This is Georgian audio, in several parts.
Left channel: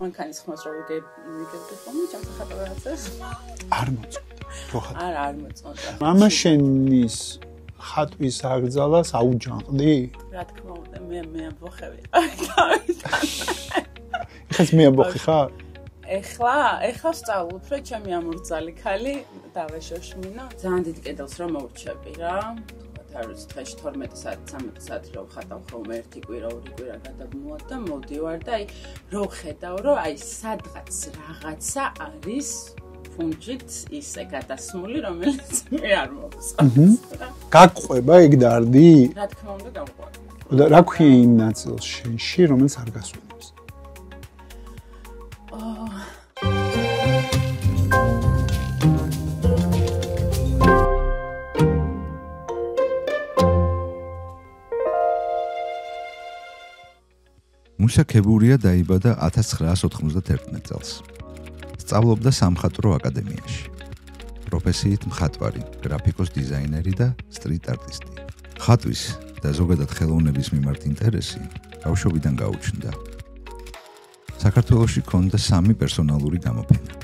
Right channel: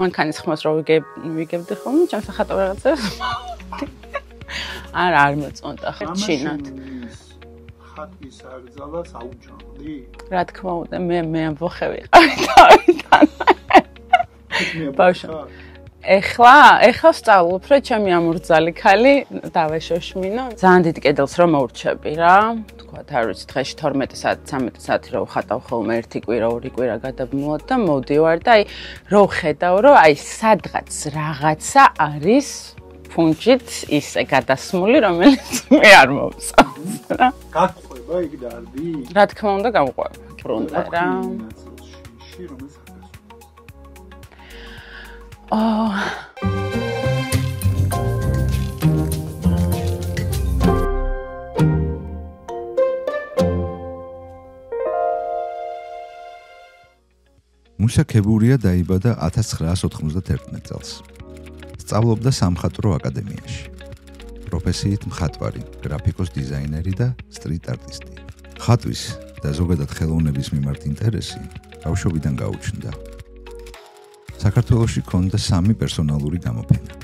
მანქანის ხმას რო ვიგებდი ხოლმე, ჩემს ახატო რაღაცებს. არ მოწონდა. მამა შენის ხატვის აკრძალას აუჯანყდი? რა თქმა უნდა, მე ამბოხე ვიყავი თავიდან. ეს მე ამბოხი ხარ? ეხლა ვსწავლობ, რომ ჩემი ამორძალი ქალი დავეშოშმინო. ძალიან დიდ კედელს რომ მოურჩები რა. თქვათ, არ ვიცი, დღეში 12 საათი, 13 საათი რო ვხატავ ხოლმე ერთი კვირა, ორი კვირა გადაბმულად და მოვდივარ და აი რო ვხედავ, რომ აი სადღაც რაღაცა არის ფუნჯით ისე გადასმული, რომელიც მე არ მოვწონს რა. გაგყვება ეგ დარდი? რა თქმა უნდა, გავყვება. და რა ქვია იმ ნაწილს შენში, რომელიც არ გასვენებს? მუსა ქებურია დაიბადა 1991 წელს. სწავლობდა სამხატვრო აკადემიაში. პროფესიით მხატვარი, გრაფიკოს დიზაინერი და სტრიტ არტისტი. ხატვის და ზოგადად ხელოვნების მიმართ ინტერესი ბავშვობიდან გაუჩნდა. საქართველოში ჰქონდა 3 პერსონალური გამოფენა.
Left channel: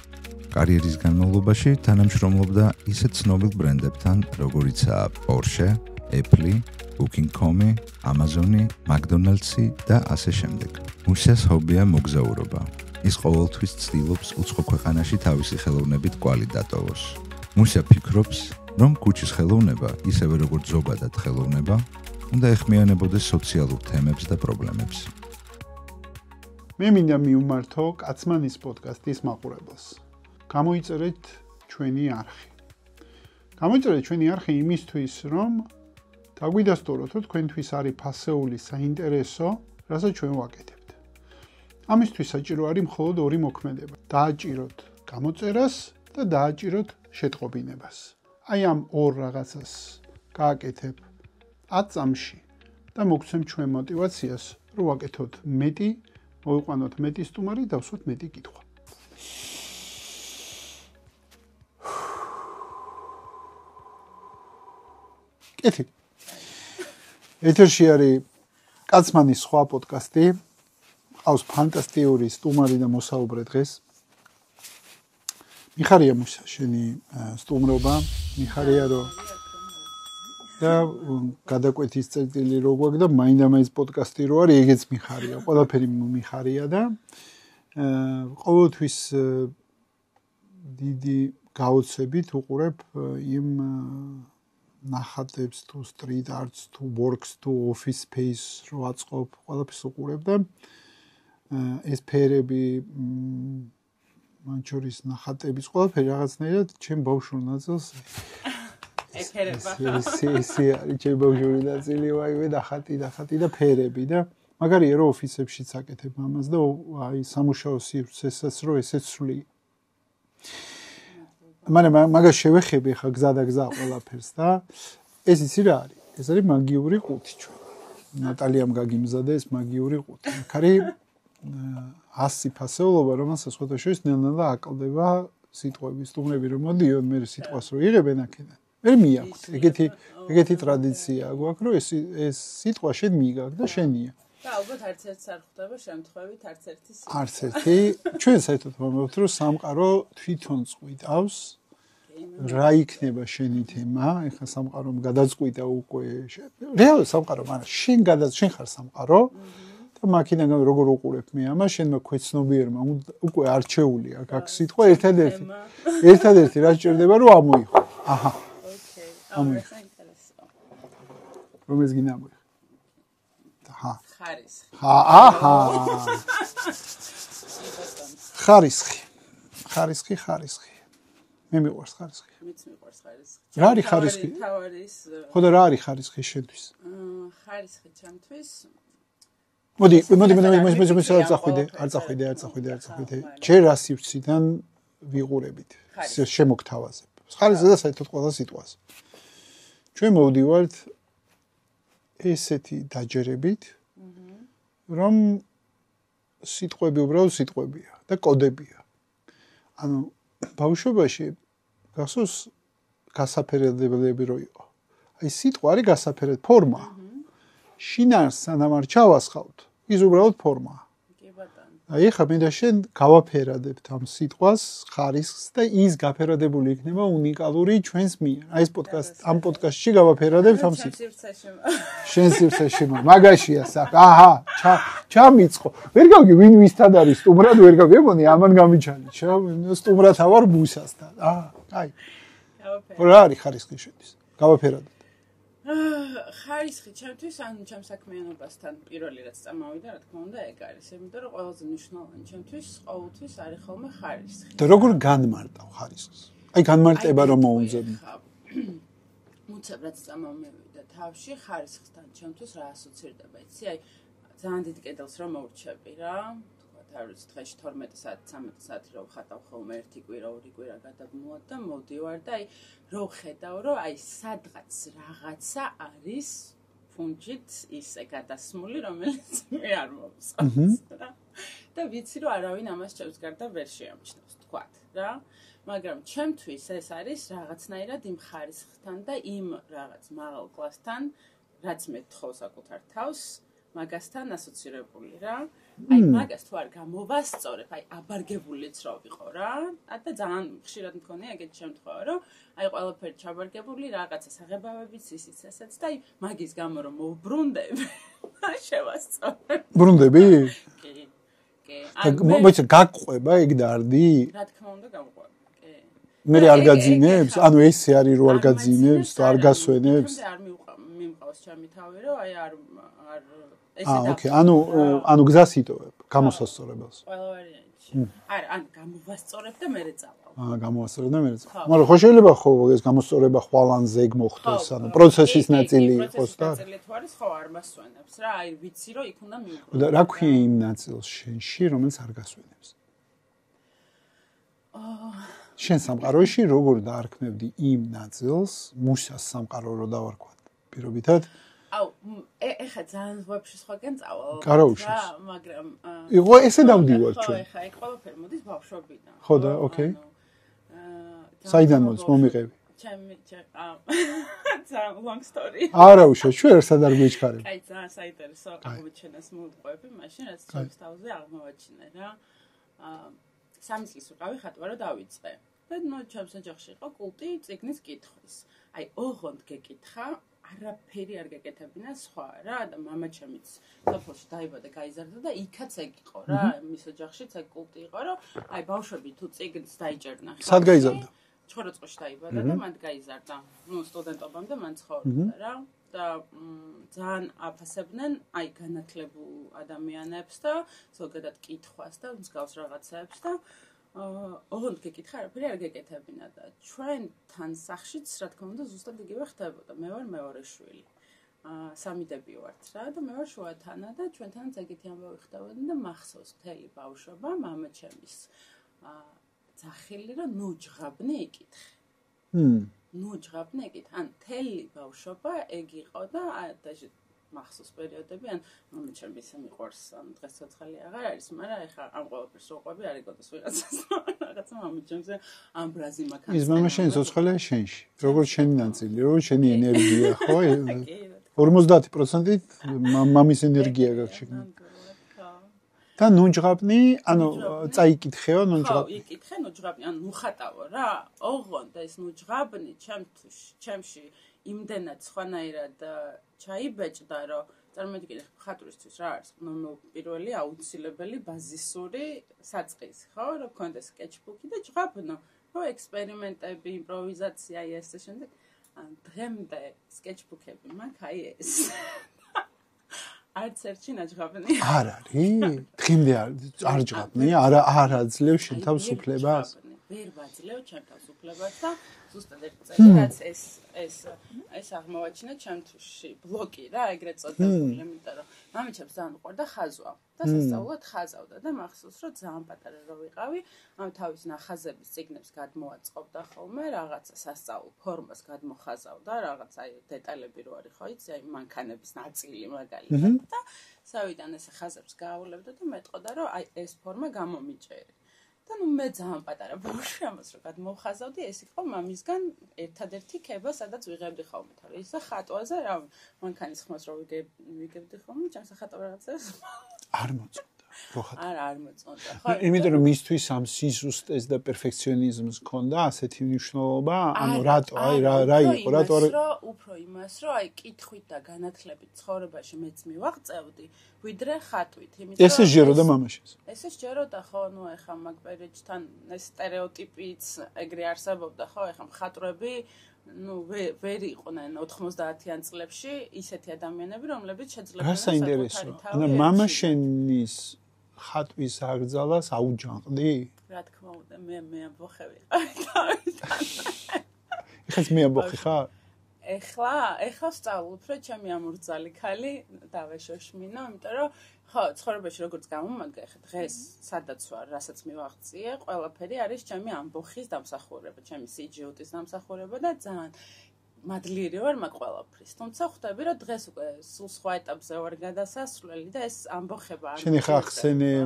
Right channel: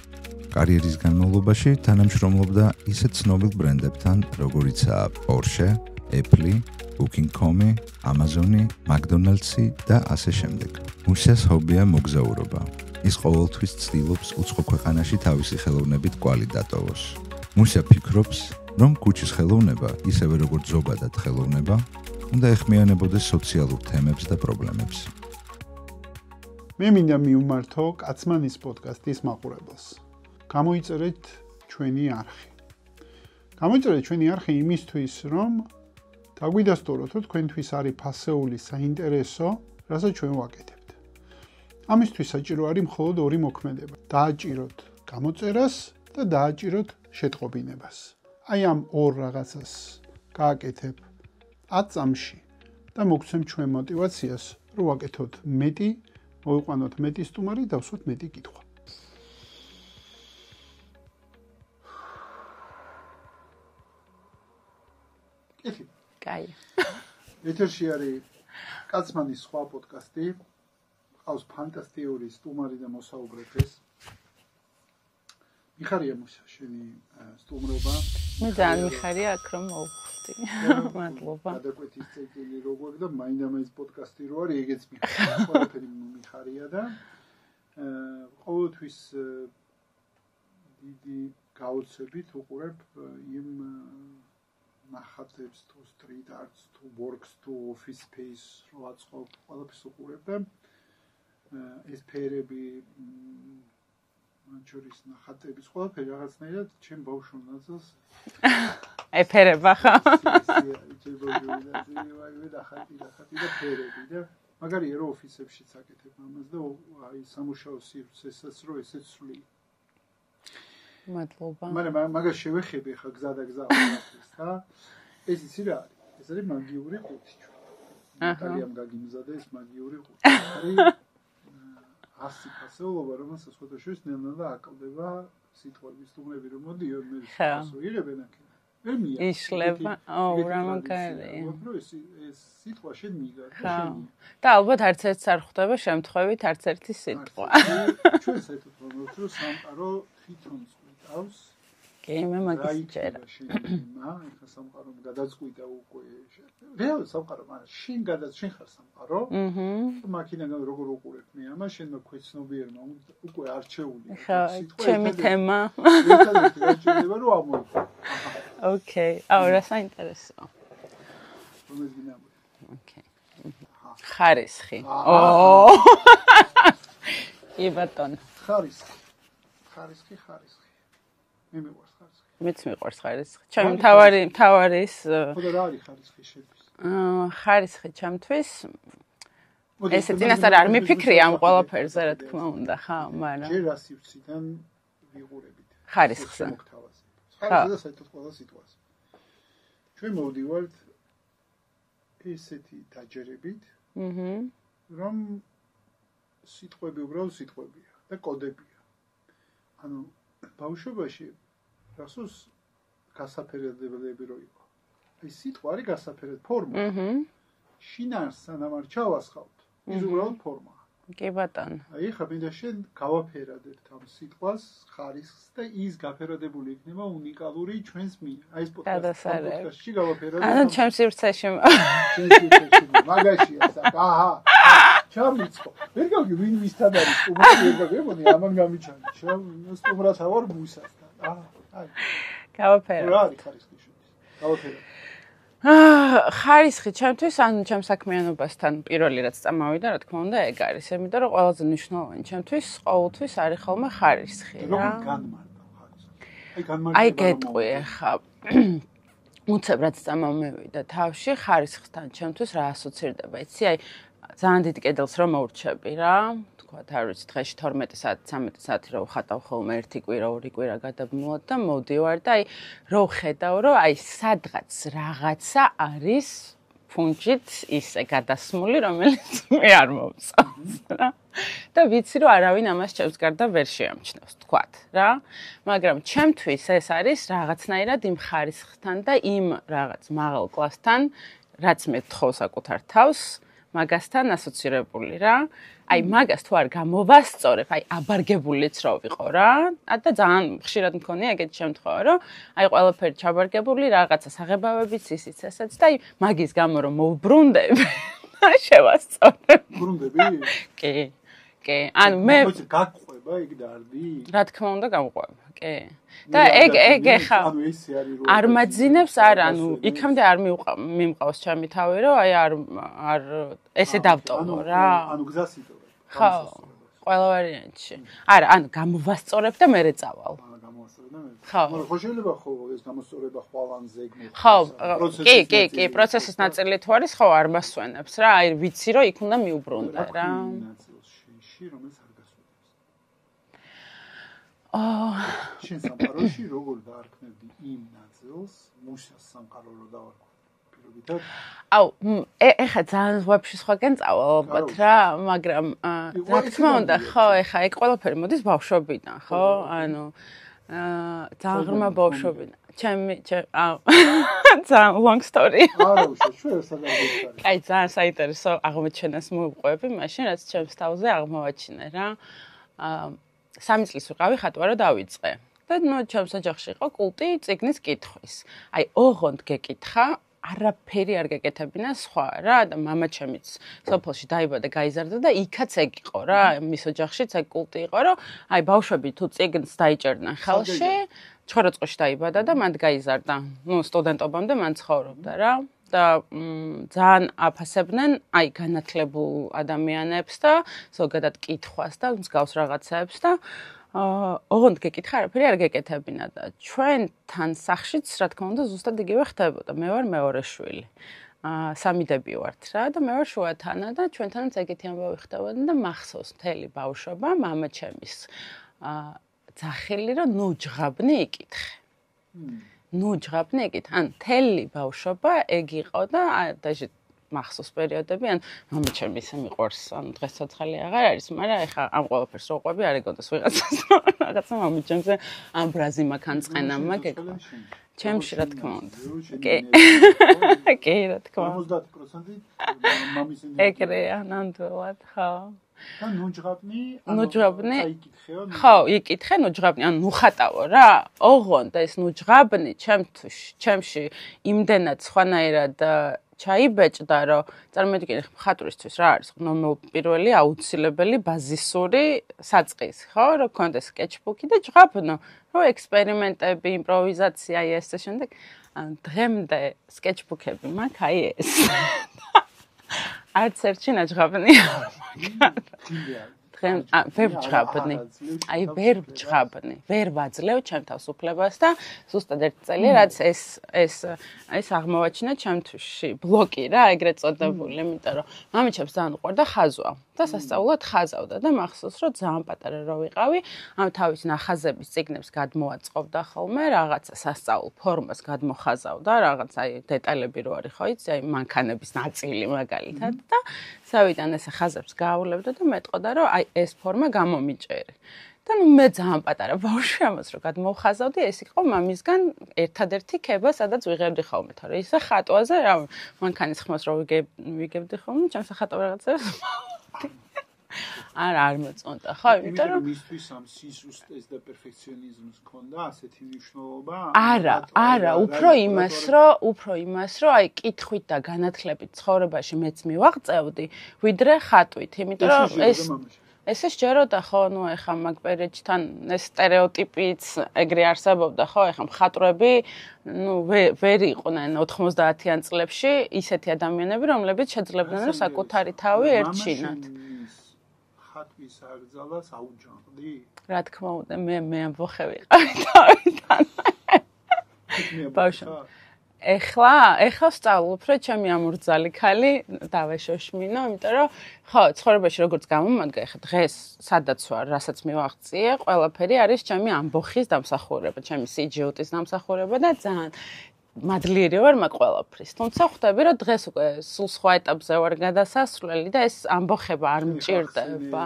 კარიერის განმავლობაში თანამშრომლობდა ისეთ ცნობილ ბრენდებთან, როგორიცაა Porsche, Apple, Booking.com, Amazon, McDonald's და ასე შემდეგ. მუსას ჰობია მოგზაურობა. ის ყოველთვის ცდილობს უცხო ქვეყანაში თავისი ხელოვნებით კვალი დატოვოს. მუსა ფიქრობს, რომ ქუჩის ხელოვნება, ისევე როგორც ზოგადად ხელოვნება, უნდა ეხმიანებოდეს სოციალურ თემებს და პრობლემებს. მე მინდა მივმართო კაცმანის პოდკასტის მაყურებელს. გამოიწერეთ ჩვენი არხი. გამოიწერეთ ჩვენი არხი იმისთვის, რომ დაგვიდასტუროთ, რომ თქვენთვის არის ფასეული საინტერესო, რასაც ჩვენ ვაკეთებთ. ამისთვის საჭირო არის მხოლოდ 2 მოქმედება. დააჭიროთ გამოწერას და დააჭიროთ შეტყობინებას. აი ამ 2 რაღაცას გააკეთებ 10 წამში და მოგცემ ჩვენ мотивაციას, რომ ვაკეთოთ მეტი, მოვიყვანოთ მეტი სტუმარი, დავსვათ მეტი კითხვა. კეთი. კაი. ეთერში არის კაცმანის სხვა პოდკასტი. ყავს ფანტასტიკური სტუმარი და მოსაუბრე დღეს. მიხარია მუსა შენი სტუმრობა. მიხარია აქ რომ მოვხდი. და გადაკვეთის წერტილი რო გვაქვს და მაინდა-მაინც პოდკასტი რო არის, ეგეც მიხარია. ყველაფერი მიხარია და ყოველთვის დიდი გაოცებით უყურებ იმ ნახატებს თუ street arts თუ works თუ office space რო აწყობ, ყველაფერს უყურებ და ეს ფერები მან შორის ნახატების ყველაფერი რაღაცნაირად ჩემ ბავშვურ ნაწილს ეფერება ხა. ისე არის ჩემ ბავშვური ნაწილი, ვაიმე ნახატი და ფერები და მაგარია რომ ოფისებშიც აკეთებ ამას და აი სამუშაო სივრცესაც რო ესეც სვლი. მადლობა. მაგრამ მაგას შევეხები ხა გზა ყველაფერს და ეს იცი რა არის? ეს არის მაგიური ყუთი ჩვენ. ნატალიამ გაგიმზადა ეს მაგიური ყუთი. აქ არის 100 ფასეულობა, რომელსაც სხვათა შორის ნელ-ნელა აკლდება სიტყვები, სტუმრები რომ მოდიონ, მე სიტყვას რო იღებენ აქედან. მე მიაქვს ეგეთი ტრადიცია გვაქვს, რომ ეს სიტყვა შენ მიიგარ და შენია. და ალბათ არც ერთს არ ხვდება შემთხვევით არც ერთი სიტყვა. არც ერთი. ჩვენ საერთოდ ვამბობთ, რომ სამყარო თვითონ წყვიტავს. კი, მე რა იქნება შენი თემა? ეხლა სამყარომ გადაწყვიტა უკვე. რეალურად სამყარო, მაგრამ შენ ხარ სამყარო. და მაქინაგან როგორ უყურებ მე ამას, შენმა ქვეცნობიერმა უკვე არჩეული აქვს სიტყვა ერთადერთი რა ჭირდება რომ ამოიღო. აჰა. ოკეი. აუ, რა საინტერესო. რომელს გინამო? ოკეი. აჰა. ხარისხი. აჰა. კი ბატონო. ხარისხი. მე მიყვარს ხარისხი. მეც მიყვარს ხარისხი. ჩემ თავარის ხო და რა არის ხარისხი შენთვის? ხარისხი ჩემთვის მოდი არ მიფიქრი ამ ყველაფერზე. ჯერ რა სივრციდან ვიყურებით? ეს შემოგთავაზებ. ხარისხი და საერთოდ ყველა სიტყვას. ჩვენ მოვდივართ ესეთი დაჯერებით, რომ სიტყვები უბრალოდ სიტყვებია და კოდებია. ანუ ბავშვობაში გასოს გასაფერებლები რო იყო. აი სიტყვა არის გასაფერებ ფორმა. შინაარს სანამ არ ჩავასხავთ, ის უბრალოდ ფორმაა. კი ბატონო. აი ხა მინდა შენ გავაფერადებთ ამ სიტყვას ხარისხს და ის გაფერადებული იქნება უნიკალური ჩვენს მიერ. აი ეს პოდკასტ ამ პოდკასტში გავაფერადებთ ამ ჩემს სივრცეში. შენ სივრცეში მაგაშია საკ. აჰა, ჩამიწყო. ვერ გავგი ვინ ვისთან არის სტუმრად ვერ გავიგონი ამან გამიჩალი. სტუმრად ავარ ბუსასთან. აი. გავაფერა. რა არის ხარისხი შედის? გავაფერადებ. ხარისხი ჩემთვის ან ჩემ საქმიანობასთან პირველი რაც წამოვიდა, რა თქმა უნდა, ეგ არის, იმიტომ რომ ყველაზე მნიშვნელოვანი ჩემთვის ყოველთვის არის ხოლმე ხარისხი. და როგორ განმარტავ ხარისხს? აი განმარტება რომ მოუწევი. ხა უცებ რაც წამომევიდა თავში, ხარისხთან ჩემთვის რა ასოცირდება, იცი? აი ძალიან დიდ კედელს რომ მოურჩები რა. ვთქვათ, არ ვიცი, დღეში 12 საათი, 13 საათი რო ვხატავ ხოლმე ერთი კვირა, ორი კვირა გადაბმულად და მოვდივარ და აი რო ვხედავ, რომ აი სადღაც რაღაცა არის ფუნჯით ისე გადასმული, რომელიც მე არ მოვწავს რა. და ვიცი, რომ არავინ ამას ჩემს გარდა ვერ შეამჩნევს, ვთქვათ რა. მაგრამ ჩემთვის ეს არის რაღაცნაირად იმ ხარისხთან და იმ რაღაც მაღალ კლასთან, რაც მე თხოვ საკუთარ თავს. მაგასთან ასოცირებული რა. აი მაგას თუ არ გამოვასწორებ, აი აბარგებულიც რო ვიყო რა. და ძალიან ხშირად მქონია ეგეთი შემთხვევა, რომ აი ყველაფერი ჩაბარგებული, რაღაცა საღებავებიც ისიც ესეც და აი მაგის გამო რომ მოვბრუნდები, შევასწორებ. ბრუნდები? კი. კი. ანუ მე მოიცა გაგყვება ეგ დარდი? რა თქმა უნდა გამყვება. კი. და ეგ ანუ ესე არის რომ არ გაძინებს, არ გასვენებს. იქამდე არ მიმყავს ჩემი თავი, რომ აი არ ესე დავწოვო რა. ანუ გზას იტოვებ გამოსასწორებას. ყველა ვარიანტში. არა, ანუ გამოვასწორებ და მერე წავალ. გამოვასწორებ და მერე წავალ. მაგრამ ხო შეიძლება ხო ეს გამოსწორება ხვალანზე ეგ მოხდეს, ანუ პროცესის ნაწილი. კი, პროცესის ნაწილი თუ არის, ხო არ მასვენებს რა. აი ვიცი რომ იქ უნდა მიუბრუნდე რა. და რა ქვია იმ ნაწილს შენში, რომელიც არ გასვენებს? შენ სამყაროში როგორ დაარქმევდი იმ ნაწილს, მუშას სამყარო რო დავარქვათ პირობითად? აუ, ეხა ძალიან ვაფშე სხვაგან წავალ რა, მაგრამ იყო ესე დამბია. ხო, ეხა ეგ ყველაფერი მოდის ბავშვობიდან, ხო? ანუ ძალიან ბავშვობიდან. ჩემი ძალიან long story. არა უშო, შენ ერთად არ გიჩქარი. აი, ძალიან საინტერესო აღმოჩენას მოვყვები, მაშინ რაც ჩემს თავზე აღმოვაჩინე რა. 3 წლის ვიყავი ხატვა რა დავიწყე. და ნუ ჩემს ოჯახში იყო კულტი წიგნის კითხვის. აი, ოღონდ გეკითხა, არაფერი არ გეკეთებინა სხვა რა და მამაჩემიც სოფელში დაიბადა, გაიზარდა და იქაც ეგ იყო რა. მის ოჯახშიც ეგ კულტი იყო, რომ აი ბავშვები თუ წიგნს დაიჭერდნენ ხელში, ჩხოროწყოში დაიბადა და მანდ გაიზარდა. ნუ სტუდენტობამდე მან ცხოვრობდა რა. და ძალიან აფასებდნენ აი განათლებულ ადამიანებს და ზოგადად კითხვას და მსგავს რაღაცებს და ოღონდ გეკითხა არაფერი არ გეკეთებინა და ჩვენთან სახშიც რა თქმა უნდა ზუსტად იგივე ხდებოდა. მე ვარ მეორე შვილი. 3 დები ვართ რა და მე ვარ შუათანა და ჩვენთანაც ეგეთი ამბავი ხდებოდა და მახსოვს მთელი ბავშვობა მამაჩემის ძახილი რომ ნუ ჯღაბნი იკითხე. ნუ ჯღაბნი ეკით, ან თელი ბავშვობა ეგ იყო და დაჟე მახსოვს პერიოდები, ან მამაჩემი ისე მიყვარს, ანუ დღეს ცოცხალი აღარ არის, მაგრამ ეხა ამ ყველაფერს რო ყვები არ ეგონდეს ვიღაცას, რაღაცა მამაჩემზე ამბრაზი მაქანწყენა მაგ. ის მამაჩემი ცოცხალია შენში. როგორ შენი ნაწილი, რო შენი ენერგია ხო? კი, რა თქმა უნდა. 50% მამის ენერგია. ეგრეა, ნამდვილად, ხო. და ნუჯღაბნი, ანუ წაიკითხეო ნუჯღაბნი. ხო, იკითხე ნუჯღაბნი, ანუ ნუხატავო რა. ოღონდ ეს ნუჯღაბნი ჩემში იმდენად სხვანაირად ჩაიბეჭდა, რომ წარმოიდგინე მხატვრისთვის რა არის პირველი აუცილებელი ბაზისური საწყისი, ხო? რომ გქონდეს sketchbook-ი და ჯღაბნო, რომ ექსპერიმენტები, იმპროვიზაცია ეს და შემდეგ დღემდე sketchbook-ები მაქვს აი ეს. არც ერთი ნაჯღაბნი. არა, დღემდე არ ჯღაბნი, არა ძლევ შენ თავისუფლებას. ვერ ვაძლევ ჩემ თავისუფლებას და ზუსტად ერთი წელი რაც ეს აღმოვაჩინა ჩემთვისში ბლოკი რა, ეგრეთ წოდებული, იმიტომ რომ მამაჩემს ძალიან უყვარდა ხაზვა და სასწაულად ხაზავდა და მახსოვს რომ ძალიან პატარა რო ვიყავი, ამ თავის ნახაზების წიგნებს გადმოაწყობდა ხოლმე, რაღაცა სასწაულ ფორმას გადმოხაზავდა, რაღაც აი დეტალები რო არის ხო იცი, აი მანქანების ნაწილი მაგალითად და სავიდან ეს ხაზებს გაავლებდა და მეტყოდა რომ აი ეს ფორმა გამომიჭერი. და ნუ მე ძალიან პატარა ბავშვი ამას რო გადმოვხაზავდი, ეს იყო მამისგან ერთადერთი ქება, სადაც ვიღებდი ხოლმე, თორე ისე ხატვაზე რა მანქანის ხმას რო ვიგებდი ხოლმე, ჩემს ხატვა რაღაცებს არ მოწონდა. არ მოწონდა. ხო, იმიტომ რომ მისთვის ამ სიზუსტეს და პერფექციონიზმს ჰქონდა ასეთი მნიშვნელობა, არა, უფრო იმას, რომ აი კითხვით და განათლებით ცხოვრებაში მეც მივაღწევდი, ვიდრე ხატვით, იმიტომ რომ ესე შეეროდა მამაშენს. ესე შეეროდა, ხო, ნუ ეხა მაგ პერიოდთან ეს სტერეოტიპიც ეგრე არსებობდა, ხო, ეხა მხატვრები ნუ ვერ იყვნენ 90-იან წლებში ისეთი ადამიანები, რომლებიც შეძლებდნენ საკუთარი თავი ერთში. მამაშენის ხატვის აკრძალას აუჯანყდი? რა თქმა უნდა, მე ამბოხე ვიყავი თავიდან. ეხლა მე ამბოხე ხარ? ეხლა ვსწავლობ, რომ ჩემი ამურძალი ქალი დავეშოშმინო, იმიტომ რომ ხო, ცხოვრებაში როგორც გამომადგა, ეხლა დღეს სადაც ვარ, რასაც მივაღწიე, ყველაფერი არის ჩემი ამბოხის დამსახურება, ჩემი სიჯუტის დამსახურება და ძალიან მადლიერი ვარ მაგ ყველაფრის. თუმცა ხვდები, რომ დღეს უკვე სულ სხვა ეტაპზე ვარ გადასასვლელი და ეს ამბოხება არ მჭირდება.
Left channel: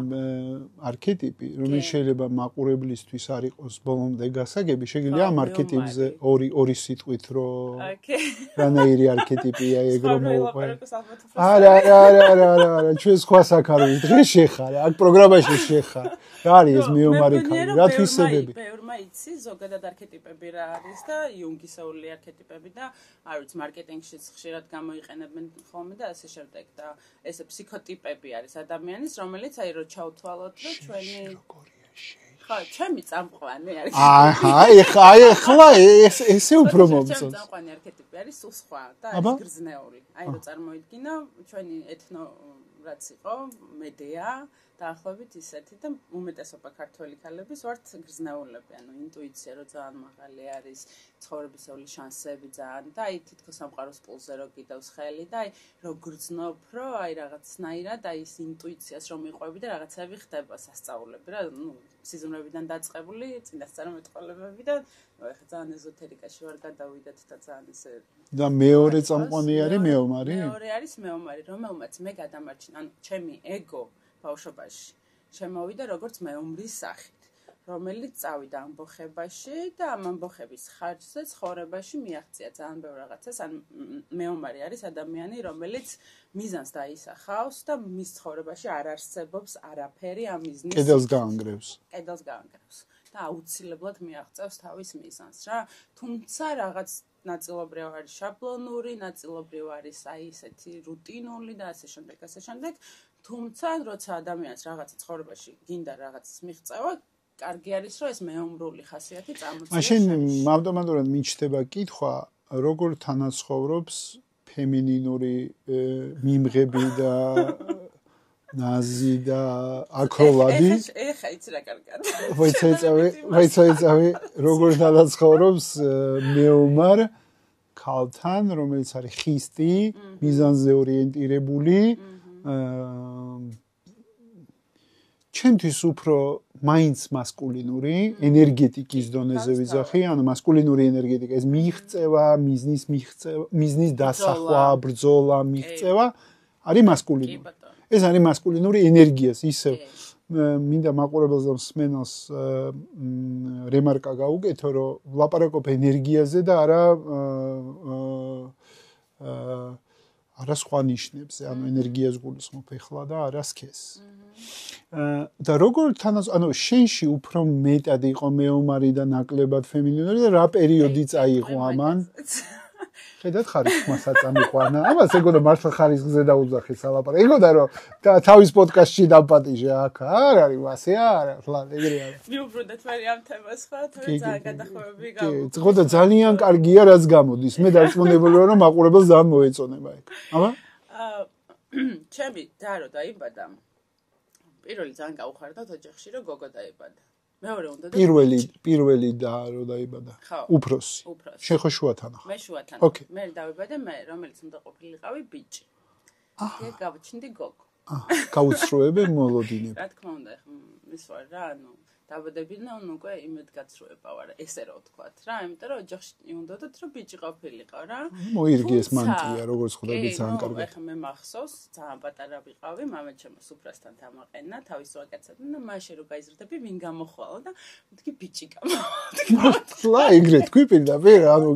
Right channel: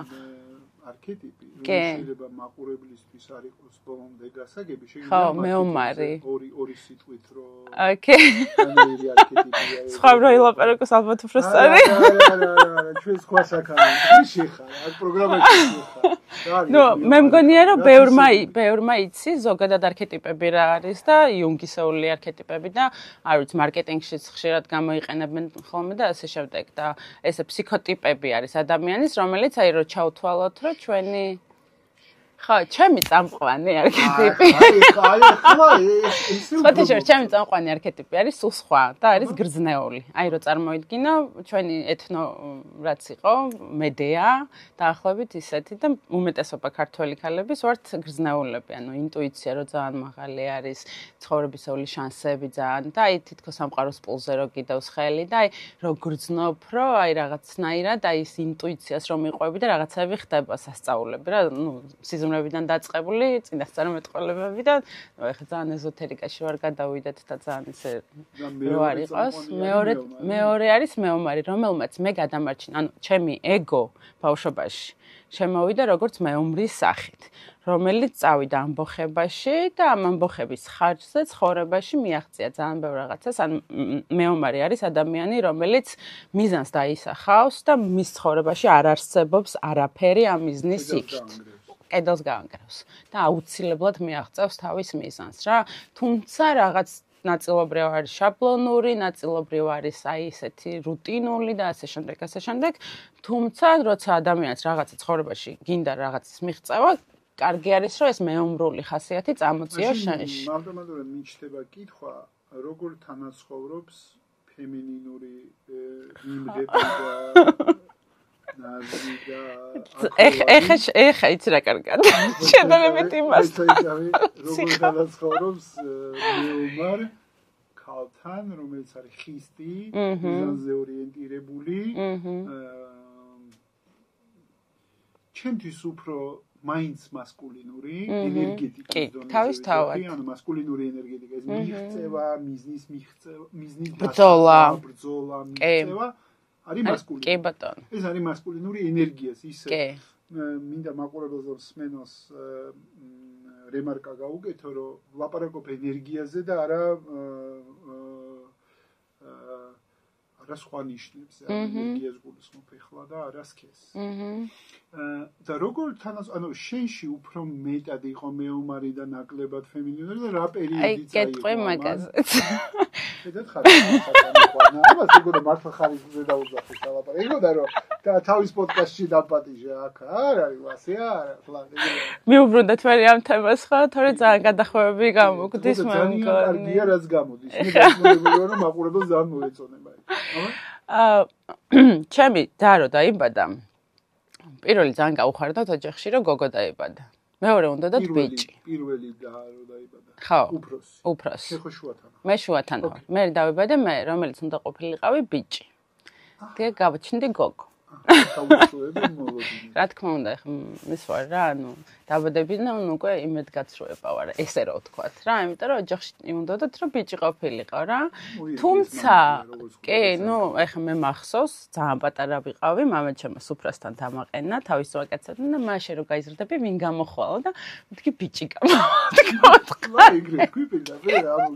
არქეტიპი, რომელიც შეიძლება მაყურებლისთვის არ იყოს ბოლომდე გასაგები, შეიძლება ამ არქეტიპზე ორი სიტყვით რომ რანაირი არქეტიპია ეგრე. სხვა რო ილაპარაკოს ალბათ უფრო სწორი. არა, ჩვენ სხვა საქარავით დღეს შეხარ, აქ პროგრამაში შეხარ. რა არის მე მგონია რომ ბევრმა იცი ზოგადად არქეტიპები რა არის და იუნგისეული არქეტიპები და არ ვიცი მარკეტინგშიც ხშირად გამოიყენებენ ხოლმე და ასე შემდეგ და ესე ფსიქოტიპები არის ადამიანის, რომელიც აი რო ჩავთვალოთ, რომ ჩვენი ხო, ჩემი წამყვანი არქეტიპი. ახლა ესე უფრო მოძებნა. ჩემი წამყვანი არქეტიპი არის სულ სხვა და არის გრძნეული. აი რო წარმოიდგინო, ჩვენი ეთნო რაც იყო, მედეა, დაახლოებით ისეთი და უმეტესობა ქართველი ქალების ვართ გრძნეულები, ანუ ინტუიცია რო ძალიან მაღალი არის, ცხოვრებისეული შანსები ძალიან და აი თითქოს სამყაროს პულზე რო გიდევს ხელი და აი რო გრძნობ, რო აი რაღაცნაირად აი ის ინტუიციას რომ მიყვები და რაღაცები ხდება სასწაულები რა, ნუ სიზმრებიდან დაწყებული, წინასწარმეტყველებები და ეხლა ძალიან ეზოთერიკაში ვარ გადავიდეთ და ძალიან ისე და მეორე წამყვანი არის მეომარი. მეორე არის მეომარი, რომელმაც მე გადამარჩინა, ანუ ჩემი ეგო ბავშვობაში შემოვიდა როგორც მეომრის სახით, რომელიც წავიდა ამბოხებაში და ამ ამბოხების ხარჯზე ცხოვრებაში მიაღწია ძალიან ბევრ რაღაცას. ან მეომარი არის ადამიანი, რომელიც მიზანს დაისახავს და მის ცხოვრებაში არ არსებობს არაფერი ამ მიზნის კედელს გაანგრევს და აუცილებლად მიაღწევს თავის მიზანს რა. თუმცა რაღაც ნაწილობრივ არის შაბლონური, ნაწილობრივ არის აი ესეთი რუტინული და ასე შემდეგ. თუმცა როცა ადამიანს რაღაცა ცხოვრებაში გინდა რაღაცის მიღწევა, კარგი არის რომ ეს მეომრული ხასიათი წამოწიოს შენში. მაშინ ავტომატურად მიჩნდება კითხვა, როგორ თანაცხოვრობს ფემინინური მიმღები და ნაზი და აქოლადი. ეხა იცი რა კარგად. შედარებით იმას. აი, როგორ თანაცხოვრობს მეომარ ქალთან, რომელიც არის ხისტი, მიზანზე ორიენტირებული. ჩემთვის უფრო მაინც მასკულინური ენერგეტიკის დონეზე ვიზახი, ანუ მასკულინური ენერგეტიკა, ეს მიღწევა, მიზნის დასახვა, ბრძოლა, მიღწევა არის მასკულინური. კი ბატონო. ეს არის მასკულინური ენერგიას ისე. მინდა მაყურებელს და მსმენელს რემარკა გაუკეთო, რომ ვლაპარაკობ ენერგიაზე და არა სხვა ნიშნებზე, ანუ ენერგიას გულისხმობ ეხლა და არა სქესს. და როგორ ანუ შენში უფრო მეტად იყო მეომარი და ნაკლებად ფემინინური და რა პერიოდი წაიღო ამან? შედათ ხარისხი სატანი ყვანა. ამას ეგონა მართლა ხარისხზე დაუძახე სალაპარაკო. ეგონა რომ თავის პოდკასტში დაპატიჟე აქ არ არის მასე არა, ხლა ეგრე არის. მიუბრუნდეთ მე ამ თემას ხო, თორე ძალიან გადახვევები გამოგდის. ხო და ძალიან კარგია რაც გამოდის. მე დაიწყონებული ვარ რომ მაყურებელს ძალიან მოეწონება ეს. ჩემი და რო დაიბადა. პირველი ძალიან გაუხარდათ ოჯახში რომ გოგო დაიბადა. მეორე უნდა და პირველი და რო დაიბადა. უფროსი. შენ ხო შუათანა. მე შუათანა. მე დავიბადე მე, რომელიც უნდა ყოფილიყავი ბიჭი. და გავჩნდი გოგო. გაუცრუები მოლოდინები. რა თქმა უნდა, ხა ის ვარ რა, ანუ დაბადებიდან უკვე იმედგაცრუება ვარ, ესე რა ვთქვათ რა, იმიტომ რომ ოჯახში უნდათ რომ ბიჭი ყოფილიყო რა. მოირგეს მანტია, როგორც ხვდები ძალიან. კი, ნუ ეხა მე მახსოვს, ძალიან პატარა ვიყავი, მამაჩემ სუფრასთან დამაყენა, თავის ვაკაცებთან და მაშინ რომ გაიზრდები, ვინ გამოხვალო და მეთქი ბიჭი გამოვთქლა ეგრე თქვი პირდაპირ, ანუ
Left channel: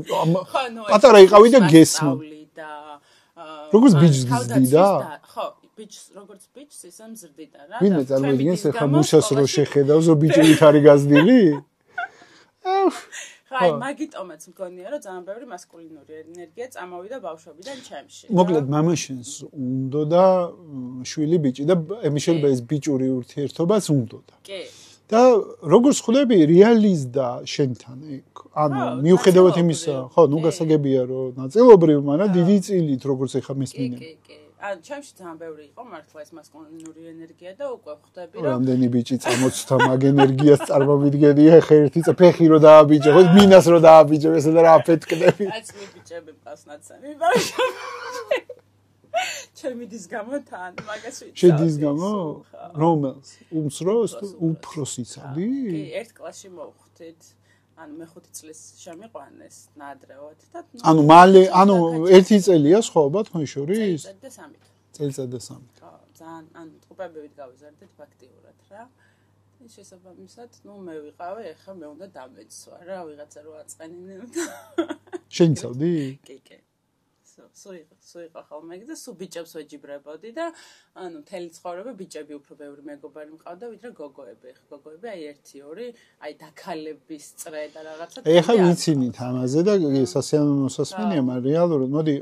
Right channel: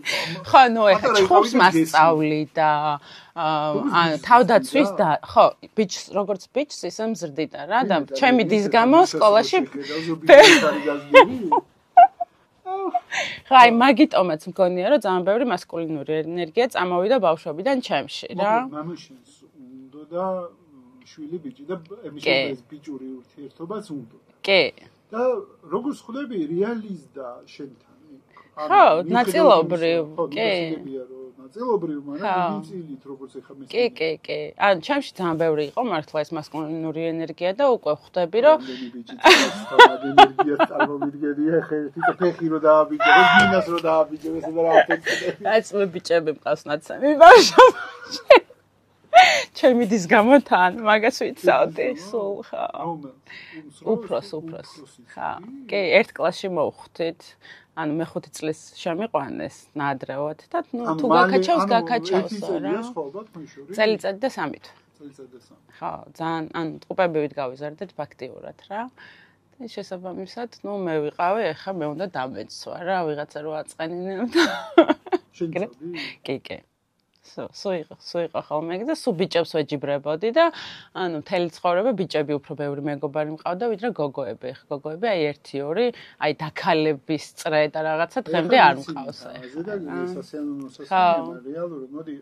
ხო, ნუ პატარა იყავი და გესმი. მასწავლი და თავდაცვის და ხო, როგორც ბიჭს ისე მზრდიდა რა და ჩემი დის გამო სკოლაში შეხედავს რომ ბიჭი ხარი გაზდილი? ხაი, მაგიტომაც მგონია რომ ძალიან ბევრი მასკულინური ენერგია წამოვიდა ბავშვობიდან ჩემში რა. მოკლედ მამაშენს უნდა და შვილი ბიჭი და ემიშობა ეს ბიჭური ურთიერთობაც უნდა. კი. და როგორც ხვდები რეალიზდა შენთან იქ ანუ მიუხედავად იმისა ხო ნუ გასაგებია რომ ნაწილობრივ მაგრამ დიდი წილით როგორც ეხა მესმენია კი ან ჩემში ძალიან ბევრი იყო მართლა ეს მასკულინური ენერგია და უკვე ხვდები რომ რამდენი ბიჭი წამოწთა მაგ ენერგიას წარმოვიდგენია ეხა ერთი წაფეხი რო დააბიჭო ხო მინას რო დააბიჭო ესე და რა აფეთქდები აი წლ ბიჭები მყავს ნაცამი ბავშვი ჩემი დის გამო თან მაგას ვიცავდი სულ ხო რომელს უფროსი წელი კი ერთ კლასში მოვხვდით ანუ მე-5 წლის შემიყვანეს ნაადრევად და ანუ მალე ანუ 1 წელია სხვაობა თქვენ შორის წელიწადი და 3 წელიწადი და 3 ხო ძალიან ანუ ტყუპებივით გავიზარდეთ ფაქტიურად რა და შესაბამისად ნუ მე ვიყავი ეხა მე უნდა დამეცვა რა ვიღაცა რო აწყენინებ და შენიცავდი კი სოიყო ხოლმე და სულ ბიჭებს ვეჯიბრებოდი და ანუ მთელი ცხოვრება ბიჭები უფრო ბევრი მეგობარი მყავდა ვიდრე გოგოები. გოგოები აი 1-2 აი დაქალების წრე და რაღაცა თემი არ მყავს. ამაზე და სასიამოვნო სასმენია, მაგრამ რეალურად მოდი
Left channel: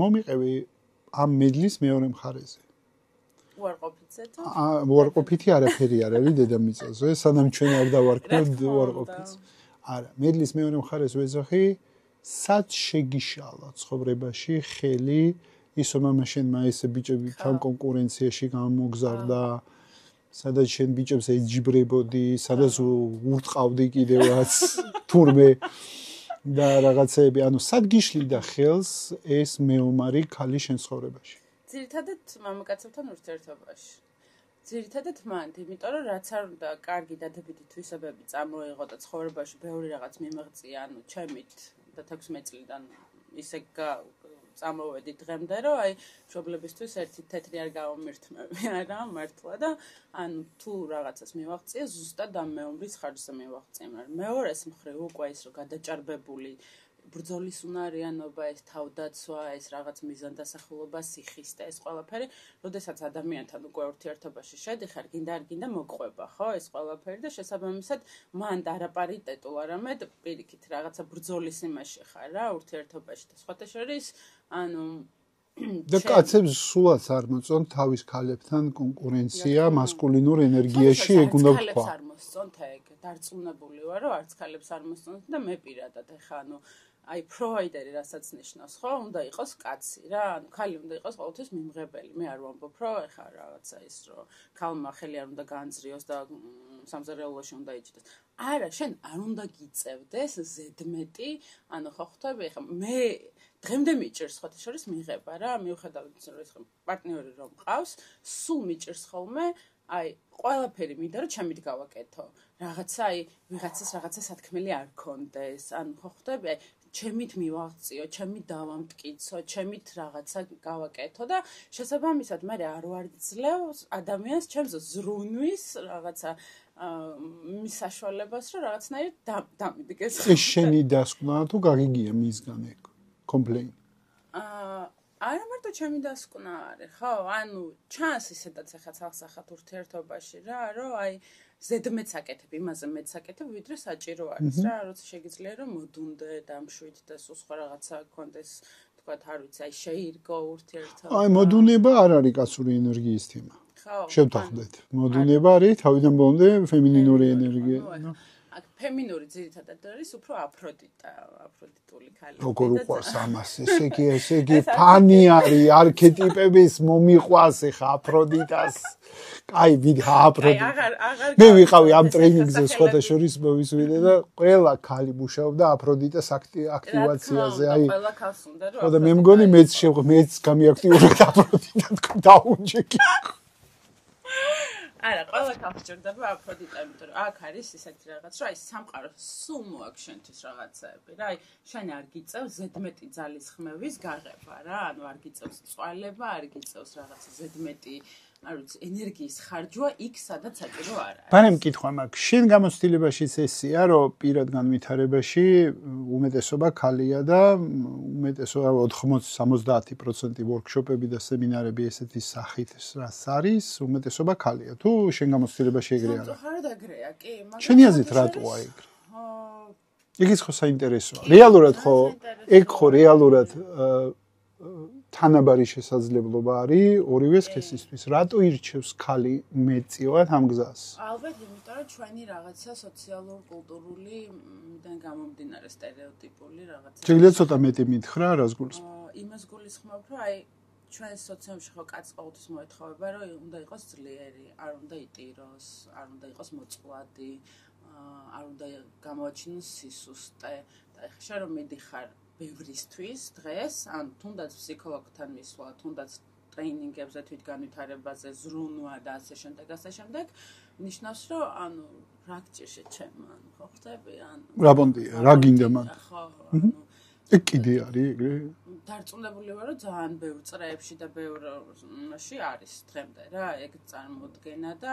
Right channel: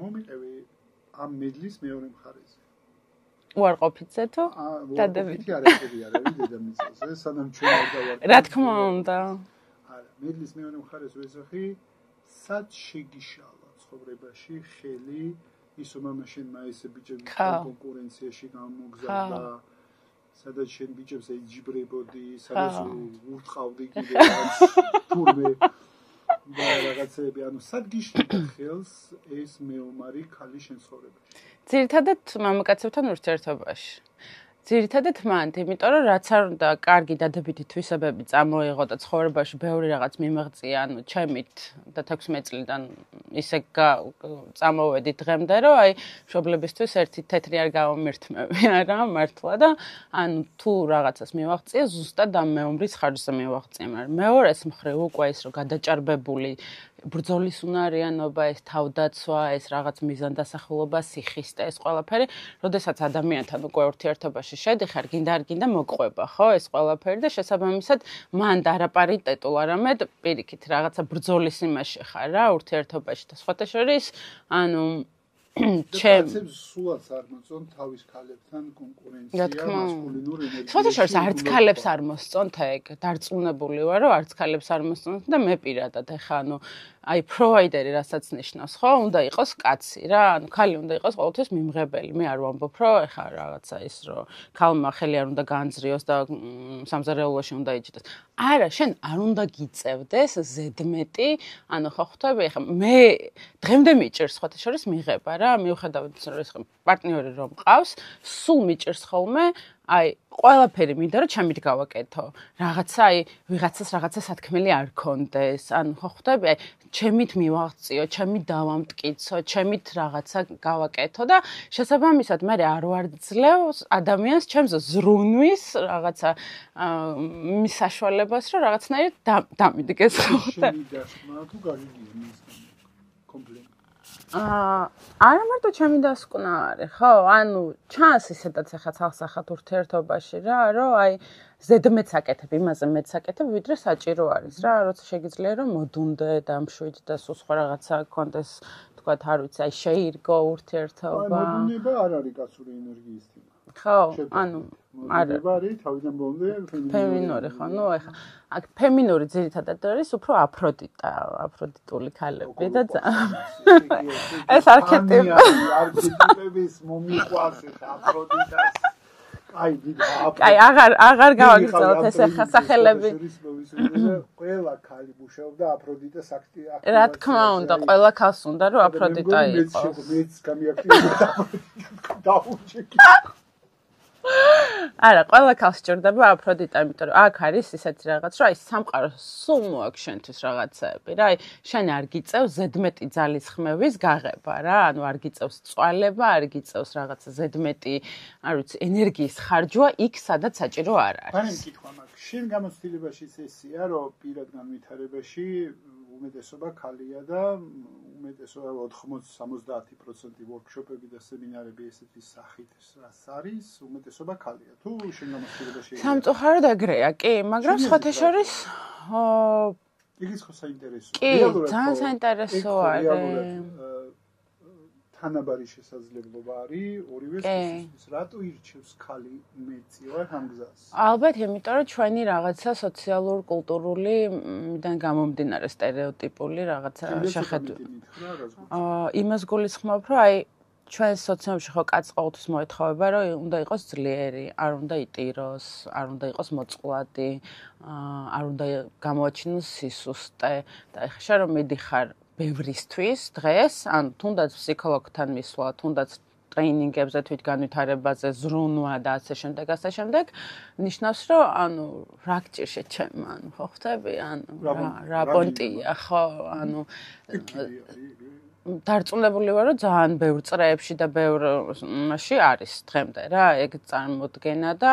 მომიყევი ამ მედლის მეორე მხარეზე. უარყოფითზე თუ? უარყოფითი არაფერი არ არის დედამიწაზე, სანამ ჩვენ არ დავარქვით. რა თქმა უნდა. არა, მედლის მეორე მხარეს ვეძახი სად შეგიშალა ცხოვრებაში ხელი ის რომ მაშენმა ესე ბიჭებთან კონკურენციაში გამოგზავნა სადაც შენ ბიჭებს ეჯიბრებოდი სადაც ურტყავდი კიდევაც თურმე და რაღაცები ანუ სად გიშლიდა ხელს ეს მეომარი ქალი შენ ცხოვრებაში ძირითადად მამაკაცებთან ურთიერთობაში ძირითადად მანდ, იმიტომ რომ რაც არ უნდა კარგი დადებითი თვისებები წამოიღო და ცხოვრებაში ბევრი რაღაც მიმაღწია, ანუ ჩემით და 16 წლიდან ისე წამოვედი დღემდე, რომ აი მშობლებისთვის ერთი თეთრი არ გავამირთმევია რა, მართლა და ანუ თუ რაღაცას მივაღწია, ზუსტად ამ მეომრის ხარჯზე მივაღწია, მაგრამ მეორეს მხრივ უკვე ის რომ გადაჭარბებული ბრძოლის უნარიანობა, ეს თავდაცვა, ეს რაღაც მიზანდასახულობა, სიხისტე, ეს ყველაფერი, როდესაც ადამიანთან უკვე ურთიერთობაში შედიხარ, გინდა არ გინდა მოყვება, ხო, ეს ყველაფერი და შესაბამისად მან არაპარიტეტულ არამედ პირიქით რაღაცა ბრძოლის იმაში ხარ რა, ურთიერთობაში და სხვათა შორის, ანუ და კაცებს სულაც არ მოწონ თავის ქალებთან კონკურენცია მასკულინურ ენერგიაში ეგუნა ქალებს არ მოსწონთ ეგ დარწმუნებული ვარ რომ არც ქალებს არ მოსწონთ და მე პირადად ეხა ანუ აი პროვაიდერი რასაც ნიშნავს ხო უნდა იყოს კაცი რა ანუ ქალი უნდა იყოს ყოველთვის მიმღებელი მე არ ვამბობ რომ ეხა რაღაცა ის რომ ქალმა ხელი არ უნდა განძრიოს და სამზარეულოში უნდა იჭდეს არა შენ არ უნდა გიწევდეს ზედმეტი ანუ ხო ხვდები ეხა მე დღემდე მიჭირს სხვათა შორის მიღება რა მიუხედავად რომ ეს პარტნიორი რომ მყავს სულ მიჭირს ხოლმე აი ყველაფერი მინდა რომ ჩემით გავაკეთო რაღაცა აი ვიღაცას რაღაცა სათქმელი არ კონდეს ანუ ხო ხვდები აი ჩემით მივაღწიო ჩემით დავამტკიცო ჩემით რაღაცა გავაკეთო და შესაბამისად მე არ ვარძლევ ადამიანს ჩემს ზრუნვის რაღაცა მის საშუალებას რომ რაღაცნაირად დამიდგეს შენი დასკვნა თუ გაგიგია მისგან კომპლეინი არა მარტო ჩემი დასკვნა არის, ხო? ანუ ჩანს ისედაც ახლა ცალსახად ურთიერთობაში რა, რომ აი ზედმეტს აკეთებ, იმაზე მეტს აკეთებ, ვიდრე საჭირო არის რა, როცა შეგიძლია რომ მოდუნდე, დამშვიდ და სულ სხვა რაღაცა გქონდეს, თქვათ, არ ვიცი, აი შეირგო ურთიერთობა. აი მოდუნება არ არის კაცური ენერგიის თემა. ხო, შევთანხმდეთ. მოდუნება არის თავიდან ბოლომდე ფემინინური ენერგია. აქ ფემინური ძირითადად არის უფრო აფროდიტული ქალები და ესე იგი ფანი არის არქეტიპების მომიყვას ეხა აფროდიტას აი ვიდრე აფროდიტა აი აღარ გავიყავი ამ ტრენინგზე სხვათა შორის მოვისმინე და ყველა ქალი მუშაობდა აფროდიტას აქტივაციაზე რა თქმა უნდა ყველა ქალს უნდა რომ აფროდიტა და მე მგონი მეც გამიაქტიურდა აფროდიტა დაუნჯეკი არა, ყველა ქალს სჭირდება აფროდიტა, იმიტომ რომ აქ არის ისეთი რაღაც, რომ აი სამყარო სულ მოაქვს შენთვის რაღაცები რა, აი შენ არ გიწევს ზედმეტი ძალის ხმევის გაღება რა, ანუ არ გიწევს წვალება, არ გიწევს რაღაცა ზედმეტი, არ ვიცი, ენერგიის ხარჯვა იქ, სადაც საჭირო არ არის. ბანემ მკითხვა მაქვს, შენ გამოცდილებაშიც ესია, რომ პირად განვითარებაში უმეტესობა ქალია და უმეტესობა 80-70% ვორქშოპები და სემინარები ესეთი სახით რაც არის, უმეტესობა ქალია. თუ შენ გამოცდილებაში ეგრეა. სამწუხაროდ ეგრეა, კი, მაგრამ სხვათა შორის იგიც ხო საინტერესოა. რეალურად ხო ეგ ხო რეალურად თანაბარი შესაძლებლობა არის ორივე სქესისთვის. რატო ირჩევს ქალი მეტწილად ამ გზას? ალბათ, იმიტომ რომ ჩვენი რაღაცა სოციალურ კულტურულიდან გამომდინარე სტერეოტიპული რაღაცა. შეიძლება ცოტა მეტი მითხრა, რას გულისხმობ? იმას გულისხმობ, რომ აი ჩვენ სოციუმში ხო კაცს ყოველთვის მოეთხოვება, რომ უნდა იყოს ძლიერი, არ უნდა იტიროს, არ უნდა იყოს მოწყვლადი, არ უნდა გამოაჩინოს სისუსტე და ეხლა შენ რომ მიდიხარ ბევრისთვის დღეს, ან თუნდაც ფსიქოლოგთან მისვლა, თუნდაც ტრეინინგებზე, თვითგანვითარებაზე, ზრუნვა და ასე შემდეგ, ნიშნავს, რომ ანუ რა გჭირშე ჩემ, ანუ ხო ხვდები, ანუ რა გინდა, ხო, ანუ ეგ კიდე არის ეგრე. დარწმუნებული ვარ, რომ ძალიან ბევრ წრეებში და ბევრ მასში არის დღემდე რა, ეგ წარმოდგენა და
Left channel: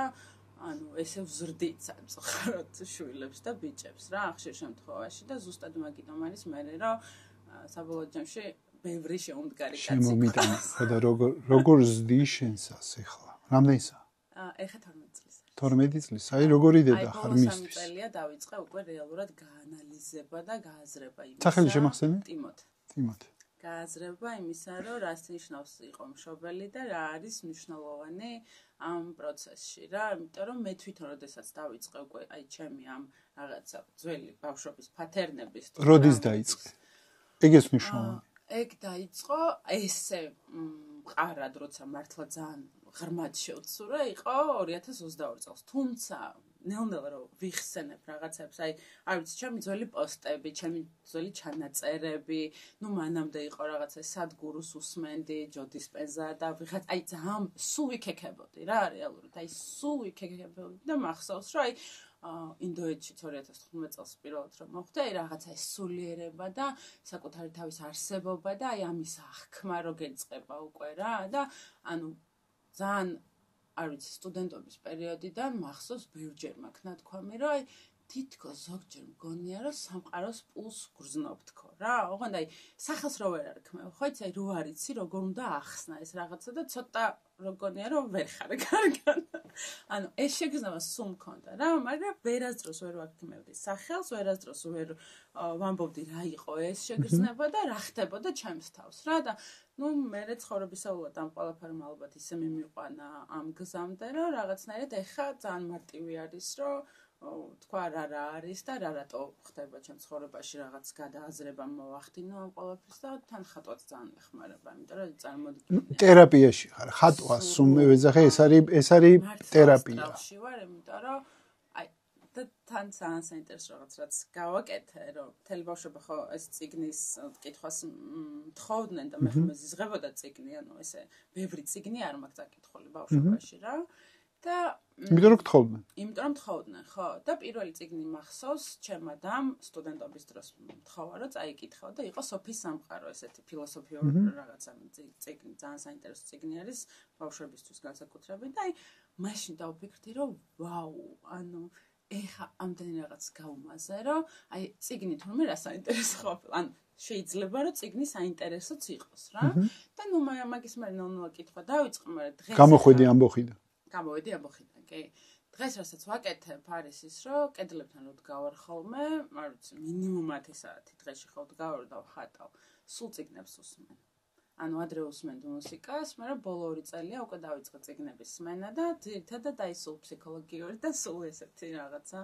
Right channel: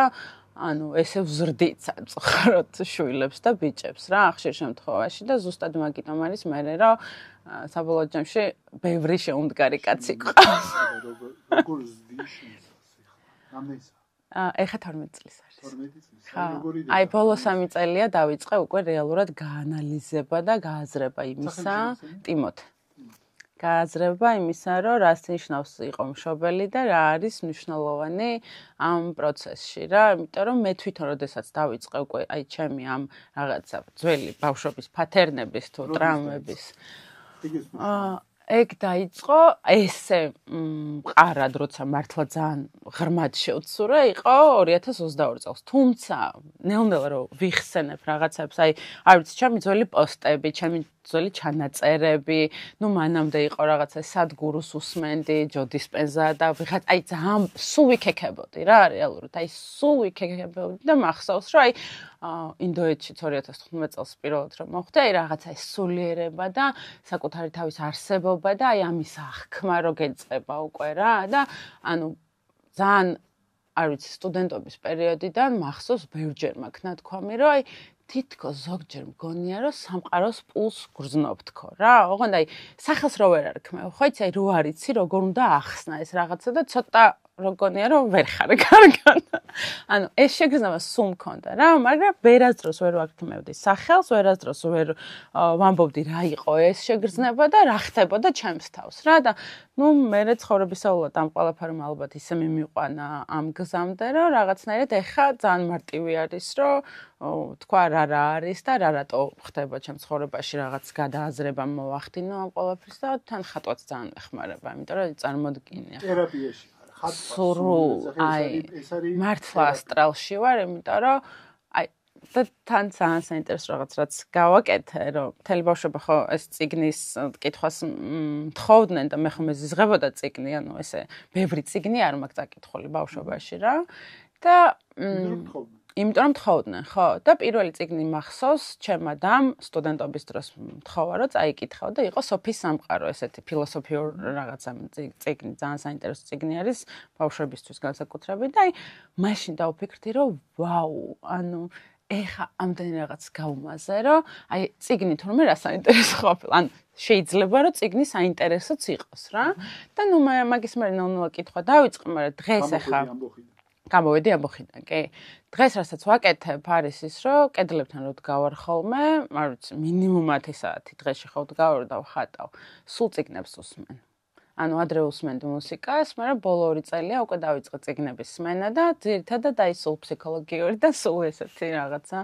ანუ ესე ვზრდით სამწუხაროდ შვილებს და ბიჭებს რა, ხშირ შემთხვევაში და ზუსტად მაგიტომ არის მე რომ საბოლოო ჯამში ბევრი შეუმდგარი კაცი გყავს. და როგორ ზდი შენსას ეხლა? რამდენისა? ეხლა 12 წლის არის. 12 წლის. აი როგორი დედა. აი ბოლო 3 წელია დავიწყე უკვე რეალურად გაანალიზება და გააზრება იმისა. სახელი შემახსენე? ტიმოთე. ტიმოთე. გააზრება იმისა, რომ რას ნიშნავს იყო მშობელი და რა არის მნიშვნელოვანი ამ პროცესში რა, იმიტომ რომ მე თვითონ როდესაც დავიწყე უკვე აი ჩემი ამ რაღაცა ძველი ბავშვობის პათერნების თუ ტრაუმების. ეგ ეს მნიშვნელოვანია. ეგ დაიწყო ესე მყარად, როცა მართლა ძალიან ღრმად შევცურე, იყო 2022 წელს. თუმცა ნელ-ნელა რომ ვიხსენებ რაღაცებს, აი არ ვიცი, ჩემი ძველი პოსტები, ჩემი ძველი ჩანაწერები, ნუ მანამდე იყო რაღაცა სადგურუს უსმენდი, ჯო დისპენზა და ვიღაც აი ძალიან სულ ვიქეკებოდი რა, რეალურად, აი სულ ვიქეკებოდი და მახსოვს, რომ აი ინდოეთშიც 2015 წელს პირველად რომ მოხდა, აი რაღაცა ეს სულიერება და საკუთარი თავის არსებობა და აი ამის აღქმა რო გეწყება უკვე რა და ანუ ძალიან არ ვიცი სტუდენტობის პერიოდიდან მახსოვს ბევრჯერ მაქვს ნათქვამი რომ აი თითქოს ზოგჯერ მგონია რომ სამყაროს პულს გრძნობ თქო რა ოღონდ აი სახელს რო ვერ არქმევ ხო იცი აი რო არიცი როგორ უნდა ახსნა ეს რაღაცა და ცოტა როგორია რომ ვერ ხარ კარგად. ანუ ეს შეგრძნება სულ მქონდა რა, მაგრამ ვერასდროს ვერ ვაქთმევდი სახელს, ვერასდროს ვერ ვამბობდი რა იყო ეს შეგრძნება და რა ხდებოდა ჩემს თავს რა და ნუ მე ცხოვრებისეულად ამ ყველაფერმა ალბათ ისე მიმიყვანა ამ გზამდე რომ რაღაცნაირად ეხა ძალიან მარტივი არის რომ თქვა რა არის და რა რატო ხდება ჩემ ცხოვრებაში რაღაც გადააზრება მოვახდინო ამ ყველაფერს და თან ხატვაც ძალიან ეხმარება, იმიტომ რომ წარმოდგენია. თერაპიაში ხარ, ხატვა სულ ეძახე, ეს არის თერაპია. ასტრალში ვარ, იმიტომ რომ აი და თან ძალიან საინტერესო რაღაც რაც გავაკეთე, რომ მთელი ბავშვობა ხო ეს წიგნის კითხვას მთხოვდნენ და მე ხომ მეზიზღებოდა წიგნი, ანუ ესე ბევრი წიგნი არ მაქვს წაკითხული ბავშვობაში რა. და იმიტომ რომ გთხოვდნენ. იმიტომ რომ თხოვდნენ, ხო. და პირველი წიგნი მახსოვს, ჩემ ადამ სტუდენტობის დროს მთხოვა, რომ წაიკითხავ და იყო სოფის სამყარო, ესეთი ფილოსოფიური რაღაცა წიგნი, ძალიან საინტერესო წიგნი არის ბავშვებისთვის განსაკუთრებით და აი მაშინ დავფიქრდი, რომ ვაუ, ანუ ეხა ამდენი რაღაც გავუმაზე, რომ აი წიგნი თურმე რა საინტერესო ყოფილა. ან შეიძლება რომ წიგნი საინტერესოც იყოს რა. და ნუ მაგის მე ნელ-ნელა კითხვა დავიწყე, მაგრამ დღეს გამოხვედი ამბოხიდან. გამოვედი ამბოხიდან, კი. დღეს რასაც ვაკეთებ არის ის, რომ კედლებთან რო დგავარ ხოლმე, არ ვიცი, მინიმუმ 10 საათი დღეში ხო დგავარ და ვხატავ. სულ წიგნებს უსმენ. ანუ ადრე უსმენდი მუსიკას, მაგრამ ბოლო 2 წელია უკვე დავიწყე წიგნების სმენა და ძირითადად აი სულ ფსიქოლოგიური და სულ ესეთი რაღაცა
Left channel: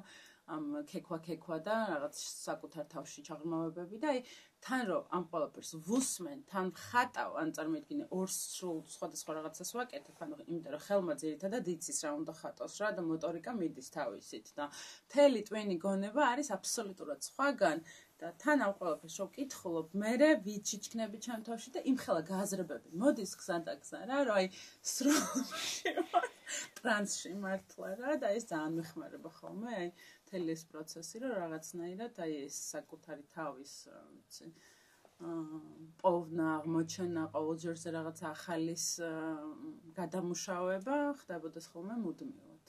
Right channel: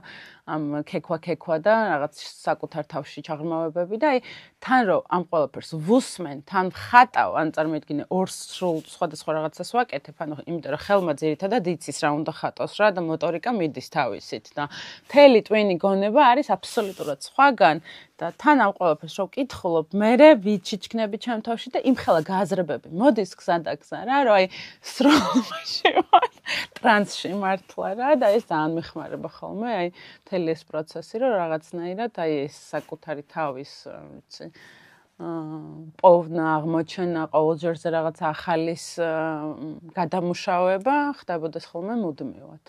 ამ ქექვა და რაღაც საკუთარ თავში ჩაღრმავებები და აი თან რომ ამ ყველაფერს ვუსმენ, თან ვხატავ, ან წარმოიდგინე ორ სრულ სხვადასხვა რაღაცას ვაკეთებ, ანუ იმიტომ რომ ხელმა ძირითადად იცის რა უნდა ხატოს რა და მოტორიკა მიდის თავისით და მთელი ტვინი გონება არის აბსოლუტურად სხვაგან და თან ამ ყველაფერს რო ვკითხულობ, მე ვიჩიჩქნები ჩემ თავში და იმხელა გააზრებები მოდის გზა და გზა რა, რომ აი სროლში ვარ ტრანსში მართლა რა და ეს ძალიან მიხმარება ხოლმე, აი მთელი ეს პროცესი, რომ რაღაცნაირად აი ეს საკუთარი თავის, ვიცი, პოვნა, აღმოჩენა, ყოველჯერზე რაღაც ახალის გადამუშავება ხდებოდეს ხოლმე მუდმივად.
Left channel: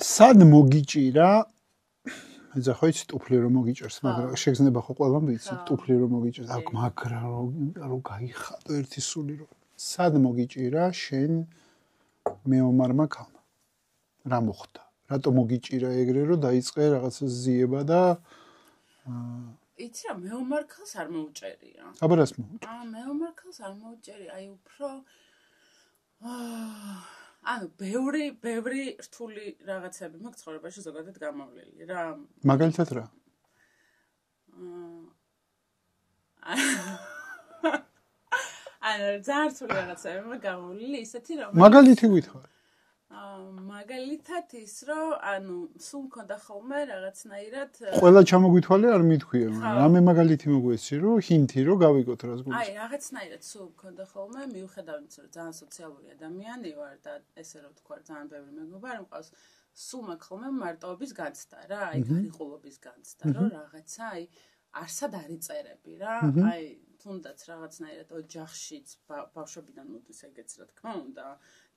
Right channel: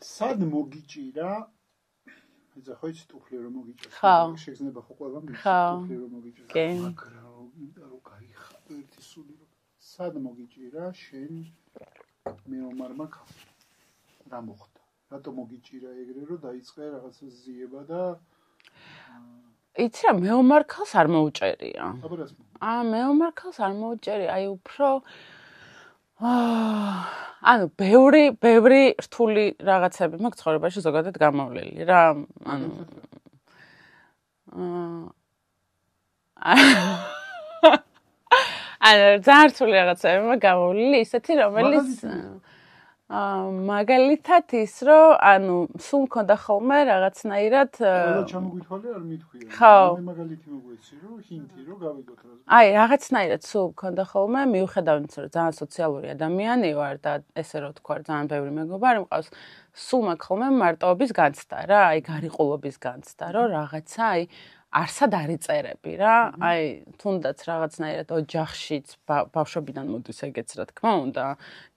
სად მოგიჭირა? ეხლა ხო იცი ტუფლი რომ მოგიჭერს, შეგზნება ხო ყველამ ვიცი ტუფლი რომ მოგიჭერს, მაგრა რომ გაიხადო ერთი სული რომ სად მოგიჭირა შენ მეომარმა ქალმა? რა მოხდა? რატო მოგიჭირა ეგრე რომ დაიწყე რაღაცა ზიება და იცი რა მეომარ ქალს არ მოუჭერია. აბა რას მოუჭერია? მეომარ ქალს არ მოუჭერია, აი უფრო ანუ ბევრი რთული რაღაცები მაქვს ცხოვრებაში ზოგადად გამოვლილი რა. მაგალითად რა? ანუ ძალიან რთული რაღაცები მაქვს გამოვლილი, ისეთი რომელიც მაგალითი ვითხრა. მაგალითად ის რომ ანუ სულ მქონდა ხოლმე რაღაცნაირად ყველა ჩამოგვითვალე არ მithქვია. მე მაგალითი მოგვეცი რომ ჰინთი რომ გავიგოთ რას გვიყვარს. აი რაღაცნაირად სულ მქონდა ხოლმე მიუხედავად იმისა რომ ძალიან სოციალური ადამიანი ვარ და ესე რომ თქვა ძალიან ბევრი მეგობარი მყავს სულ მაქვს ხოლმე მარტოობის განცდა რა აი გარიყულობის განცდა რომ რაღაცა აი არსად არ იწერები რა აი თუნდაც რაღაცნაირად ოჯახშიც ბავშვობიდან მოდის ეგეც რა თქმა უნდა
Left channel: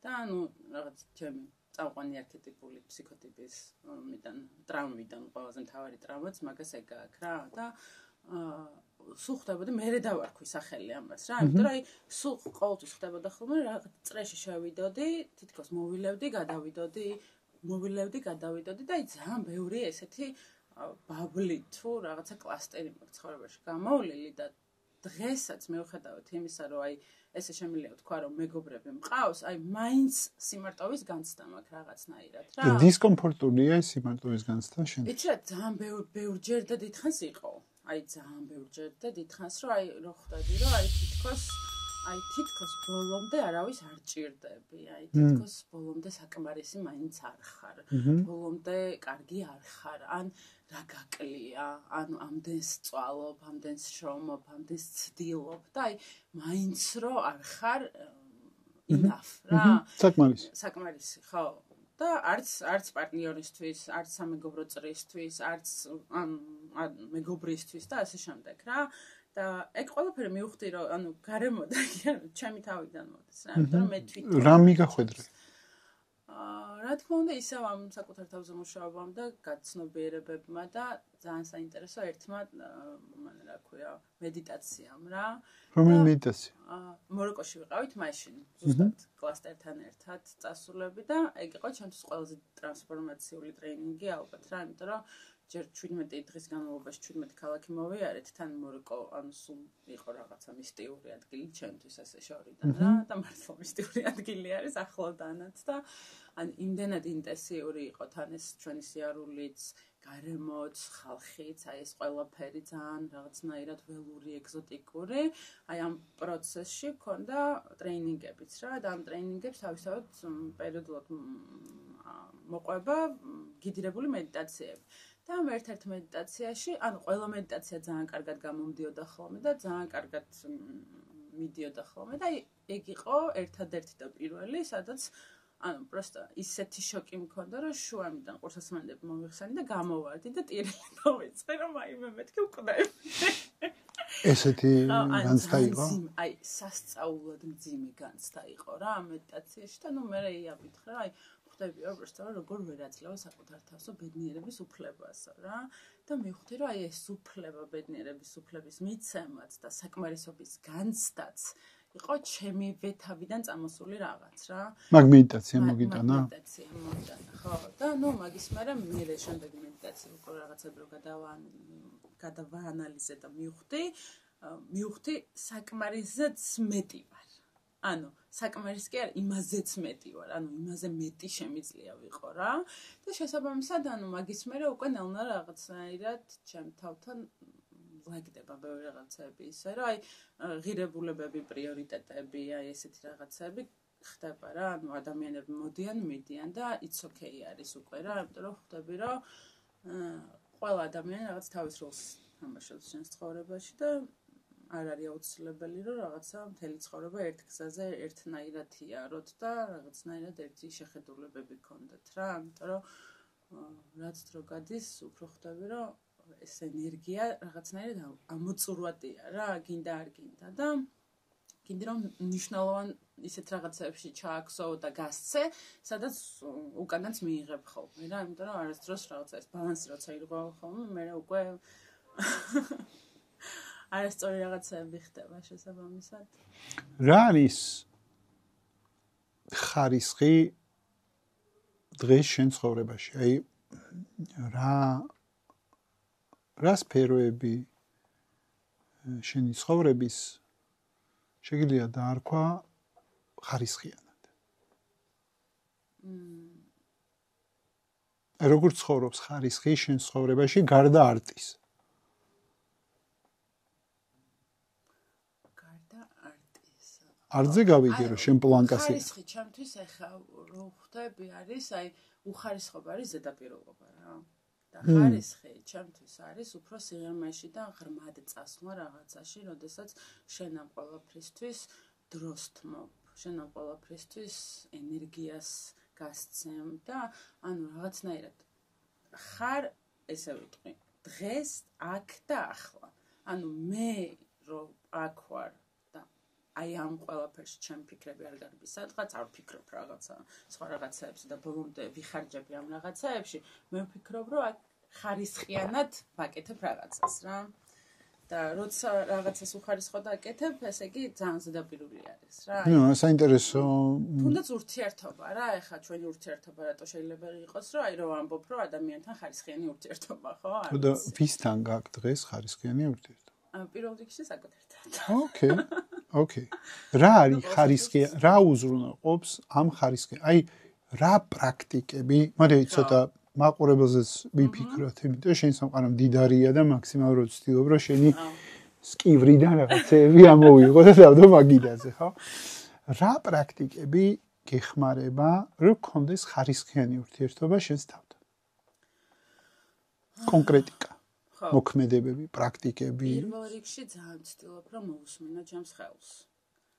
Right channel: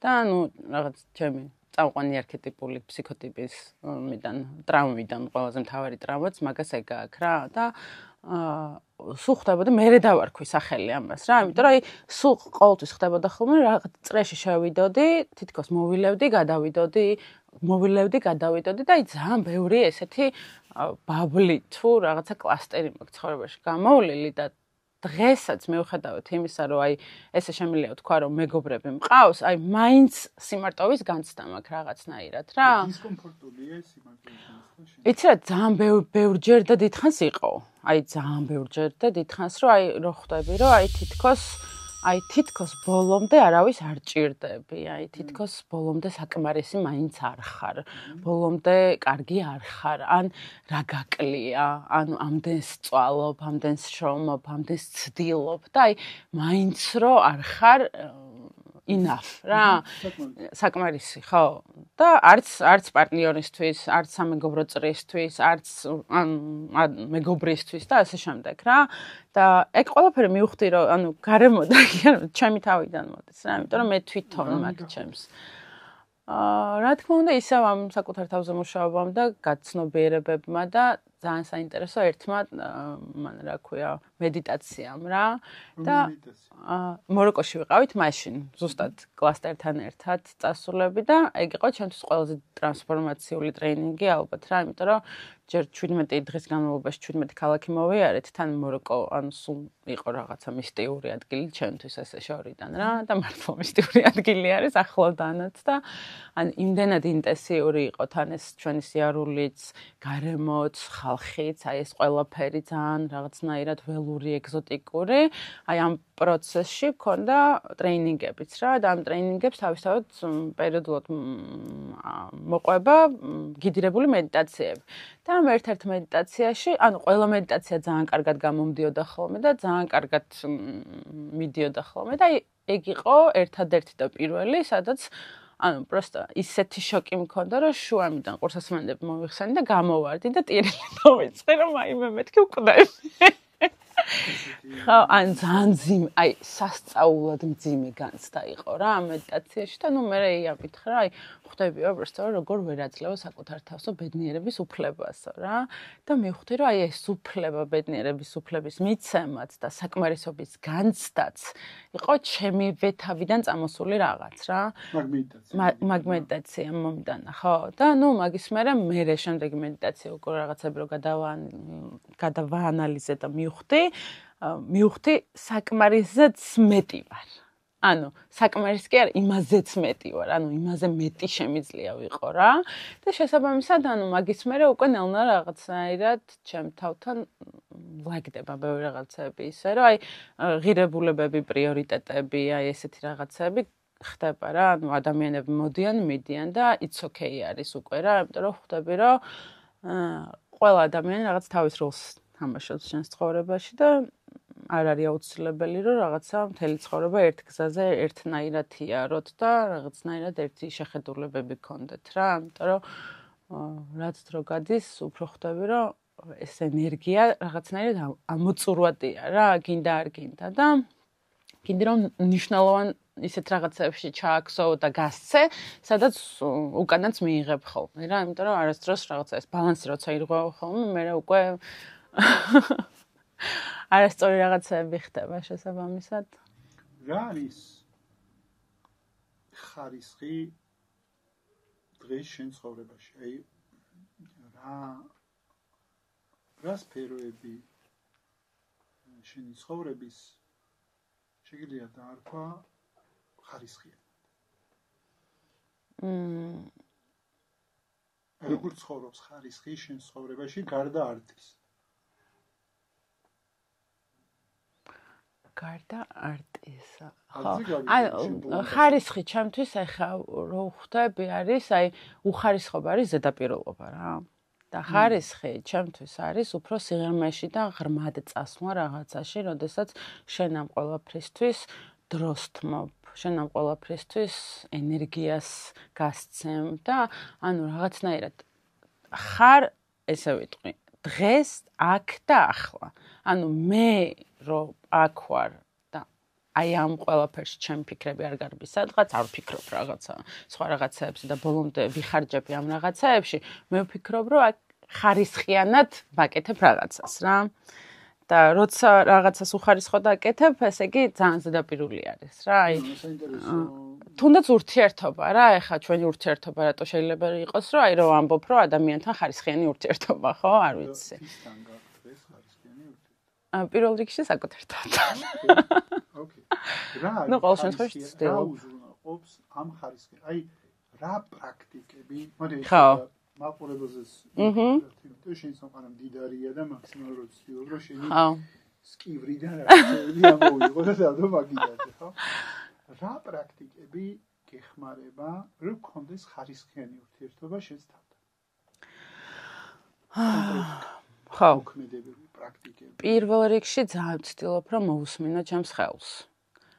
და ანუ რაღაც ჩემი წამყვანი არქეტიპული ფსიქოტიპის ტრაუმიდან ყველაზე მთავარი ტრაუმაც მაგას ეგ აქვს რა და სულ ხდებოდა მე დავარქვი სახელი ამას რა იმიტომ რომ აი სულ ყოველთვის ხდებოდა ხოლმე რაღაც წრეში შევიდოდი თითქოს მოვილევდი გადავიდოდი და აი ძალიან ბევრი ესეთი ბაბლი თუ რაღაცა კლასტერი მაქვს ცხოვრებაში გამოვლილი და დღესაც მიუხედავად იმისა რომ აი ესე შემიძლია თქვა რომ მეგობრები მყავს აი მაინც სიმარტოვის განცდა მაქვს რაღაცნაირად რა დისკომფორტულია ეს სიმარტოვის განცდა შენ იცი რა ძალიან ბევრჯერ და დიდხანს იყო აი ძალიან ბევრჯერ და დიდხანს რომ აი რო ხვდები რომ აი თითქოს ბოლომდე არავის არ ჭირდები, აი თითქოს ბოლომდე საკმარისი მაინც არ ხარ, ბოლომდე კარგი არ ხარ, ან რა გაკლია, ანუ ამდენს წვალობ, ამდენს შრომობ, ამდენს ცდილობ და აი მაინც რო არ ხარ enough რა. საკმარისი, ხო. და არც პარტნიორისთვის, არც სამეგობრო წრისთვის, არც მეგობრისთვის და ასე შემდეგ რა. და ეგ ყველაფერი მივხვდი რომ ანუ გარემოდან ჩემი თავიდან მოდის რა, იმიტომ რომ მე თვითონ რა მიგახვედრე? რა თქმა უნდა ისევ ამ საკუთარ თავზე მუშაობამ და გაცნობიერებებმა და ძალიან საინტერესო ერთმა მან რა ქვია მედიტაციამ რა და მედიტაცია მოროკოში ვიყავით მაშინ ზუსტად კლასტერთან ერთად წასულები და ეგ იყო ჩემთვის ყველაზე ტრანსფორმაციული ტრეინინგი ალბათ რა იმიტომ რომ ჯერ 17 დღის განმავლობაში 17 ქალაქი მოვიარეთ თან მოროკო ანუ სულ იყო რაღაცა მისტიური ადგილი ჩემთვის ესე შორიდან რა და მართლა მისტიური ადგილი არის ახლოდანაც და ან იმდენად ინტენსიური იყო თან ეს ჩვენი სიარულიც გარემოც ხალხიც აი ეს ყველაფერი ძალიან რაღაცნაირად ველური ეგზოტიკური აი ამ პროცესში მქონდა ტრეინინგებიც რა და ამ ტრეინინგებს თავისთავად პერიოდულად მოყვება გიდირებული მედიტაციები და ამ ერთ-ერთ მედიტაციაში, ანუ ყველა მედიტაცია ძალიან კარგად გამომდიოდა ხოლმე და ძალიან კარგად მიდიოდა ხოლმე და ეგ იყო ერთადერთი და პირველი, სადაც ანუ პროსტა ისეთი შოკი მქონდა, რომ შუამიდან ყურსასმენდები მომიხსენი და გამოვარდი და ტირილი დავიწყე, რომ აი მე მეთქი ვკვდები. ესეთი ან ძალიან აი სასწაულად მძიმე განცდა იყო რა მედიტაციაში და ნუ მე იაფით რა აი ხვდებიო პროსტა როგორ ვერ აძლევ საკუთარ თავსო ბედნიერების უფლებასო რა და მივხვდი რომ აი ეს უფლება ბედნიერების უფლების მიცემაც და საკმარისობის განცდაც იყო ჩემივე თავიდან წამოსული რაღაც რა მაგ მედიტაცია მომდანა ხო და ნუ მაგის მე შემდეგი მედიტაცია უკვე რაღაცები რო გადავაანალიზე და მივხვდი საკმარისზეც მეტი ვარ. ანუ საკმარის კი არა, იმაზეც მეტი ვარ, ანუ იმაზე მეტი შემიძლია ვიყო რა. და შესაბამისად, ანუ მაგის მერე უკვე ნელ-ნელა რაღაცნაირად ჩემ თავთან ლაგდება ბევრი რაღაცები ისე, რომ აი ღირებულებები, პრიორიტეტები, აი ესეთი რაღაცები ხდება რა. ანუ ადამიანები მიდიან და it's okay არის უკვე რა, იმიტომ რომ ხვდები რომ ყველა ადამიანი რაღაც თავის როლს თამაშობს შენს ცხოვრებაში და არ არის აუცილებელი, რომ რაღაცა მთელი ცხოვრება ერთ გზაზე ერთნაირად იაროთ და რაღაცნაირად ერთი შეხედულებები გქონდეთ რა, იმიტომ რომ რაც დრო გადის, უფრო ხვდები, რომ ეს ენერგია რაღაცნაირად ამოწურვადია რა, გინდა არ გინდა და გინდა რომ მნიშვნელოვან ისეთ რაღაცებში ჩააქსო და გასცე, სადაც უკანაც მიიღებ ხოლმე რა, იმიტომ რომ არასდროს რაღაცა ეს ბალანსი როცა ირღვევა ხოლმე, მე უკვე არასწორი რაღაცები ხდება შესაბამისად. რა არის ხარისხი დღეს შენ ცხოვრებაში? აი რა სფეროები შენი ცხოვრების შეგიძლია დაარქვა ხარისხიანად? როგორ ცხოვრობს ხარისხი შენ ცხოვრებაში გარდა არტის? გარდა არტისა. არტზე გავიგე შენ პლანტასი. ხარისხი ჩემთვის ახლა რო ხვდები არის, აი უხარისხობა არის ზედაპირულობა რა. და ხარისხი ჩემთვის არის უფრო სიღრმეში და ღრმად წასვლა რაღაცაში, როდესაც შენ ამ ყველაფრისთვის დროს თმობ, შენ ამ ყველაფრისთვის ენერგიას გასცემ და ანუ რაღაცნაირად ხარ, ესე ვიტყვი, დღეს აქ და ახლა. ანუ მე რომ აქ ვარ და აი ამ ყველაფერში ჩემი ფიქრები არ გარბის სადღაც, არ ვფიქრობ რაღაცა სხვა რაღაცეებზე და ბოლომდე ვიხარჯები ამ რაღაცეებში, მე ვფიქრობ, რომ აქ ხარისხიანად ვაკეთებ რაღაცას რა. და როცა რაღაცას უხარისხო და აკეთებ, ესე იგი ძალიან ზედაპირული არის რა. აი საინტერესო. თუნდაც ურთიერთობა რა, ეხლა ჩვენი ურთიერთობა რატო შეიძლება იყოს, რომ აი რომ ამბობ, რომ ადამიანთან ხარისხიანი ურთიერთობა, ხო? არ ვიცი. და ვისთან გაქვს დღეს ხარისხიანი ურთიერთობა? პირველ რიგში საკუთერთან. ოკეი. რა არის ხარისხი? რა უზრუნველყოფს ამ ხარისხი? აი რა პრაქტიკები? მოდი ცოტა მაყურებელზეც ვიფიქროთ, იმიტომ შენ სამყარო მდიდარია და მაქსიმალურად ვცდილობ, რომ შენი სკივრიდან რაღაცები ამოვიღო და დავდო მაგიდაზე, ხო? რა პრაქტიკები გეხმარება, რომ გქონდეს ხარისხიანი ურთიერთობა შენს თავთან? კონკრეტიკა. ხო. მოქმედებები, პრაქტიკები. პირველ რიგში ძალიან ვცდილობ, რომ მოусმინო ჩემს ხელს.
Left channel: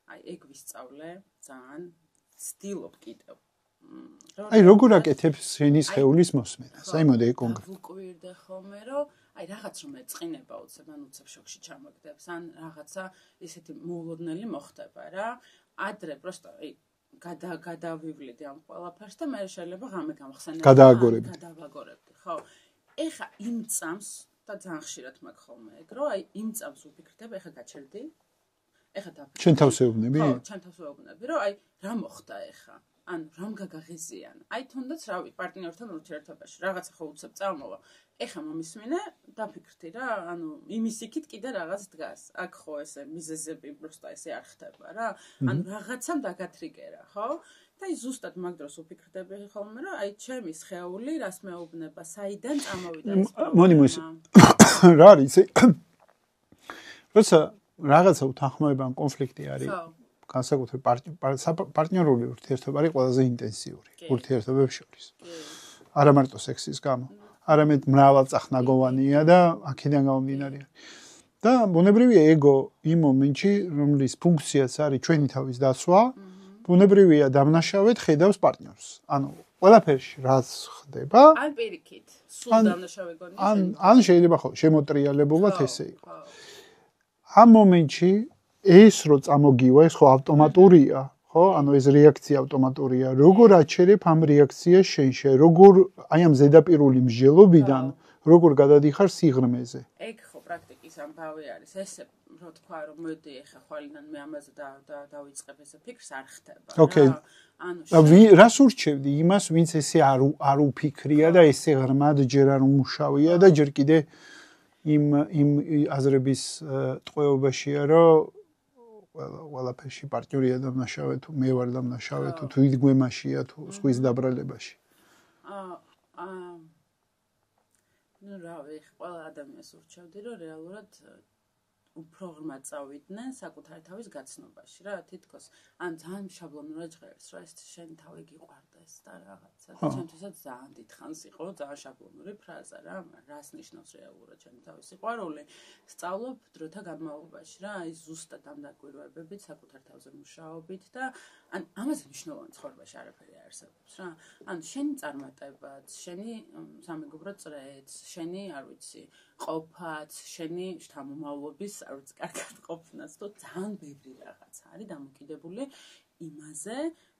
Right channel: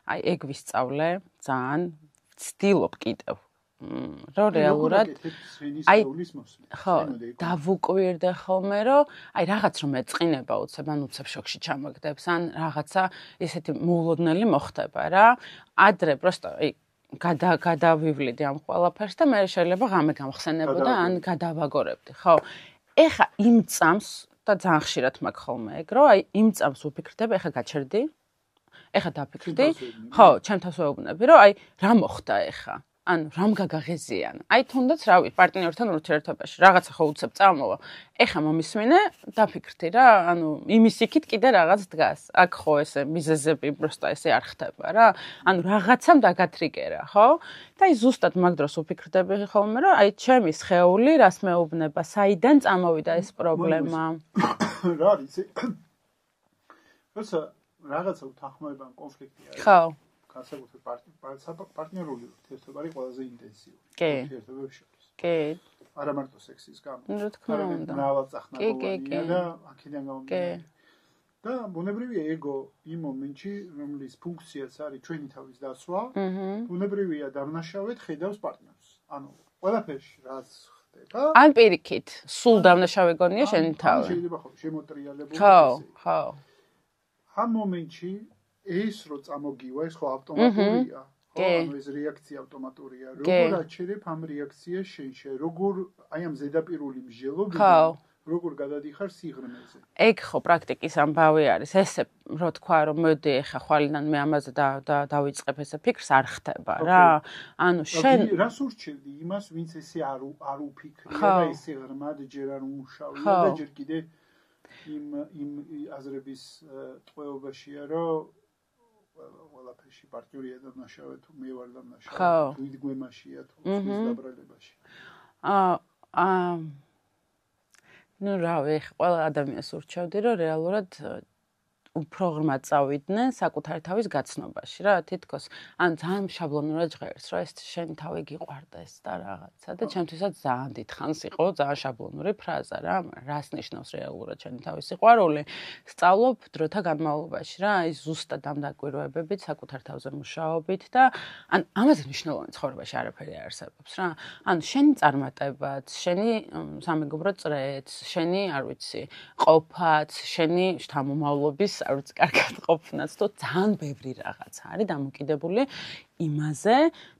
აი ეგ ვისწავლე, ძალიან ვცდილობ კიდევ. აი როგორ აკეთებ შენის ხეულის მოსმენას? აი მოდი ეკო. დავუკვირდე ხოლმე, რომ აი რაღაც რომ ეწყინება უცებ, ან უცებ შოქში ჩამაგდებს, ან რაღაცა ესეთი მოულოდნელი მოხდება რა. ადრე პროსტო აი გადავივლიდი ამ ყველაფერს და მე შეიძლება ღამე გამხსენებდი და გადავაგორებდი, ხო. ეხა იმ წამს და ძალიან ხშირად მაქვს ხოლმე ეგ, რომ აი იმ წამს ვფიქრდებ, ეხა გაჩერდი. ეხა დაფიქრდი. ჩემ თავს ვეუბნები? ხო, ჩემ თავს ვეუბნები, რომ აი რა მოხდა ეხა? ანუ რამ გაგაღეზიან? აი თუნდაც რავი, პარტნიორთან ურთიერთობაში რაღაცა ხო უცებ წამოვა. ეხა მომისმინე, დაფიქრდი რა, ანუ იმის იქით კიდე რაღაც დგას. აქ ხო ესე მიზეზები პროსტა ესე არ ხდება რა. ანუ რაღაცამ დაგათრიგერა, ხო? და აი ზუსტად მაგ დროს ვფიქრდები ხოლმე, რომ აი ჩემი სხეული რას მეუბნება, საიდან წამოვიდა ეს პრობლემა. რა არის? როცა რაღაცა უთანხმოება ან კონფლიქტი არის. ხო. განსაკუთრებით პარტნიორული ურთიერთობა არის ყველაზე ინტენსიური ურთიერთობებს შორის. კი. არა მარტო სექსის გამო, არამედ მრავალწახნაგოვანია და აქედან გამომდინარე. და ბუნებრივია ეგო იმ მომენტში, რომლის ფუნქციაც არის ჩვენი თავის დაცვა, ბუნებრივია დამნაშავედ ხედავს პარტნიორს. ანუ ყველაფერში რაც ხდება, ან პირიქით, სულ დამნაშავე გონია შენი თავი. ან შეიძლება ხო შემოტრიალებულად ესე იყოს. ხო. ამ მომენტში ეს რო წამოგივა, ეს ხო ავტომატურია, ხო? ანუ ეს რეაქცია ავტომატურია. როგორ აჩერებ ამ რეაქციას შენში? როგორ აი ამ ზედაპირული მსჯელობიდან როგორ გადადიხარ სიღრმეზე? ეგ ხო პრაქტიკის ამბავი არის. ესე რო თქვა, რომ მოდი ეხა ხვალიდან მე ამაზე დავიწყებ ესე ფიქრს არ ხდება რა. ანუ შენ რას ურჩევდი იმას, ვინც ესე არ უფიქრია და ესე ღრმად ჯერ არ უმუშავია და ჯერ კიდე იმ აზრების ტყვეობაშია, რომ ყველაფერში პარტნიორია დამნაშავე თუ მე ვარ დამნაშავე თუ იდგმემაშია თუ სხვის დაბრალებაში. ნუ რავი, ყველა ადამიანს ურჩევდი, რომ რეალურად უფრო ღრმად წავიდნენ საკუთარი თავის გაცნობაში რა, თითქოს ან ძალიან შაბლონურად ჟღერს, რომ ეს შენი თავი გიყვარდეს და რაღაცა და ჩემთვისაც ძალიან დიდხანს იყო ძალიან შაბლონური ფრაზა რა, რას ნიშნავს რეალურად შენი თავის სიყვარული? სწავლობ დროთა განმავლობაში რა, აი ზუსტად ამ დაკვირვებებით, საკუთარ თავზე მუშაობით და ან ამაზე მნიშვნელოვანი ცხოვრებაში არაფერი არსებობს რა. ანუ შენი წარმატებაც, შენი სამეგობრო წრეც, შენი, არ ვიცი, ყოფაც, შენი შთამომავლობის არ ვიცი, კარგად ყოფნაც, თუ ძალიან ბევრი რაღაც არის დამოკიდებული იმაზე,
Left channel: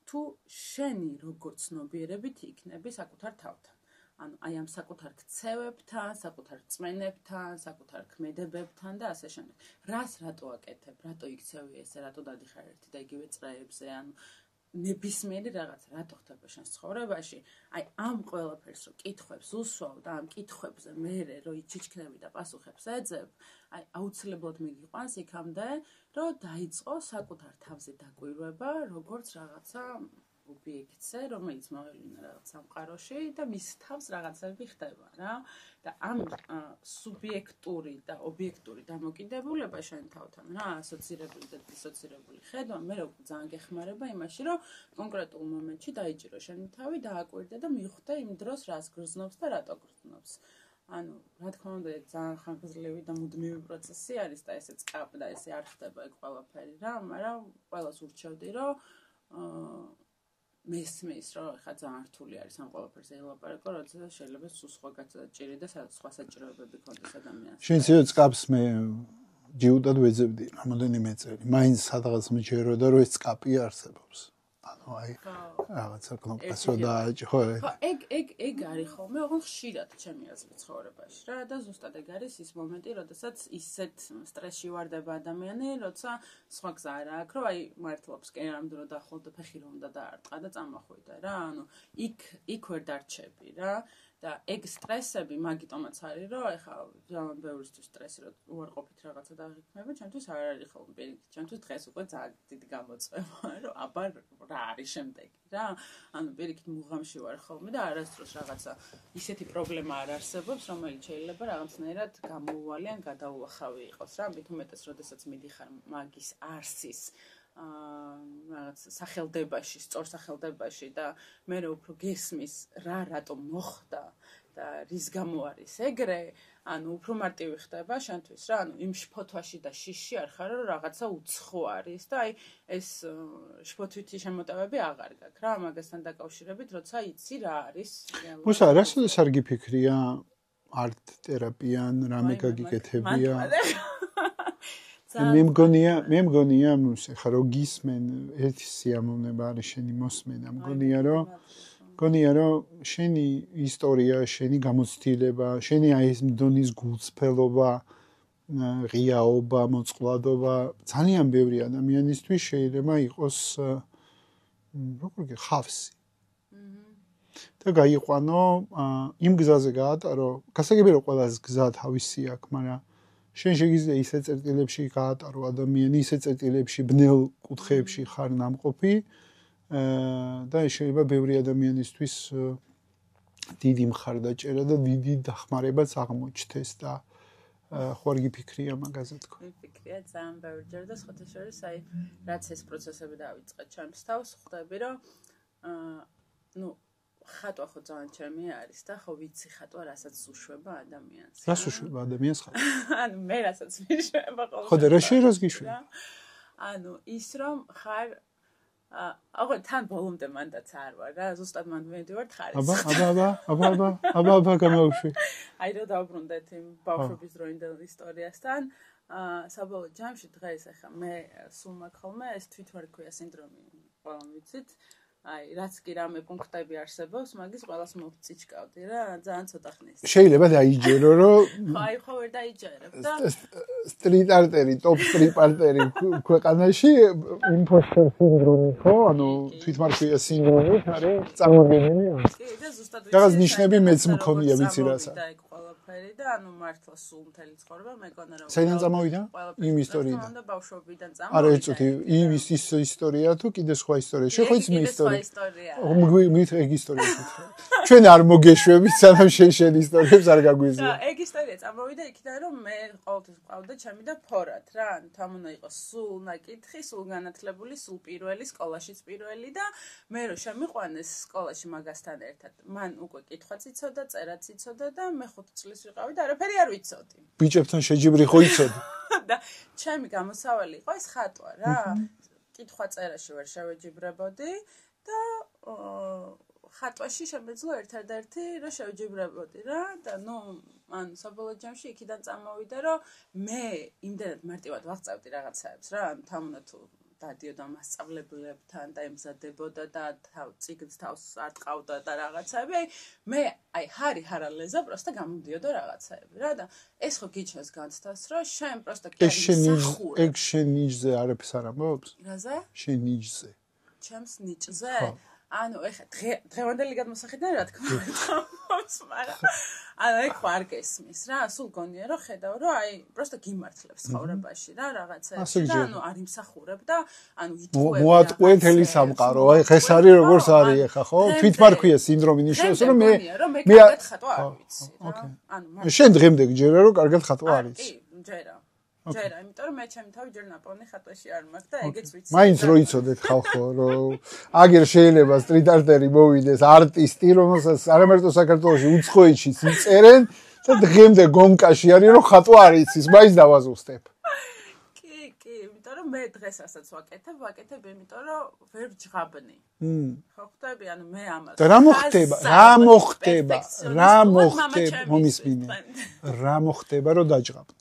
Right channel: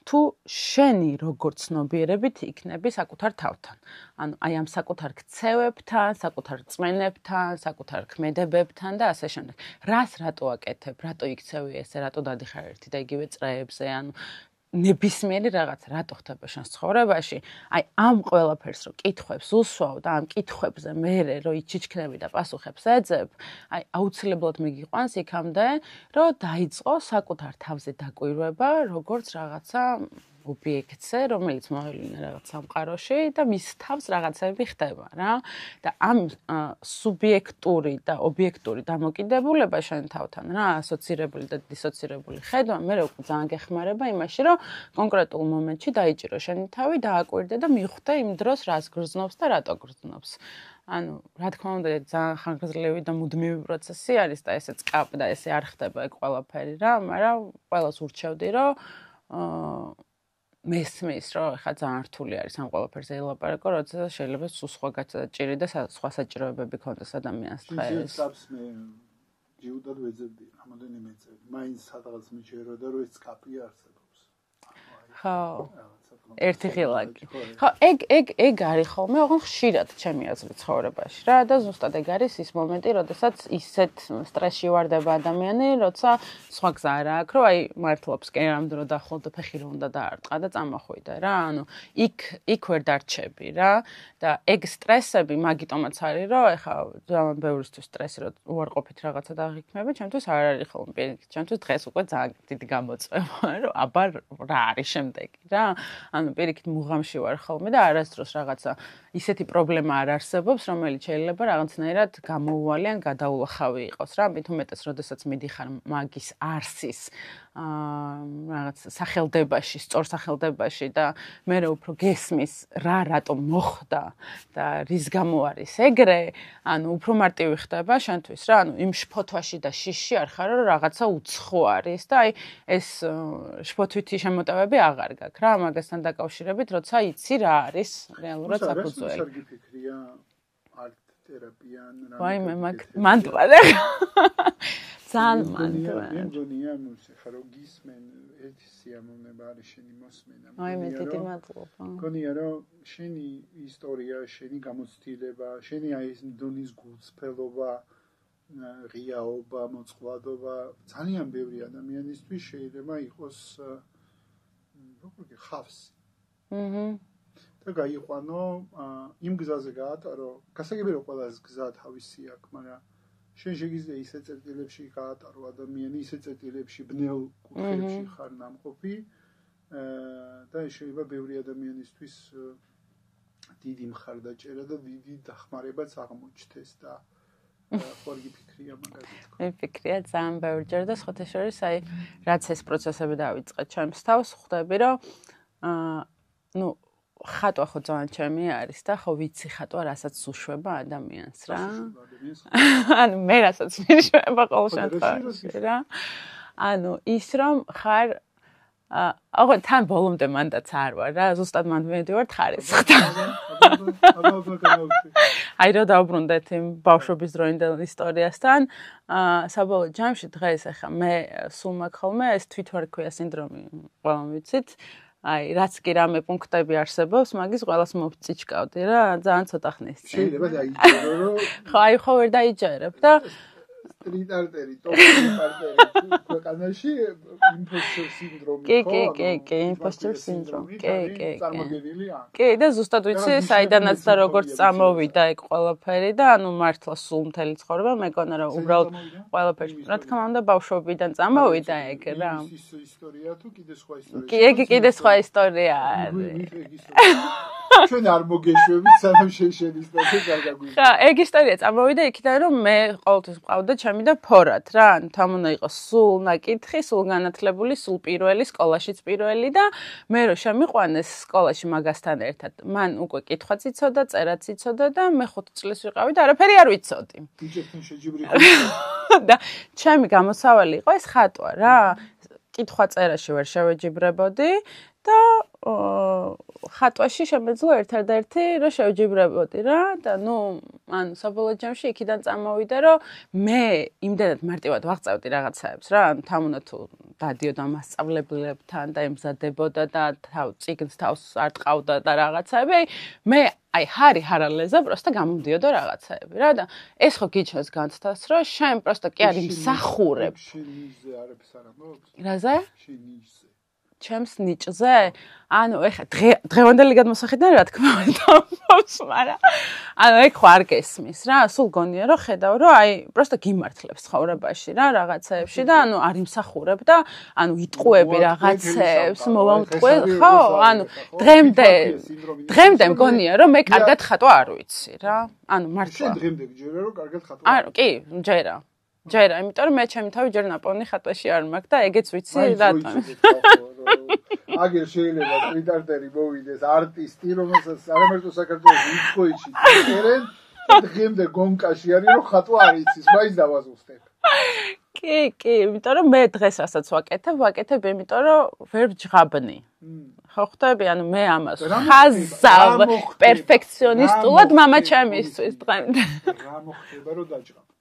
თუ შენი როგორ ცნობიერებით იქნები საკუთარ თავთან. ანუ აი ამ საკუთარ ქცევებთან, საკუთარ წმენებთან, საკუთარ ქმედებებთან და ასე შემდეგ. რას რატო აკეთებ, რატო იქცევი ესე, რატო დადიხარ ერთი და იგივე წრეებზე, ანუ ნებისმიერი რაღაც რატო ხდება შენს ცხოვრებაში? აი ამ ყველაფერს რო კითხვებს უსვავ და ამ კითხვებზე მერე რო იჩიჩქნები და პასუხებს ეძებ, აი აუცილებლად მიგიყვანს იქამდე, რომ დაიწყო საკუთარ თავზე დაკვირვება, როგორც რაღაცა ობიექტზე, რომელიც მოვლენა რაღაც სამყაროში და მის თავს რაღაცები ხდება რა. და ამ სუბიექტური და ობიექტური დამოკიდებულება შენ თავთან რა, ასოცირებული და დისოცირებული ხედვა, მე უკვე ძალიან გეხმარება იმაში, რომ კონკრეტულ მომენტში დაიჭირო შენი თავი, დააკვირდე და მიხვდე იმ დროს რას გრძნობს და რატო გრძნობს. ანუ რა თქმა უნდა ძალიან ხანგრძლივი და მუდმივი პროცესი არის და ესეც კაპდა, ესე არ ხდება ეგ ყველაფერი რა, მაგრამ ყველას ურჩევდი, რომ მესმის, რომ ხა ძალიან რთული არის ამ ყველაფერზე ელაპარაკო, როცა შეიძლება სულ სხვა გაჭირი და სხვა საჭიროებები ქონდეს ადამიანს. შენ ძიო წკაპს მე ჯიუდად ვეძებდი რამოდენიმე წელი. მაინც სადღაც მიჯეროდა, რომ ეს წკაპი არსებობს. აი რაღაცა კონკრეტულად ხო ეგ არის ხოლმე ოღონდ ხშირად ჩემი აზრით ცხოვრებაში რა და ზუსტად ეგ არის ის მომენტი როდესაც ისეთ სტრესში ვარდება ადამიანი როცა სხვა გზა არ აქვს რომ აი მართლობს კი ამ დრო დაახლოვდა ფეხი რომ უნდა დაარტყა და წამოხვიდა რა ანუ იქ ვერ დარჩები რა და ეგ სტრესები მაგიტომაც არის რომ ეხა ძალიან ბევრისთვის სტრესი რომ უარყოფით რაღაცა დაღიქმები ჩემთვის არ არის ხოლმე პირიქით ჩემთვის დღეს უკვე ძალიან დიდი გამოწვევა რომ აბა რა არის შემდეგი რა ანუ პირიქით მუღამში ვარ ხოლმე და არასდროს რაღაცა ისეთი პრობლემა არ არსებობს რომელიც შეიძლება რაღაცნაირად გამოუვალიან გადაულახავი იყოს რა მით უმეტეს როდესაც მიდიხარ მაგის არსის რაღაც სახელდებაში, სწორ სახელდებაში და მე უფრო გესმის რა რატომ მოხდა და რის გამო არის ეგრე, ანუ უფრო მარტივი ხდება შენთვის რა, ანუ იმ შფოთვაში და შიში არ ხარ რომ რაღაცა უცხო არის და აი ეს შფოთვითი შემოტევები აღარ გაქვს რა, მაგასთან დაკავშირებით, როცა იცი რა არის რეალურად. უსა რას არ გიფიქრია არტ თერაპიან რამე გაგიკეთებია. მანტვარე. მე მგონია ხა რო გისმენ ერთი სიამოვნება არის შენი მოსმენა მგონია რომ შენი ისტორია, შენი გამოცდილება, შენი აი ეს მდონის გულწრფელობა, ღიაობა, მოწყვლადობა ძალიან ბევრი ადამიანისთვის შეიძლება იყოს როგორ ხავსი. და გაიყვანო იმ გზაზე გაატარო, გასაგებია რომ ყველას გზა თავისი აქვს, მაგრამ შენ შეგიძლია ისე წერტილებში გაატარო ადამიანი, ისე წერტილებში ბნელ კუთხეებში ხარ ნამყოფი და შეიძლება ბევრი ადამიანისთვის დიდი მხარდაჭერა და დიდი დახმარებაც აღმოჩნდეს და ხوار გიფიქრია მაგაზე თქო. მიფიქრია ძალიან ბევრჯერ და სხვათა შორის აი რაც ეს პროცესები დავიწყე ჩემს თავს, ხვდები რომ ნუ ხატვა ხო ძალიან ჩემი არის და ხო ვიცი ხატვა რასაც უშვება ადამიანს რა. რას უშვება ადამიანს? ანუ მე რასაც მიშვება ყოველ შემთხვევაში. ხო და რა შეიძლება გიშვება? ანუ ის რომ ხარ აღო თან ბოლომდე მანდაც არ ვარ რა, ზუსტად მანდ მედივარ ხარისხი. აბა გამოვშვი. აი რა დავბრუნდეთ იმ ბავშვობის დროინდელ ისტორიასთან, საბოლოო ჯამში დღეს ახლა მე სულ მაქვს ხოლმე ეს თვითვარქვია სინდრომი, ყველამ ვიცით. აი, რაც კი რამე პუნქტები არსებობს, მაგის ყველას მოვწიჩკავდი რა, ძალიან ცოტა ხნის. შეიძლება დაიჯერო, რომ ხო, აი ხო ვერ დაიჯერებ და სტრიტ არტერი, ტოპ სტრიტ არტერი ქვეყანაში იმპოსტერ სინდრომი ხო, თვითმარქვია სინდრომი წამოგენილი არის. კი, და ზუსტად ვიცი, საიდანაც და როგორც წამოვიდა ეგ ყველაფერი და ანუ მართლა სულ მთელი ცხოვრება მეკონა რომ უბრალოდ ყველაფერი რა თქმა უნდა ბავშვობიდან წამოვიდა ეგ რა. ის ისტორია თუ კიდე სხვა ისტორია? კი, კიდე სხვა ისტორია. მით ეგ ისტორია. ჩვენ არ მოგეშვებით, სანამ შენ ისტორიებს არ გაგვიზიო. და ეგ ისტორია წამოვიდა იქიდან, რომ მე ყოველთვის მყავდა ჩემი და ფორად რა, ანუ თან უნდა იყოს სულ ნაკითხი, სულ განათლებული, სულ პირველი, სკოლაშიც პირველი და მე რო შემიყვანეს სკოლაში მაგასთან ერთად. მან უკვე კითხვაც იცოდა, წერაც იცოდა და მე 5 წლის ვიყავი და არაფერი არ ვიცოდი. ბიჭებთან შეჯიბრი ხო იცოდი? და ჩემი გამოსავალი იყო ეს ხატვა რა. კითხვა წერაში ვერ შევეჯიბრებოდი და ხატვაში შემეძლო ერთადერთი რომ შევჯიბრებოდი რა და ანუ საბოლოო ჯამში იქიდან წამოვიდა რომ მე იმდენად მარტივად ვაღწევდი რაღაცაებს რა ანუ თან უნდა თუ დადიოდა მასწავლებლებთან და ემზადებოდა და წიგნს თავს არ ტყავდა და რაღაცაები მე აი ჰარალეზე პროსტა გამომდიოდა რაღაცაები რა და ეს ხო გიჩნევს განცდას რომ შენ პროსტა კი არ იმსახურებ ეგ შენ ნიჭზე არაფერს არ ამბობს? რაზე? შენ ნიჭზე. ჩემს ნიჭზე? ანუ ეხა დღევანდელი გადმოსახედიდან რა თქმა უნდა ამბობს, მაგრამ ანუ ეგ ხო არ გესმის რა, სულ გონია რომ ხედავ რომ აი პროსტა გიმართლებს ცხოვრებაში რა რაღაცეებში და ანუ არ იმსახურებ და ანუ იტყუები რაღაცეებს დღემდე მგონია რომ მე კარგად ხატვა არ ვიცი რა ანუ მართლა შენ დღემდე გჯერა რომ კარგად ხატვა არ ვიცი? კი, ჯერა, იმიტომ რომ მე ჩემი თავი ჯერ ნაპოვნი ხატვაში არ მაქვს და ეგეც ვიცი რა. მაინც რო იცოდეთ ხალხო, რომ აგერ შეიძლება სტრიტ არტერი მოვიდეს არტისტი, რომელსაც არამარტო საქართველოში უცხოეთში წერენ და დღემდე გომკაში არის რომ ხატვა არ იცის, მაინც დავაზუსტებ. კი, იმიტომ რომ მე დღეს რასაც ვაკეთებ, იმიტომ რომ ვერ ვჯღაბნი. ხო ხვდები, ანუ მე ამას ხაზავ პერფექციონისტულად მამა ჩემისთვის დღემდე. რა მოხდება რომ დაჯღაბნი?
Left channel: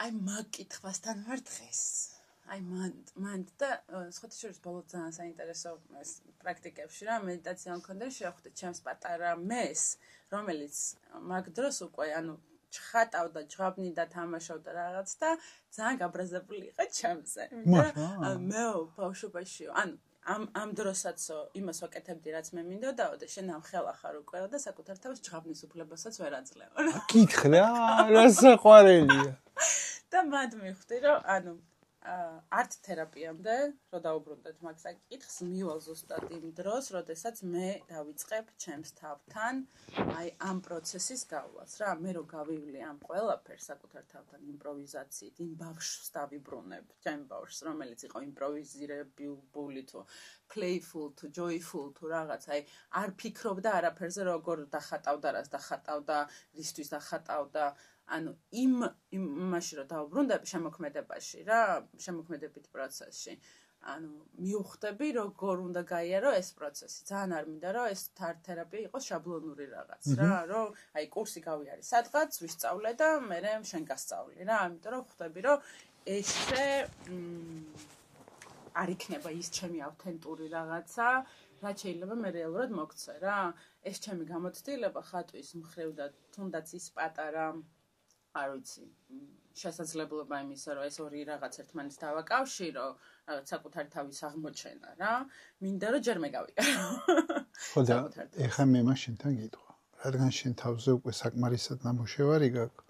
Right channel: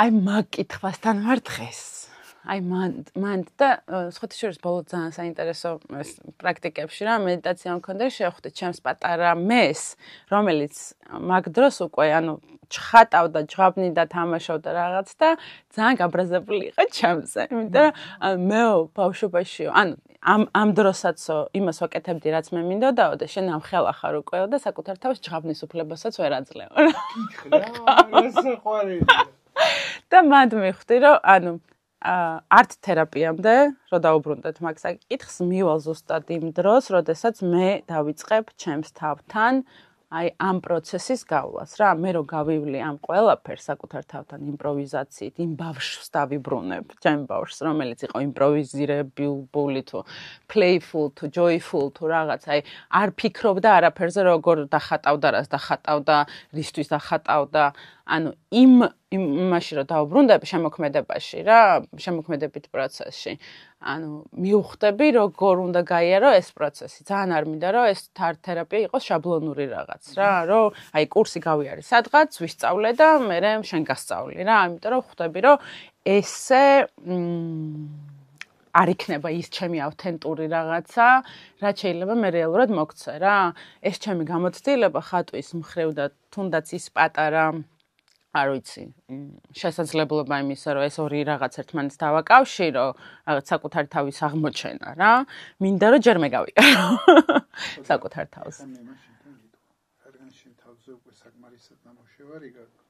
აი მაგ კითხვასთან ვარ დღეს. აი მან და სხვათა შორის ბოლო ძალიან საინტერესო პრაქტიკებში რა მედიტაცია მქონდა შევხვდი ჩემს პატარა მეს, რომელიც მაგ დროს უკვე ანუ ჩხატავდა, ჯღაბნიდა, თამაშობდა რაღაც და ძალიან გაბრაზებული იყო ჩემზე. იმიტომ რომ მე ბავშვობაში ანუ ამ დროსაც იმას ვაკეთებდი რაც მე მინდოდაო და შენ ამ ხელა ხარ უკვე და საკუთარ თავს ჯღაბნის უფლებასაც ვერ აძლევ. კითხე რა საყვარელია. და მანდ მივხვდი რომ ანუ არტ თერაპიამდე რო დაუბრუნდეთ მაგ საკითხს მივალ ზუსტად იმ დროს, როდესაც მე დავიწყებ ჩემს თავთან აი ამ პროცესის გავლას რა, მე რო გავივლი ამ ყველაფერს საკუთარ თავთან იმპროვიზაციით, იმ ბავშვს დავიბრუნებ, ჩემ ბავშვს, რომელიც იყო იმპროვიზირებული თუ playful თუ joyful თუ რაღაც, აი არ ფიქრობდა არაფერზე, როგორ დახატავდა, რას დახატავდა, რისთვის დახატავდა, ანუ იმაში რომ დავუბრუნდები შემოქმედებაში რა, შემოქმედებით პროცესში. ანუ მივხვდები როგორ უნდა გაიარო ეს პროცესი. ძალიან არ მინდა რომ ეს თერაპია იყოს შაბლონური რაღაც რა, რომ აი კურსი გავიარე სადღაც, ვისწავლე და მე შენ გასწავლი რა, ამიტომ რომ ხვდები რომ ესე არ იქნება ის ჩემი ავთენტური რაღაცა, რაც შეიძლება მე რეალურად მოგცე რა. ეს ჩემი გამოცდილება ხატვის მხრივ და თუნდაც ის პატარა არ ვიცი, შესაძლებლობა იმისა, რომ ეს ორი რაღაც ერთმანეთს დავაკავშირო, რაღაც საკუთარ თავის აღმოჩენა რა. მინდა რომ ჯერ მე გავიარო. საკუთარ თავს. ეხლა მე მაშინთან გითხვა, რადგან შენ თავზე უკვე საკმარისად ნამუშევარი გაქვს,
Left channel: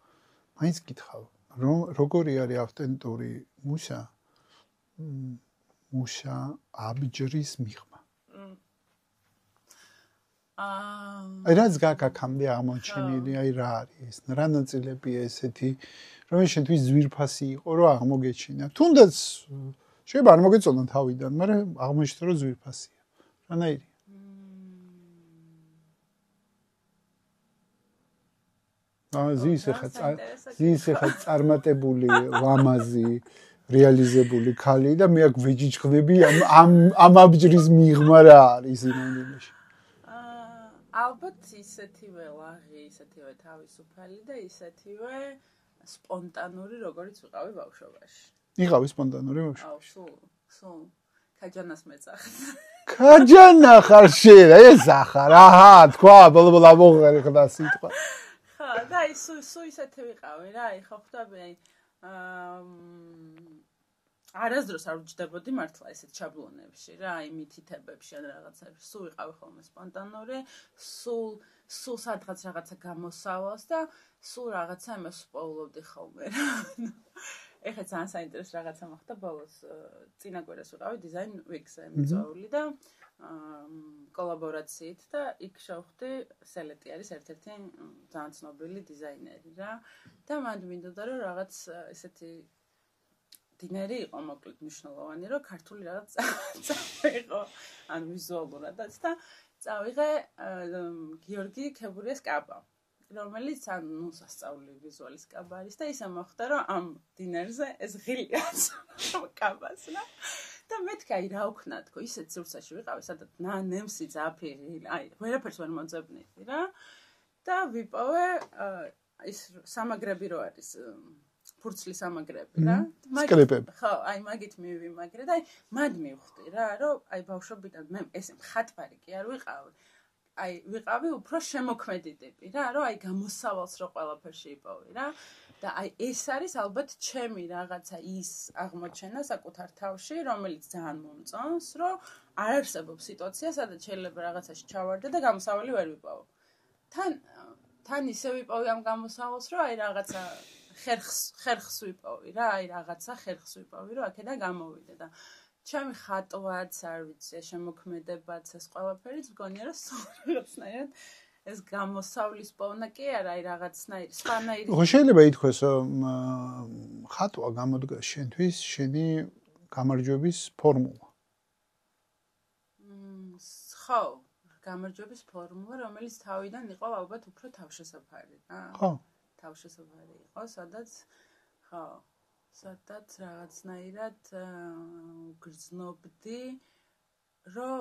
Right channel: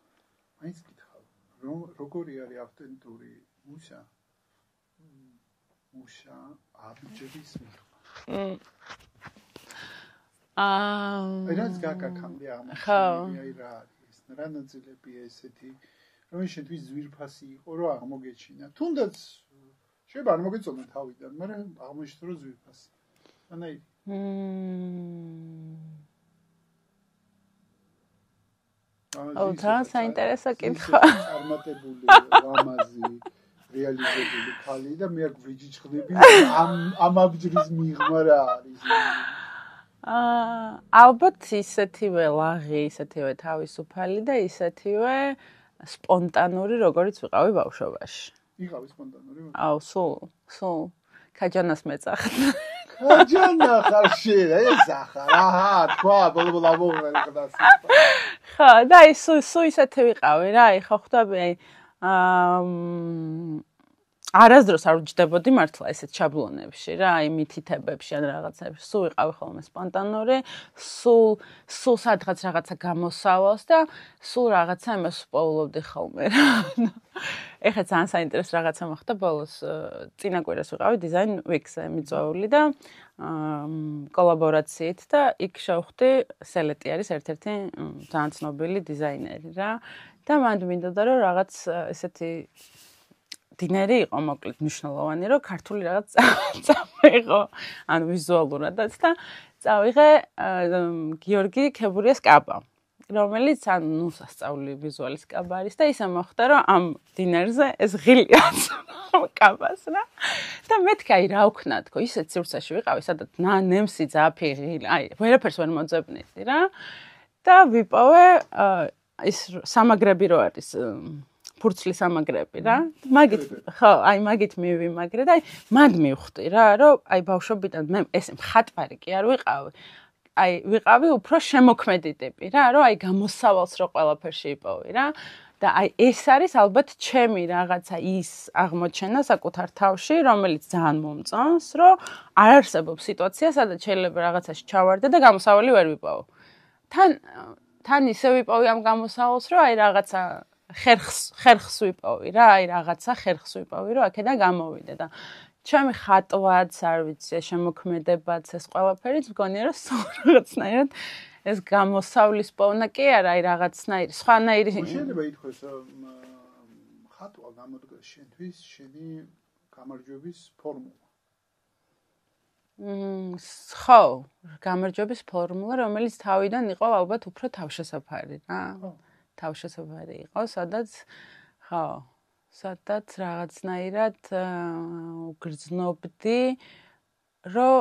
მაინც გითხავ, რომ როგორი არის ავთენტური მუშა? მუშა აბჯრის მიღმა. აი რაც გაკაკამდე აღმოჩენილი, აი რა არის, რა ნაწილებია ესეთი, რომ შენთვის ძვირფასი იყო, რომ აღმოგეჩინა. თუნდაც შეიძლება არ მოგეწონა თავიდან, მაგრამ აღმოჩნდა რომ ძვირფასია. რანაირი? საინტერესო კითხვა. წარმატებული, ლამაზი, რეალიზებული ქალი და მე აქ ვეჯიჯღდები ამ აბჯრის მიღმა რა არის იმაში. ალბათ ისეთივე ლაღი, ისეთივე თავისუფალი და ისეთივე სპონტანური, როგორც ვიყავი ბავშვობაში. იყავი სპონტანური ბავშვი? აუ, სულ ქაჯანას მეწახდა. ქაჯანა ხარ შენ, ეს ახარ, აჰა, თქვა, ბოლო მოღერხდა სიტყვა. ხო, და აი სულ ისეთი ვიყავი რა, აი ხო ხვდები, აი არასდროს არ ვჯდებოდი მართლა ესეთ შაბლონებში რა, აი მითითებებში ან რაღაცებში. სულ ვიყავი ხოლმე სპონტანური, სულ სადღაც რაღაცა გამოსავალს და სულ რაღაცა იმას ვპოულობდი ხოლმე რა. ეხლა ძალიან საინტერესო რაღაცა მოხდა ბოლოს წინა კვირას ვიყავი Design Week-ზე მიწვეული და კოლაბორაციით და იქ შევხვდი სელეტი არის ერთ-ერთი ძალიან ცნობილი დიზაინერი რა და მანდ მინდოდა რომ რაღაც ესეთი დინერი იყო მოკლედ მნიშვნელოვანი რომ ქართული რაღაც წავიღო ან ვიზუალურადაც და წავიღე გიორგი ქებურიას კაბა რომელიც ანუ სასწაული ვიზუალის კაბა არის და ისე მოხდა რომ ამ დინერზე ეს ღილიაც კაბას რა და მეთქი აი რა ვქნა თქო ისეთ სივრცეში ვიყავი სადაც ნემსი ძაფი ღილი აი ვერაფერს ვერ მოძებნიდი რა და ვიპოვე ის სამაგრები რო არის ფურცლის სამაგრები რა მაგით ხო აი მაგით მივიმაგრე და აი მანდ მივხვდი რა რომ აი ბავშვობიდან მე ეს მხატვარი კი არ ვიყავი აი ვიყავი უფრო შემოქმედი ტიპი რა რომ აი გამოსავალს რო ყველაფერში იპოვი რა და აი ეს არის ალბათ ჩემი რაღაცა ის აღმოჩენა საკუთარ თავში რომელიც ძალიან მომწონს რომ არ არსებობს სიტუაცია სადაც შეიძლება რაღაცაში ჩავარდე და გამოსავალი ვერ ვიპოვო თან ისე ვიპოვი ამ გამოსავალს რომ აი რაღაცა ხერხს ვიპოვი რა აი რაღაცა ხერხს ვიპოვი რომ აქედან გამოვიდე და ჩემი ხატვაც არ ვიცი შემოქმედებაც ეს ყველაფერიც მგონია რომ რაღაცნაირად ეს გამოსავლის პოვნა კი არა აი რაღაცნაირი სხვანაირი შეიძლება ითქვას რომ ხატვა გამოდგა შენთვის შენი გამარჯვების ფორმულა ხო გამარჯვების ფორმულა რომელიც თავიდან იყო ალბათ უფრო თავშესაფარი რა ხო თავშესაფარი იყო სადაც რაღაცნაირად გრძნობდი რომ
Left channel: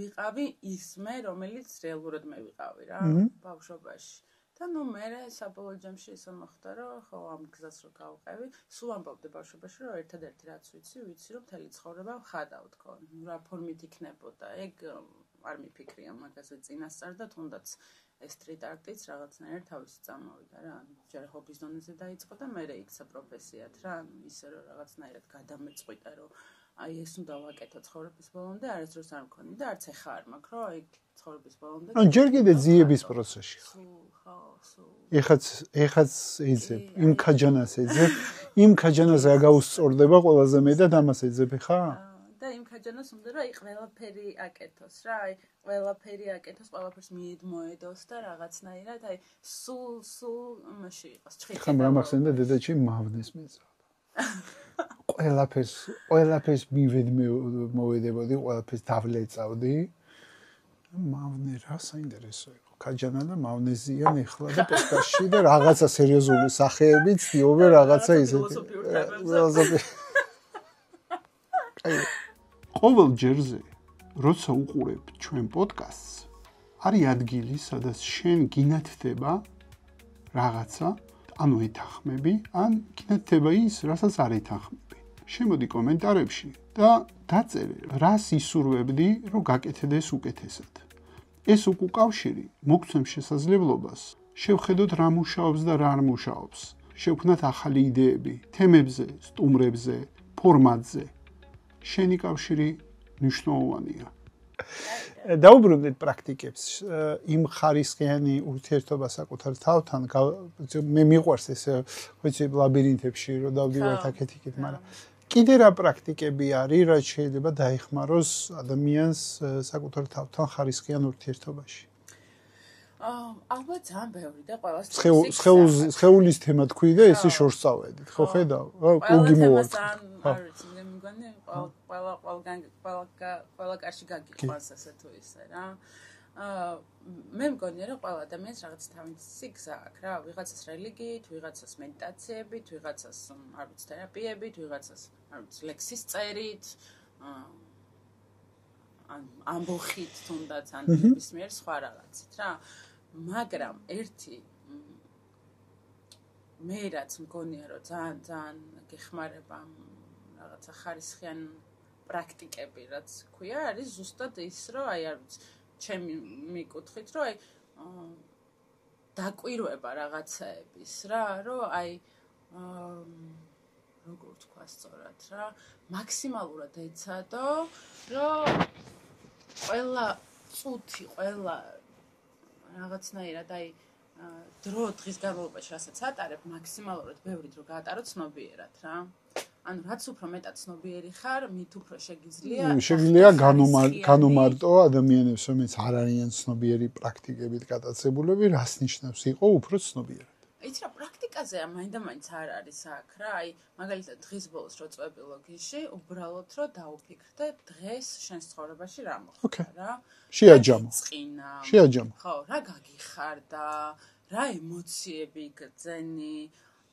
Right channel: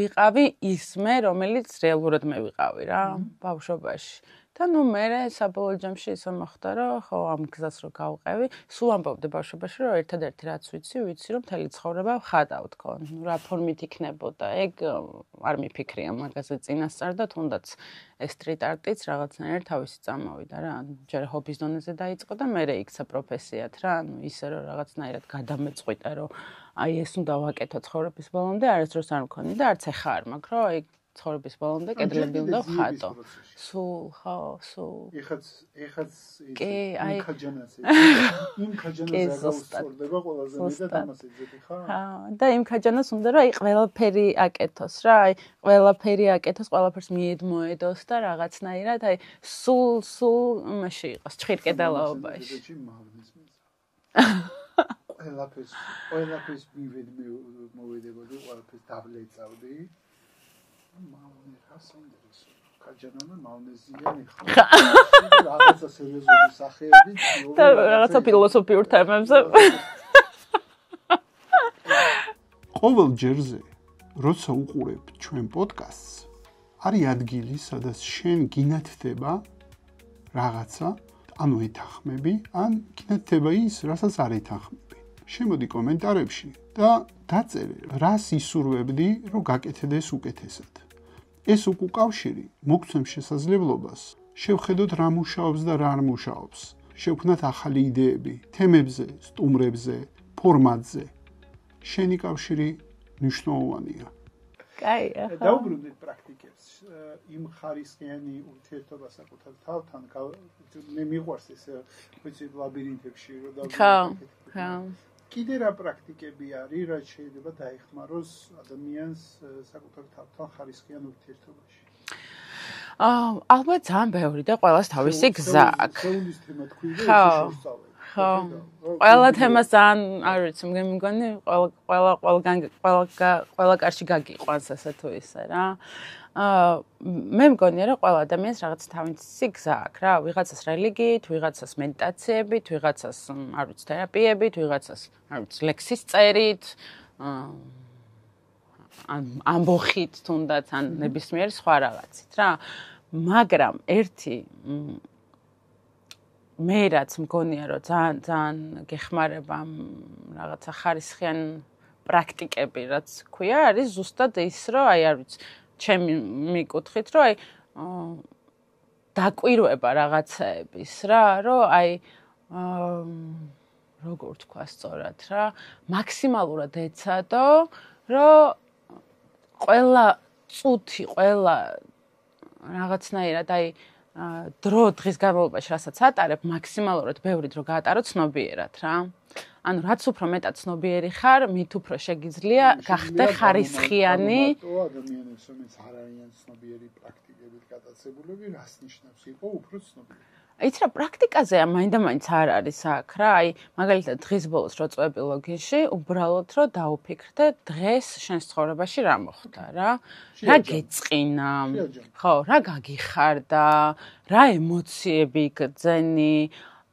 ვიყავი ისმე რომელიც რეალურად მე ვიყავი რა ბავშვობაში და ნუ მე საბოლოო ჯამში ისე მოხდა რომ ხო ამ გზას რო გავყევი სულ ამბობდი ბავშვობაში რომ ერთადერთი რაც ვიცი რომ მთელი ცხოვრება ვხატავ თქო ნუ რა ფორმით იქნებოდა ეგ არ მიფიქრია მაგაზე წინასწარ და თუნდაც ეს სტრიტ არტიც რაღაცნაირად თავისი წამოვიდა რა ჯერ ჰობის დონეზე დაიწყო და მე იქცა პროფესიად რა ანუ ისე რომ რაღაცნაირად გადამეწყვიტა რომ აი ეს უნდა ვაკეთო ცხოვრების ბოლომდე არასდროს არ მქონი და არც ახლა არ მაქვს რომ აი ცხოვრების ბოლომდე ჯერ კიდე ძიების პროცესში სულ ხო ეხაც ეძებ იმ ქაჯანას ეძებ იმ ქაჯანაზე აგაუსწორდება ყველაზე მეტად ამას ეძებ ხა და იმ ქაჯანას უნდა რომ აი ყველაფერი აკეთოს რა აი ყველაფერი აკეთოს ყველაფერს მიედმოედოს და რაღაცნაირად აი სულ მაშინ იყოს ჭირკედალაობაში მაგასთან დედაჩი მავნეს მეძავ ყველაფერს მოვედებოდი ყველაფერს დავლეწავდი მავნე რა საინტერესო იყო ქაჯანა და მავნეზიან ეხლა პოდკასტში და რაღაცა სერიოზული სახეები ცდილობ რაღაცა ფილოსოფიურ თემებზე ყოველ ჯერზე როცა უყურებ ჩვენ პოდკასტს არის ადგილი სადაც შენ გინათდება რაღაცა ანუ ეთანხმები ან გინათდება ის რასაც არ ეთანხმები შემოდი კომენტარებში და დაწერე რას ისურვებდი რომ გაკეთდეს უკეთესად ეს უკავშირი მოგცემს შესაძლებლობას შევხედოთ რა მუშაობს და რა არ მუშაობს შევქმნათ ახალი იდეები თემებზე სტუმრებზე ფორმატზე შენი კავშირი მნიშვნელოვანია დაუბრუნდეთ პრაქტიკებს იმ ხარისხიანი ურთიერთობა საკუთარ თავთან მე მიყვარს ეს ვიცი ლაბირინთებში რომ დავდივართ აქეთ-იქით მაგრამ კიდე რა პრაქტიკები არის რაც შეიძლება დაეხმაროს ადამიანს საკუთარ თავთან ხარისხიან ურთიერთობაში ალბათ ძალიან ბევრი და ყველას თავისი გზა აქვს. სხეულის თემა თქვი და ესე შორს წავედი. ხო ხედავ? ყველა თემას ძალიან არ ვიცი, მე მგონი ყველა კარში გაგიყვანს ასე თუ ისე რა. მე მგონია რომ ყველა ადამიანს რაღაც თავისი გზა აქვს რა, ვიღაცას რელიგიით, ვიღაცას მედიტაციებით, ვიღაცას არ ვიცი თერაპიებით, ვიღაცას არ ვიცი ლექსის წერით, ან ამბოხით თუნდაც ან ნებისმიერ სხვა რაღაცით რა. მაგრამ ერთი მე რაც მგონია რომ ძალიან გეხმარება რაღაცა ხარისხიან პრაქტიკები რაც ქვია არის ზუსტად ის რომ აი არ ვიცი ჩემი მიკუთხით რომ აი დაკვირვება რაღაცეების რა რომ აი როგორ თქვა სწორად რა მაქსიმალურად ეცადო რომ ყველა წუთი ყველა რაღაცნაირად აი დრო დღის განმავლობაში რასაც ატარებ მაქსიმალურად ბევრი დრო გაატარო ცნობიერად რა ანუ რაც უფრო მეტად ცნობიერი ხარ, მით უფრო შეგიძლია გახდე ხარისხიანი. განუმარტო ადამიანებს, რომელიც არ არიან ცნობიერი პრაქტიკებით გატაცებულები, რას ნიშნავს იყო უფრო ცნობიერი? იცი რა, პრაქტიკაზე მაინდა-მაინც არ არის აქ რა, მაგალითად დღის ბოლოს რო წვევები ლოგინში, უბრალოდ რო დაუფიქრდე დღეს შენს ცხოვრებაში რა მოხდა რა. რა გიწყინა? ხო, რა გაგიხარდა, რა ემოციები გძენი,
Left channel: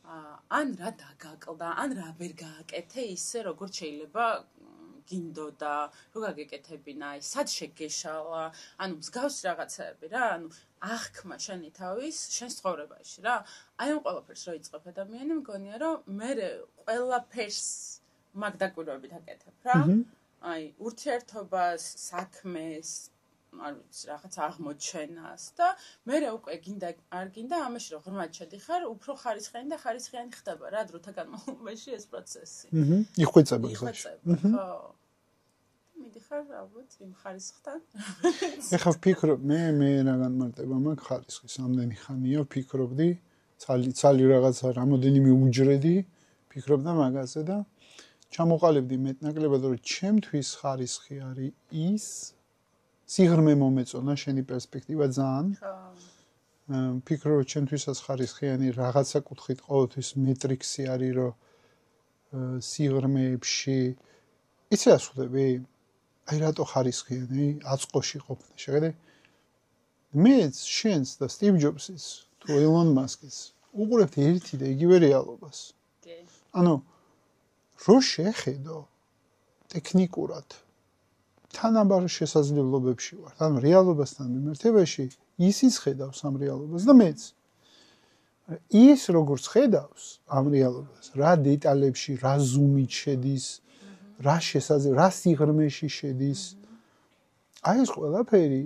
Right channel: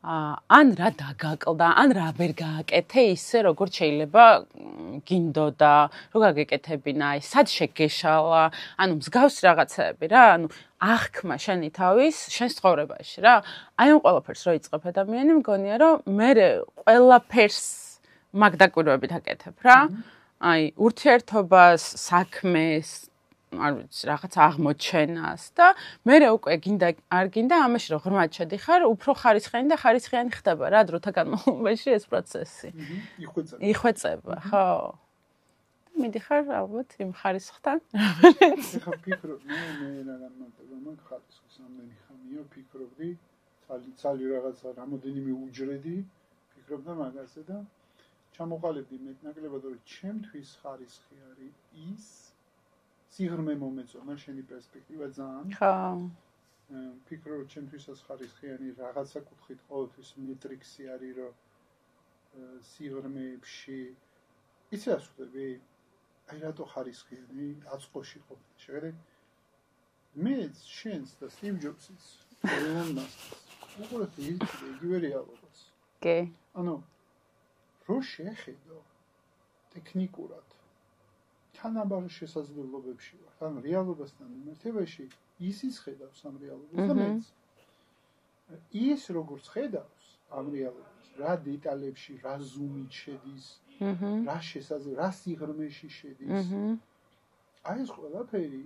ან რა დაგაკლდა, ან რა ვერ გააკეთე ისე როგორც შეიძლება გინდოდა, რო გაგეკეთებინა, სად შეგეშალა, ანუ მსგავსი რაღაცები რა, ანუ აღქმა შენი თავის შენს ცხოვრებაში რა. აი ამ ყველაფერს რო იწყებ ადამიანი, მგონია რომ მე ყველაფერს მაგ დაკვირვებით აკეთებ რა. აი ურთიერთობას, საქმეს, არ ვიცი, რაღაც აღმოჩენას და მე უკვე გინდა არ გინდა ამაში რომ ღრმად შედიხარ, უფრო ხარისხიანი და ხარისხიანი ხდება რა დროთა განმავლობაში ეს პროცესი. იხვეწება, ხო. მიდიხარ ალბათ იმ ხარისხთან. ეხლა ვფიქრობ, მე რა განმარტება მაქვს ხარისხის, ამდენი ხანია ვფიქრობდი, ცალი რაღაცა რამოდენიმე უჯრედი, ვფიქრობდა მაგაზე და ჩამოყალიბდი მეტნაკლებად რომ ჩემთვის ხარისხი არის ის სიღრმე მომეწონა შენი პერსპექტივა ძალიან. ხო. ვფიქრობ რომ ჩემთვისაც ხარისხიანი რაღაცა კუთხით ყოველთვის მეტრიქსი არის რომ სიღრმეებში იცი რა ვხვდები? აი რატო ხარისხიანი აწყოში ყოფნა შეხედე მე შენს და სტივ ჯობსის თუ ელონ მასკის უყურებთ ერთი და იგივე რეალობას კი ანუ რო შეხედო ტექნიკურად თანაბარ შესაძლებლობებში ვარ ანუ რეალობასთან მიმართებაში ისიც ხედავს ამ რეალობას და მეც ის როგორც ხედავს ამ რეალობას რა დეტალებში რა ზუმით შედის რა შესაძლებელი რა სიღრმეში შედის აი ეს ყველაფერი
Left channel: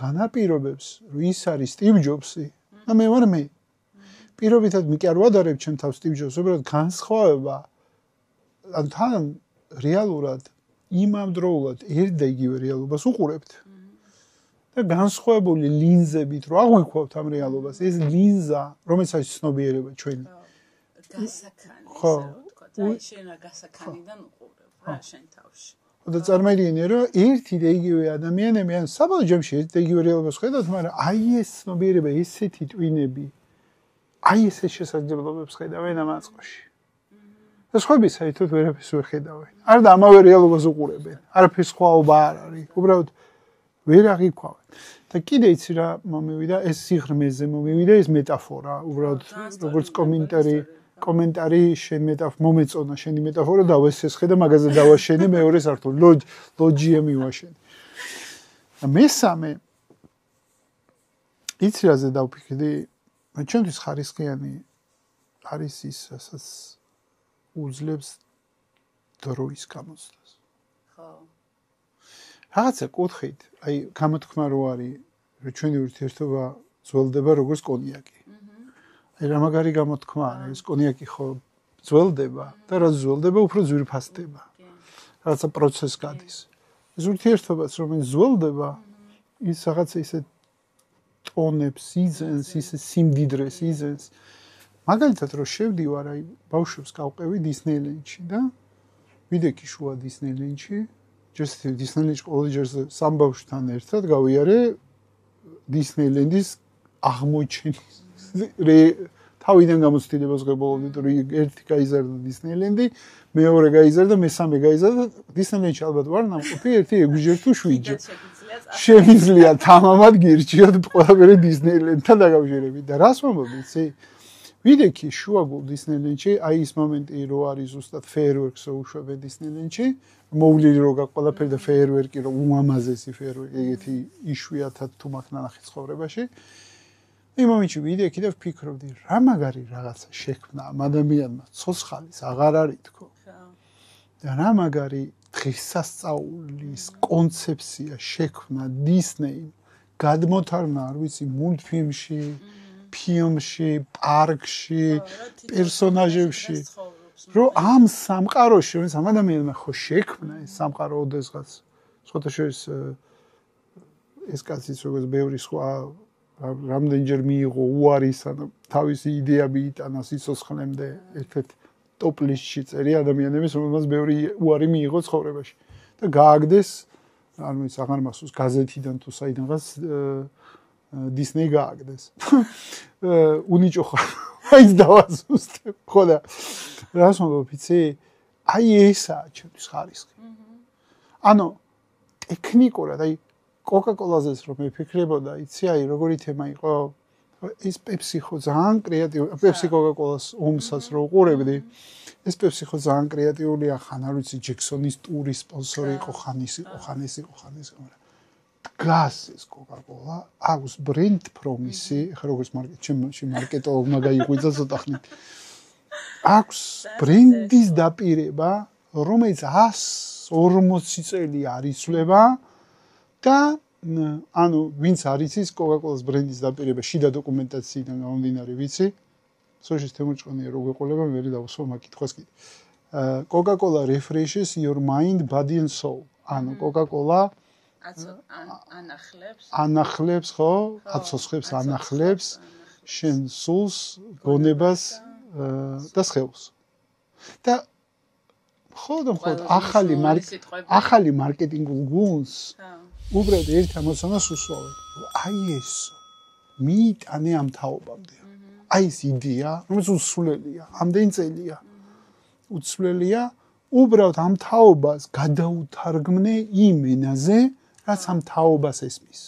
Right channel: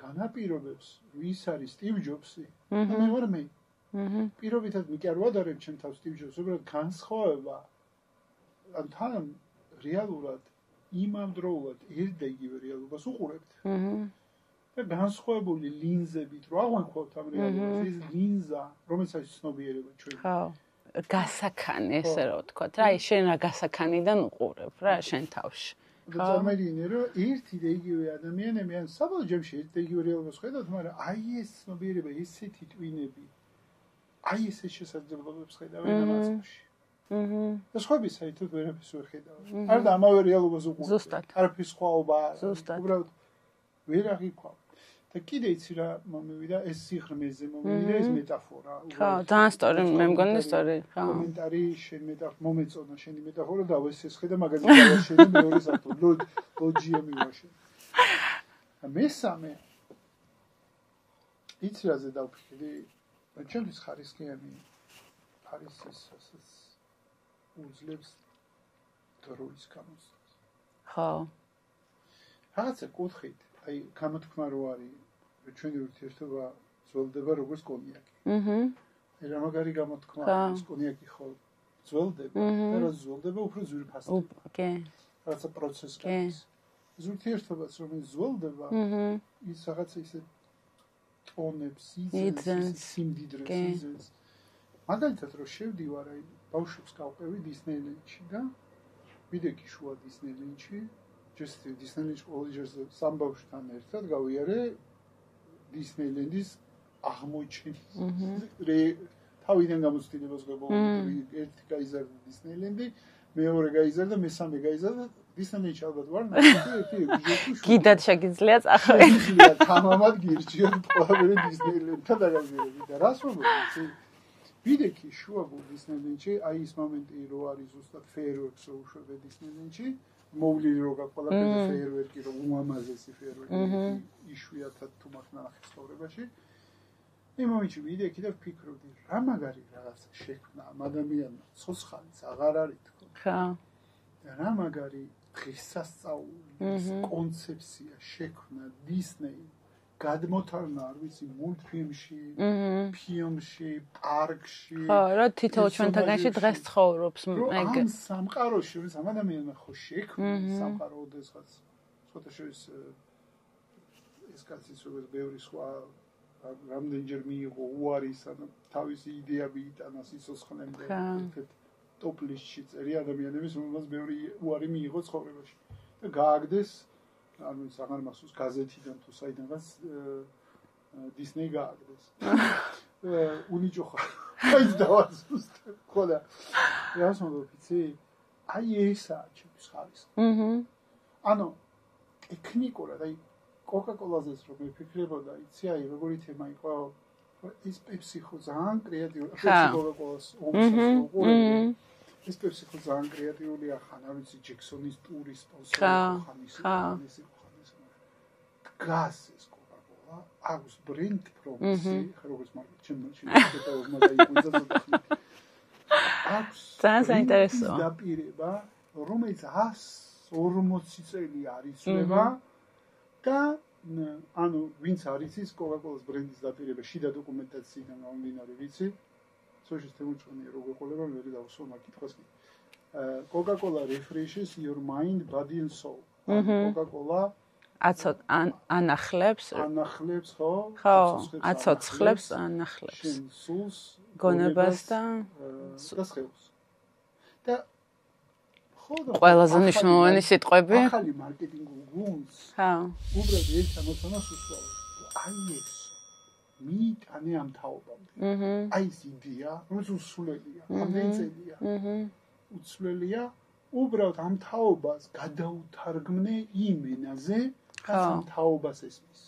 განაპირობებს რომ ის არის სტივ ჯობსი და მე ვარ მე პირობითად მე კი არ ვადარებ ჩემ თავს სტივ ჯობსს უბრალოდ განსხვავება ან თან რეალურად იმამდროულად ერთ და იგივე რეალობას უყურებთ და განსხვავებული ლინზებით რო აღვიქვავთ ამ რეალობას ეს ლინზა რომელიც არის ცნობიერება ჩვენი გასაქანი ესე რომ ვთქვათ რა შენ რა გასაქანიდან უყურებ რა შენ თავში და წარმოიდგინე რომ ერთი და იგივე ადამიანები ან საბოლოო ჯამში ერთ და იგივე რეალობას ხედავთ მაგრამ აი ეს ცნობიერება ესეთი ტვინები აი ესე შესაძლებლობებს ხედავენ ამ აწყოში და სხვები საერთოდ ვერაფერს ვერ ხედავენ არა და ამავე რეალობას უყურებენ არაფერს ხვაობა არ არის უბრალოდ ვერ აღიქვავენ და კიდე იცი რა მომივიდა ეს სიღრმეზე მომივიდა ეს მეტაფორა უბრალოდ კომენტარი შენ მომეწონა შენი მეტაფორა და ვესესხე და მაგაზე დავაშენე მეორე სართული ლოჯია მივაშენე და მესამე იცი რაზე დავფიქრდი ჩემთვის ხარისხიანი არის ის რასაც უძლებს დროის გამოცდას ხო რაღაცა კუთხით აი გამოთქმა რო არის რომ ჩვენი ურთიერთობა ძველდება როგორც კონიაკი. აი რა მაგარი გამოთქმა არის კონიაკი ხო ძველდება და რაც ძველდება უფრო ძვირფასდება. კი. რაღაცა პროცესი გადის. ეს ურთიერთობაც რომელიც ძველდება ის რაღაცა ისე ტონებს იზენს ისე სიმდიდრეს იზენს. მაგალითად რო შევდივარ აი ბავშვებს გავყევი დისნეილენდში და ვიდექი შუა დისნეილენდში დისნეილენდში ყოველჯერ სამ ბავშვთან ერთად გავიარე დისნეილენდის აღმოჩენის თავიდან გამოცდილებას ღებულობ ერთი გაიზარდა დისნეილენდი მეორე გაიზარდა მესამე გაიზარდა დისნეილენდში ალბათ ვარ ნახე ერთი ეგვიჟე თუ შვიდი კიდაც შეგიძლია წახე შეგიძლია თამამად გირჩიოთ ყველაფერი დისნეილენდთან დაკავშირებით და რას მომბობ ვიდექი შუაგულ დისნეილენდში აი ის მომენტი რო არის ზუსტად ფეიერვერკსო უშვებენ დისნეილენდში მოვლილი რო გაქვს ყველაფერი და ფეიერვერკი რო უმამაზესი ფეიერვერკი ეგეთი იშვიათად თუ მაქვს ნანახი ცხოვრებაში იმ მომენტში ვიდექი და ვფიქრობდი რა მაგარი რაღაცა შექმნა ამ ადამიანმა ცოცხალის აღარ არის თქო ხა და რა მაგარი დღესასწაულის კონცეფცია შექმნა დისნეიმ გადმოთარგმნა არ ვიცი მულტფილმში, ფილმში, პარკში, რა თვითონ დღეს ცხოვრობს. რომ ამ სამყაროში, რომელიც ამ ადამიანმა ხო შექმნა სამყარო ოდესღაც. სხვათა შორის ეს კაციც როგორც ბევრი სხვა რამდენჯერ მიიღო უარის, ანუ თავისი იდეა მიიტანა სიცოცხლემდე, ერთ-ერთ ტოპ ლისტში წერი ადამიანების, რომელსაც ბევრი უარი მიიღო ცხოვრებაში. და გააგდეს, ანუ ის აღარ მახსოვს გაზეთიდან თუ საიდანღაც Disney გააგდეს. უნიჭო ხარ. აიც დავაზუსტებ. ხო და რას მომბობ იცი? აი ესაა ჩემთვის ხარისხი. ანუ ტექნიკურად, აი Coca-Cola-ზეც რომ მეფიქრებოდა, იცი, აი როგორი თემა იყო? ეს Pepsi ხო ძალიან კრეატიული, Pepsi Coca-Cola-ს ომსაც რო უყურებდი. ეს Pepsi ხო ძალიან კრეატიულია, ხან არ ვიცი Jackson-ის ტურის სპონსორი იყო, ხან ის იყო. დგას ეს Coca-Cola, აქვს brand promise-ი, ხა როგორც ჩემში მარკეტოლოგმა დაიღვიძა ცოტა ხნით. აქვს ბრენდის დაპირება, რომელიც 140 წელი არიცვლება და ანუ ვინც არის ის Coca-Cola-s ბრენდის დაპირება შიდა დოკუმენტაციიდან გამომდინარე ვიცი. სოშის თემურჭყანია რო გვეყოლება, მე დავსვა მაგითხვას კიდე. Coca-Cola refreshes your mind, body and soul. ანუ Coca-Cola ანახლებს ხო? აცოცხლებს ანახლებს შენ სულს, გონებას და სხეულს. და ხო და ყველაზე მნიშვნელოვანი სიტყვები ახალი მარკეტინგულ გუნდს უბრალოდ ერთ ამოცანას უსვავენ. აი ეს მიიტანე ამ თაობამდე. აი ეს იდეა, რომელიც უცვლელია, ამდენი წელია. უცვლელია, უბრალოდ ამ თაობას გადაუთარგმნე იმ ენაზე, რაც ამ თაობას ესმის.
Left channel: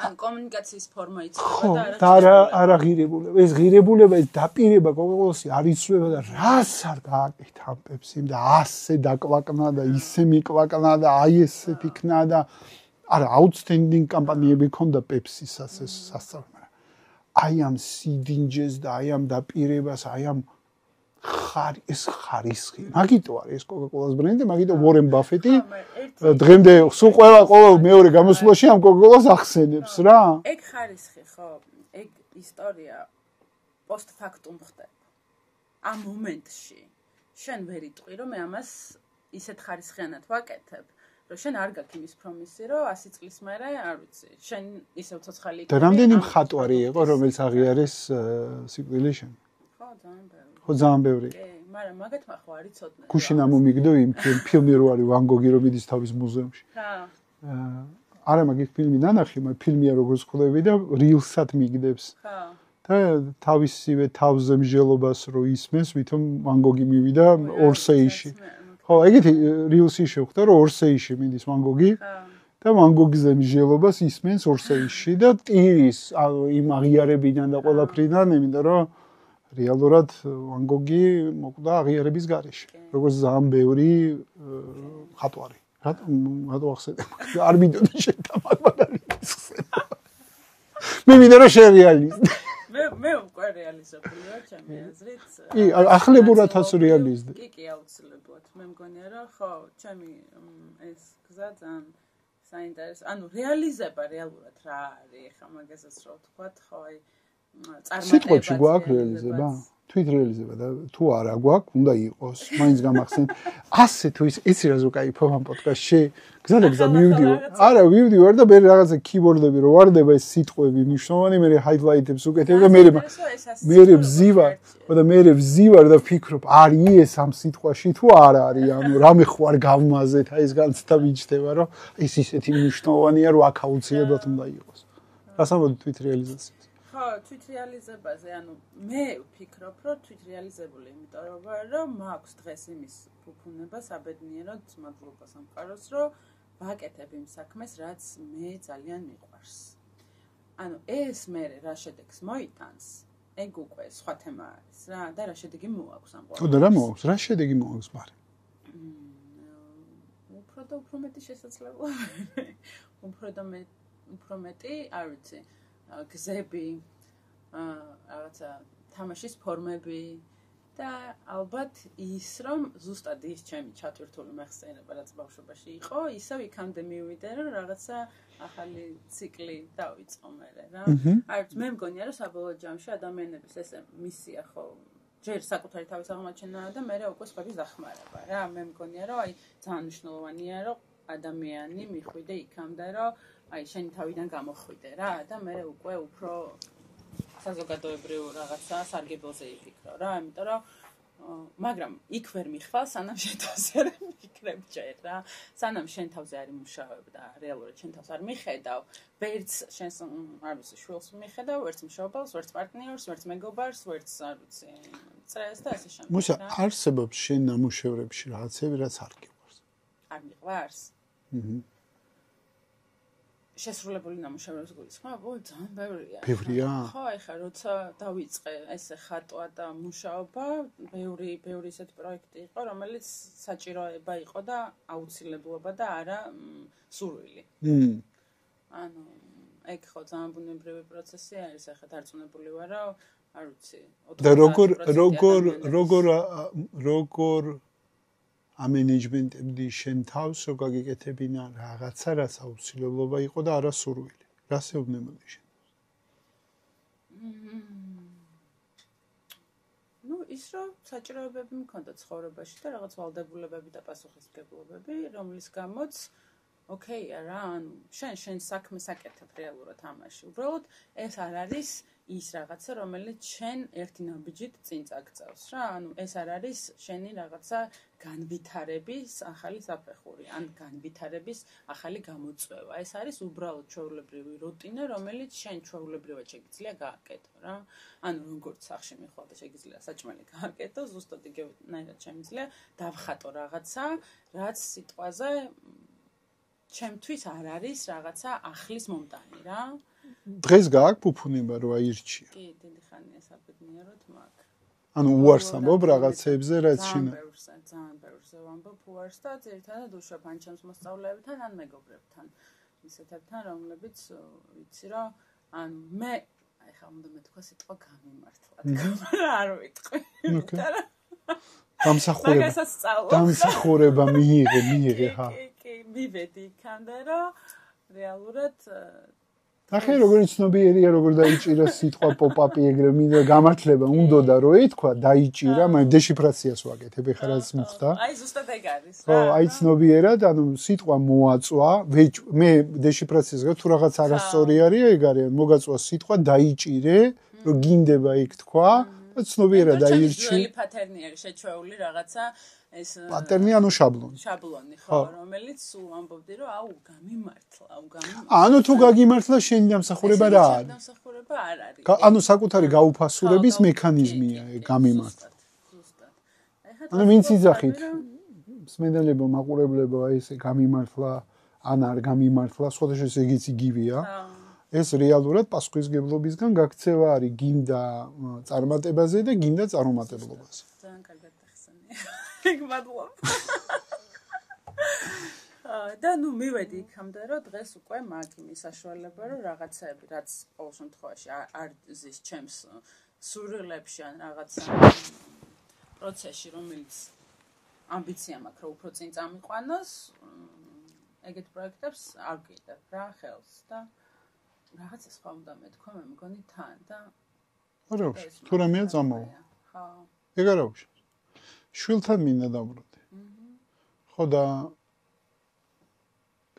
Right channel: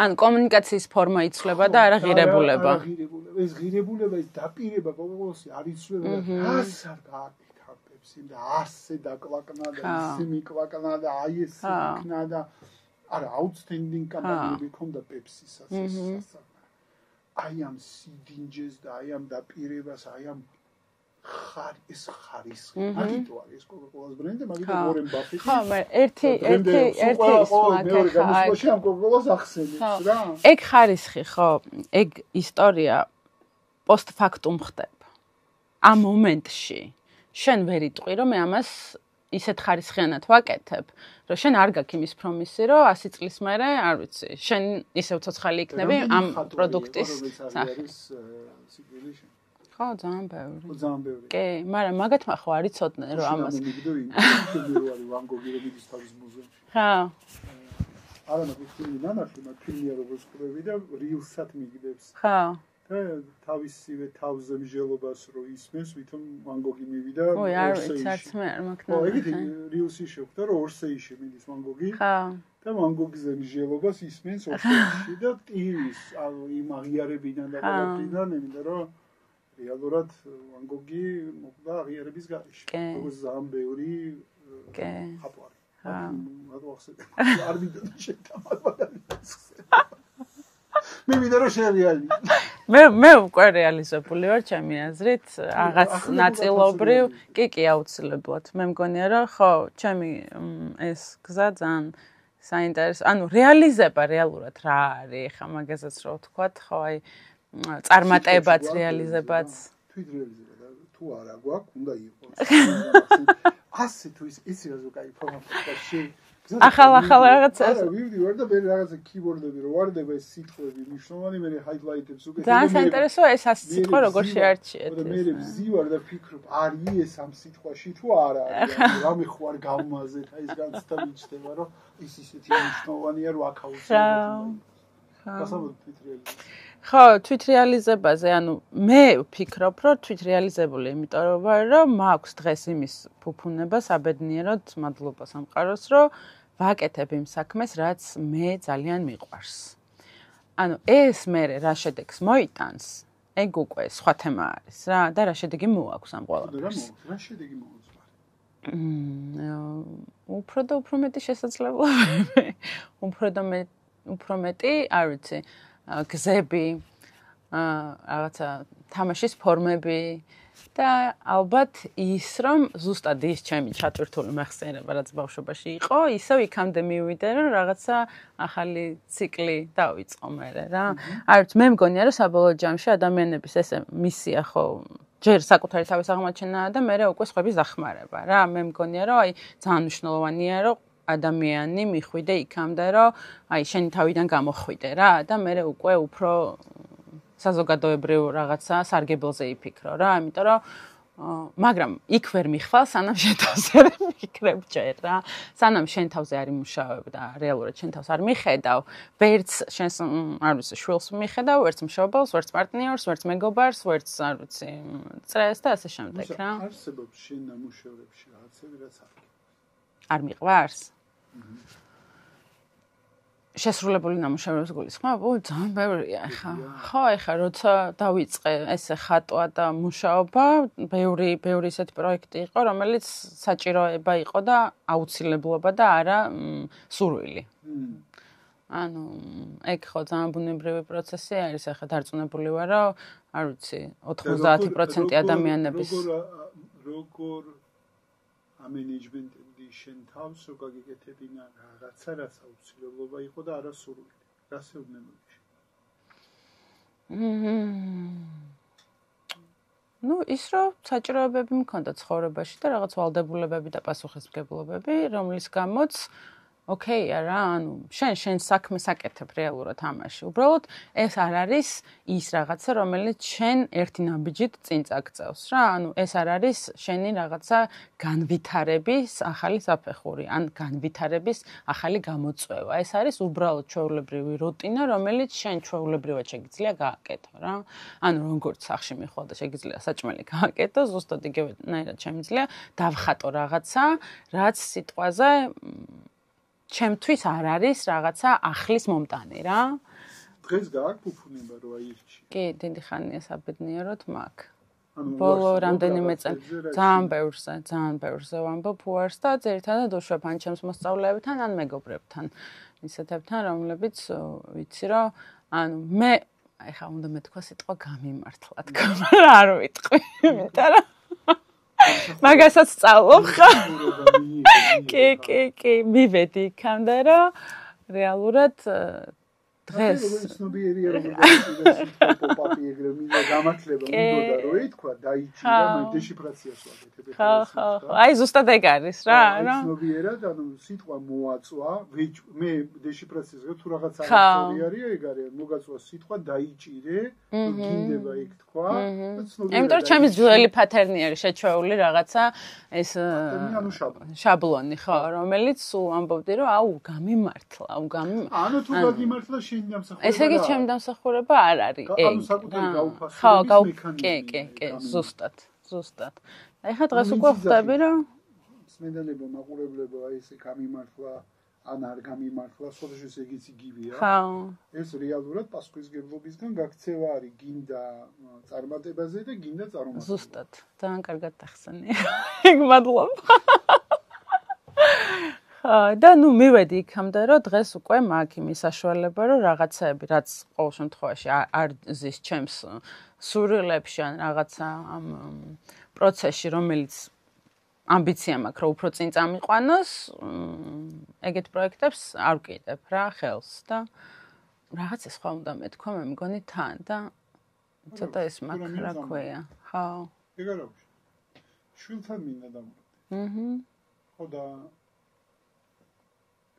ან კომუნიკაციის ფორმა იცვლება და არა ღირებულება. არა ღირებულება. ეს ღირებულება, ეს დაპირება Coca-Cola-ში არ იცვლება და რას არ გააკეთა ამ Pepsi-მ და ასე დაკვაკნა და ისე მიკვაკნა და აი ესე ფიქნა და არა outstanding კამპანიები ქონდა Pepsi-საც ეს სასწავლო. აი ამ სიდინჯეს და აი ამ დაპირებას, აი ამ ეს ხარისხი. მაგიტო არის ეს Coca-Cola-s ბრენდი, მაგიტო Warren Buffett-ი. დღემდე სულ ყველა მეორე გამოსვლაში ამ Coca-Cola-s ახსენებს რა. ეგ ხარისხი, ხო? ეგ ისტორია post-factum ხდება. ამ მომენტში შენ ვერ იტყვი, რომ მე ამას ისეთ ხარისხიანად ვაკეთებ, რომ შენ არ გაქვს იმის პრომისი, რომ 100 წლის მერე, არ ვიცი, შენ ისევ ცოცხალი იქნები ამ პროდუქტის. იყო, რომელიც აღიარეს სიკვდილი შენ. ხო, ძალიან ბევრი. ხო, ძალიან ბევრი. კი, მაგრამ მაგათმა ხო არ იცოდნენ რომ გუშინ ამომიგდო იმ ფილმი რო არის ვან გოგი რომ მიდის თავის მუზეუმში. ხო. არა, მაგ ფილმი ნანახი, მაგ ფილმია როგორც ხვდები და რილსად მიგდებს. ხო. და თავისივე თავზე მსჯელობას რო ისმენს, ვითომ ვან გოგი მივიდა ორსეიში. ხო, ეგეთი რილსი შევხვდა, რომ ორსეიში მიდის ვან გოგი. ხო. და ვან გოგიზე მსჯელობას ისმენს ორსეიში და ტირის, ანუ იმ აღიარებიდან და ყველაფრიდან, იმიტომ რომ რეალურად ვან გოგი მოკვდა აღიარების გარეშე. როგორც ძალიან ბევრი ხატვარი. რატო ახსენე? არ მინდოდა შეთამაგალითს ხსენა. მე მინდა რომ შერეალიზდე. მე უკვე რეალიზებული ვარ ჩემი აზრით. ახლებურად ასრეალიზდე. კი, აუცილებლად. მე მგონია რომ ხო, ჩემი ეს გზა ძალიან საინტერესო. ანუ რეალიზება რეალურად რა არის? ხა მაგასაც რო ვთქვათ, ხო, აი წარმატებაც რეალიზებაც. თვით რეალიზება და თუ არა გვაქვს, უნდა იყოს. მაინც გამახსენ. ასე თუ იცი რა ზო кайფო ამ პოდკასტში. არა, ვივდი ვარ და მე რაღაცა keyboard-ები რო ვარდება ეს სიტყვები მნიშვნელოვანი, მე highlight-ებს უკეთებ და მე მე ვზივარ და ფიქრობ, არის ეს ამ სიტყვაში თუ არა არის, ანუ რამე ხო არ გავმაზეთ, აი ეს განცდა მიჩნდება, რომ ეს ისეთი მნიშვნელოვანია, რომ აქ აუცილებლად უნდა იყოს. გასამოდი თვით რეალიზაცია. ხო, თვით რეალიზებაზე, ანუ მე ვფიქრობ, რომ თვით რეალიზებული, იმიტომ რომ მაქვს დღეს იმის ფუფუნება საბედნიეროდ, მადლობა სამყაროს, რომ ვაკეთებ იმ საქმეს, რაც მე ძალიან მიყვარს. ანუ ეს მე რა შედეგს მოიტანს, ეგ უკვე სხვა თემა არის რა, და რა შედეგი მოაქვს ამ ყველაფერს. ხო, და რა მოაქვს? რა შედეგი მოაქვს მარე? უფრო და უფრო მეტი შესაძლებლობები. უფრო მეტი, არ ვიცი, გზები, რაღაცა თამაშის ფორმები და ალბათ ის, რომ ზუსტად ის ჩემი ჩატვირთული მეხსიერება, რაც ბავშვობაში იყო, ისევ იქამდე მივიდე, რომ რაღაცა ახალი ციკლი დავიწყო მერე რა. არ ვიცი, მე მგონია, რომ საბოლოო ჯამში ადამიანების ესე მისია ხო ჯერ საკუთარი თავის აღმოჩენა და მერე უკვე სხვების დახმარება რა. მე მგონია, რომ აი ძალიან მნიშვნელოვანია, რომ ადამიანი მიხვიდე იქამდე, რომ აი შენი თავიდან გამოხვიდე რა და მე უკვე უფრო საზოგადოებრივ რაღაცა სარგებელზე იფიქრო რა, იმიტომ რომ მაგრამ იქ ვერ მიხვალ, სანამ შენ თავზე არ მიკრებ ჯერ რა. სანამ შენ თავზე არ იმუშავებ და რეალურად შენ თავს არ მიხედავ, ვერც შენს არ ვიცი, შვილს მიხედავ, ვერც მშობელს, ვერც პარტნიორს, ვერც მეგობარს, ვერც არ ვიცი, წრეს და ასე შემდეგ რა. მუსა, არსებობს შენ ნამუშევრებში რაღაცები, რაც არ გიყვარს. არ მიყვარს? შესრულებული ნამუშევრების გულისხმობ? ძალიან ბევრია ხა. ხო, ეხლა როცა დავიწყე ესე ხატვა და მუშაობა, ბევრი ისეთი პროექტი იყო, რომელიც საჭიროება იყო და აუცილებლობა და არა სურვილი. ანუ ეგ ხო ძალიან ბუნებრივი პროცესი არის, ახლა დარწმუნებული ვარ, რომ არ ვიცი, 90% ადამიანების როგორ ამენეჯმენტებდი შენ თავს, რო გაგიკეთებინა რაღაცა, რაც აუცილებლობა იყო და არა სურვილი. რას ეუბნებოდი შენ? ნუ ის რომ საჭიროებები მქონდა ცხოვრებაში და რაღაც ვალდებულებები და პასუხისმგებლობები, რომლის გამოც ოკეია რა, ანუ შენ საქმეს აკეთებ რეალურად ამაში. უბრალოდ ეს არ არის ის რაღაცა, რომელიც შენ ერთი ნაბიჯით წინ წაგწევს რა. ანუ ეს არ არის შენი რაღაცა განვითარების ახალი საფეხური, ან განვითარების ახალი გამოწვევა. ეს არის უბრალოდ ჩვეულებრივი რუტინა, რომელიც შენ ჩვეულებრივად შეგიძლია გააკეთო რა. ანუ როგორც სახში მიხვალ და შეგიძლია საჭმელი გააკეთო, ზუსტად იგივენაირად შემიძლია დავხატო რაღაცა, რაც სიტყვაზე ჩემთვის არ არის რაღაცა ახლის მომტანი რა. დღეს გააქვს ფუფუნება რო აირჩია. კი, დიდი ხანია საბედნიეროდ მაქვს. ანუ უარსებობ რაღაცებზე, რაც ძალიან ბევრზე ვამბობ უარს და ძირითადად უშვებ ან ჩემს მოსწავლეებთან, ან მეგობრებთან, ისეთებთან, რომლებიც ვიცი რომ ანუ მე ეხლა უნდა მეთქვა სიტყვა გამიმართლა თქო, არ ვიტყვი, იმიტომ რომ მაგასაც სწავლობ ხა. გამსახურება მიიღე. კი, მივედი იქამდე რომ რეალურად ახლა როგორ ცნობიერია, როგორ დაიჭირა სიტყვა პოპ-აპი ეგრე მინდა გამართლება უნდოდა რომ ეთქვა, დაიჭირა, მაგრამ დეშიფრაციას ვაკეთებ ეხლა რაც მიცდა. აი ზუსტად ეგ არის რა. აი ცნობიერად, ანუ სიტყვა მოაწვა, მე დეშიფრაციას გქონდა თუ რაღაც არასწორი არის, ეგ არის, მოგაწვა სიტყვა, დაიჭირე, რომ გინდება იქ თქვა და ცნობიერად დაიჭირე. ჩემი ძველი პატერნი არის შეჩვეული რაღაცა ეს პატერნი ანუ შაბლონი ხო, რომელიც სულ ამბობდი რომ აუ გამიმართლა. ანუ თუ გაგიმართლა შენი დამსახურება რა? ესე იგი ჩემი დამსახურება არ არის. ანუ საკუთარი გაუფასურების მექანიზმია გამიმართლა. ზუსტად. ეხლა დღეს უკვე ხდება რომ სმენელებო, მაყურებლებო, აი ესე გამიმართლა ან არ გამიმართლა, სხვადასხვა ეგეც იგივეა. ეს რეალურად პასუხისმგებლობისგან გაქცევა არის გინდა წარმატებაზე და გინდა წარუმატებლობაზე. ზუსტად. ძალიან კარგად ახსენე. ეგ მადლობა. და ნუ მივედი იქამდე რომ დღეს უკვე მაქვს იმის საშუალება რომ რაღაცაები რაც ყოველ შემთხვევაში არ ზის ჩემს სურვილებში ან რაღაცა პროცესში რომელიც ამბიცია მაქვს რომ უფრო წინ წამიყვანოს ეგეთ პროექტებს არ ვკიდებ რა ხელს და რაღაცა სხვა უნდა მეთქვა მე მგონი თან და ცოტა ის მაქვს რა წამოვა ხო ეგ არა ვშ შვილთან მინდა დაბრუნდი ხო და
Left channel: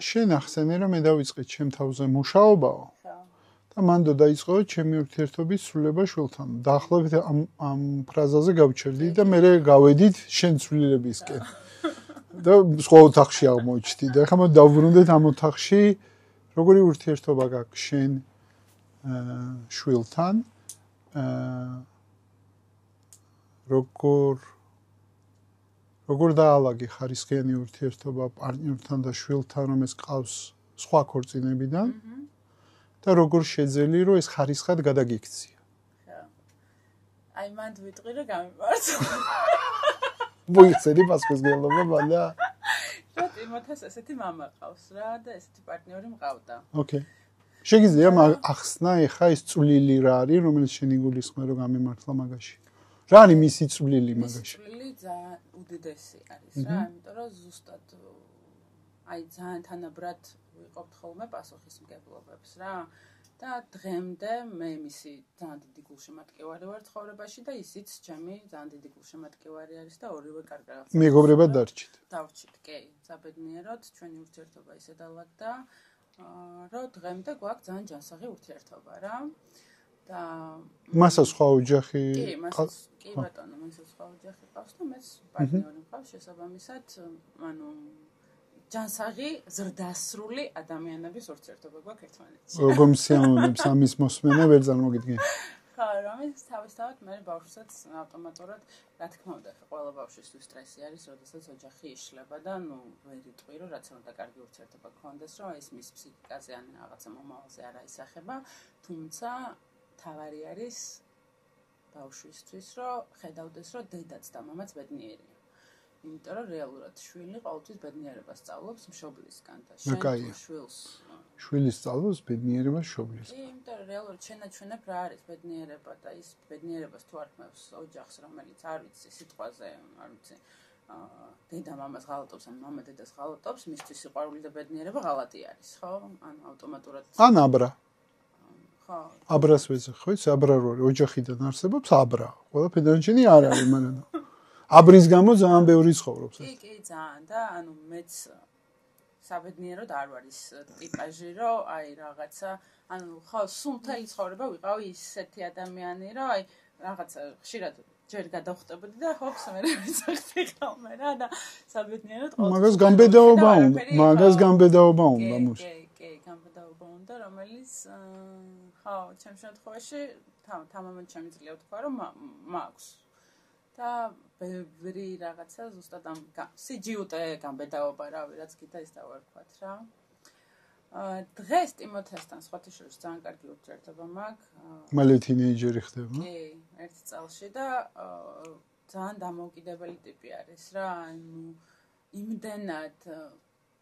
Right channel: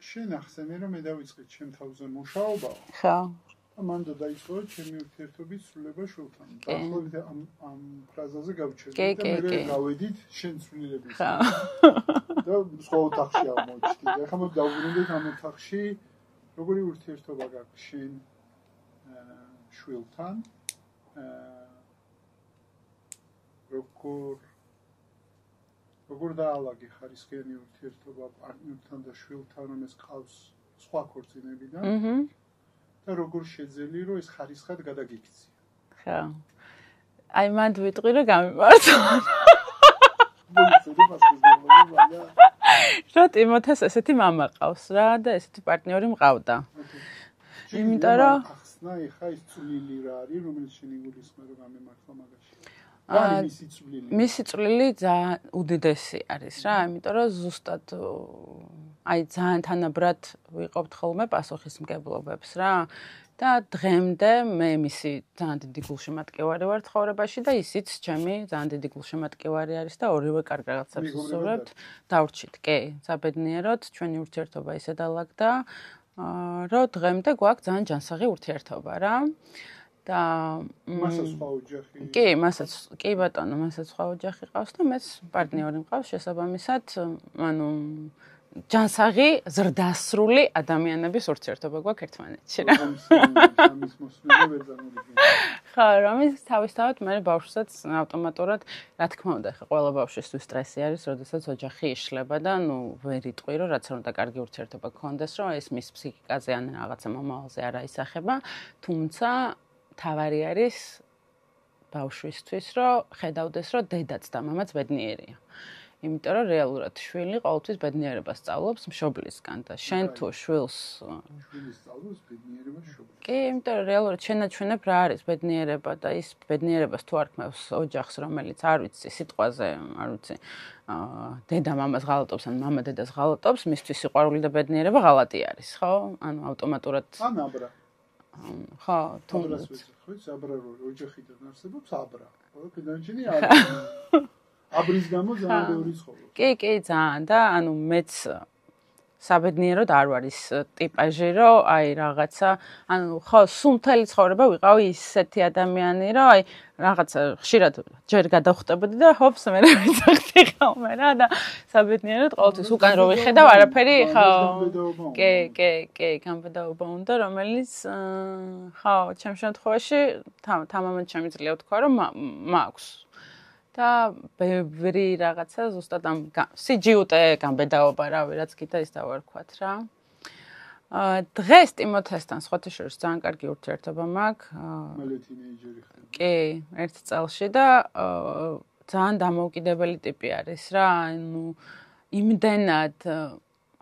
შენ ახსენე რომ მე დავიწყე ჩემ თავზე მუშაობაო ხო და მანდ დაიწყო ჩემი ურთიერთობის სრულება შვილთან დაახლოებით ამ ფრაზაზე გავჩერდი და მე გავედით შენ ცვლილებისკენ და სხვა ოთახში აღმოჩნდი და ხომ დავბრუნდეთ ამ ოთახში როგორი ურთიერთობა გაქვს შენ შვილთან როგორ დაალაგე ხარისხიანი ურთიერთობა პარტნიორთან და შვილთან რომ ეს ყავს სხვა ქორწინებიდან და როგორ შეძელი რომ ეს ხარისხად გადაგიქცია ხო აი მანდ ვიტყვი რომ გამიმართლა მოიცედი პასუხისმგებლობა მანდა რა ტიმოთეს ესეთი მამა ყავს რა და ესეთი პარტნიორი მყავდა ოკეი შეგიძლია ახსნა ეხა ეს წვლილი რა არის რომელიც შენ იგულისხმე რომ გამიმართლა მაგაში რა არის მისი წვლილი მისი წვლილი ძალიან უდიდესი არის რა იმიტომ რომ ზუსტად აი ძალიან თანაბრად ვიყოფთ ხოლმე პასუხისმგებლობებს რა და დღემდე მე მისი ძალიან დიდი გულშემატკივარი ვარ ცხოვრებაში და ისიც ჩემი ძალიან დიდი გულშემატკივარი არის და ორივე კარგ რაღაცას მეგობრებად დავრჩით კი საბედნიეროდ ჩვენი ურთიერთობა ისე დაალაგდა რომ დღემდე გვაქვს ძალიან ჯანსაღი ურთიერთობა რა და მასაც სხვა ოჯახი კი, მასაც კი ბატონო, მასაც სხვა ოჯახი ყავს და მეც პარტნიორი მყავს შესაბამისად, ანუ ჯანსაღი, ზრდასრული ადამიანების ურთიერთობა გვაქვს ერთმანეთში. როგორ მსიავნებს ამის მოსმენა ვერ წარმოგიდგენთ. ხო, რომელიც თავისთავად მე ბავშვსაც ავტომატურად, რა თქმა უნდა, ხა ყველა ბავშვისთვის სტრესი არის, როდესაც ოჯახი იშლება და ნუ ვერ იტყვი, რომ რაც უნდა კარგი ურთიერთობა გქონდეს, რომ ეს მის ფსიქიკაზე ან რაღაცა მომავალზე არ აისახება, თუმცა თავარი არის ბავშვისთვის, რომ ხედავდეს, რომ დედაც და მამაც ბედნიერია. იმიტომ რომ რეალურად შვილი ყოველთვის ბედნიერებას სწავლობს მშობლისგან და შენ თუ შვილს სწავლობს ბედნიერებას მშობლისგან. კი, იმიტომ რომ რეალურად შენაჩვენებ რა არის ბედნიერება და ის ბედნიერებას თუ არ ქმევს ოჯახს, რომელიც არ ვიცი, სიტყვაზე, არ ვიცი, დედა მამას ღალატობს ან მამა დედას ღალატობს, მისთვის სიყვარული და ბედნიერება ღალატი არის, ხო? ანუ ავტომატურად ან აბრა. ხო, აბრას ვეძახი, აბრა რო არის, ოჯახიდან არსებობს აბრა. ყველაფერდანჩენი არ არის. აბრის გამო ძალიან ბევრი ცხოვრობს. კი, ძალიან და ანუ მეც საბედნიეროდ არ ვარ ის ტიპაჟი, რომ აი რაღაცა, ანუ ხო, სულ მთელი ცხოვრება ვიყავი ისეთი ადამიანი, რომ აი რაღაცა ხშირად ჯერ გადავხვდებოდი და ჰოპს მე ვიცახდი ხოლმე რა და საბედნიეროდ ყოველთვის უკან რო ვიხედავ არაფერი ხო. მაგას გამბედაობა უნდა. კი, გამბედაობა უნდა, რომელიც ხო, ჩემ შემთხვევაში თამამად შემიძლია ვთქვა, რომ მაქვს და ბევრი რაღაცა ზუსტად ამ სიჯიუტე გამბედაობა რავი რაც კიდე ის დავარქვათ რა. დღეს ტიმოთესთან სხვათა შორის ძალიან კარგი ურთიერთობა მაქვს. მალე თინეიჯერი ხდება. კი, ერთ წელში და ძალიან დამოუკიდებელი ტიპი არის რა. ანუ იმდენად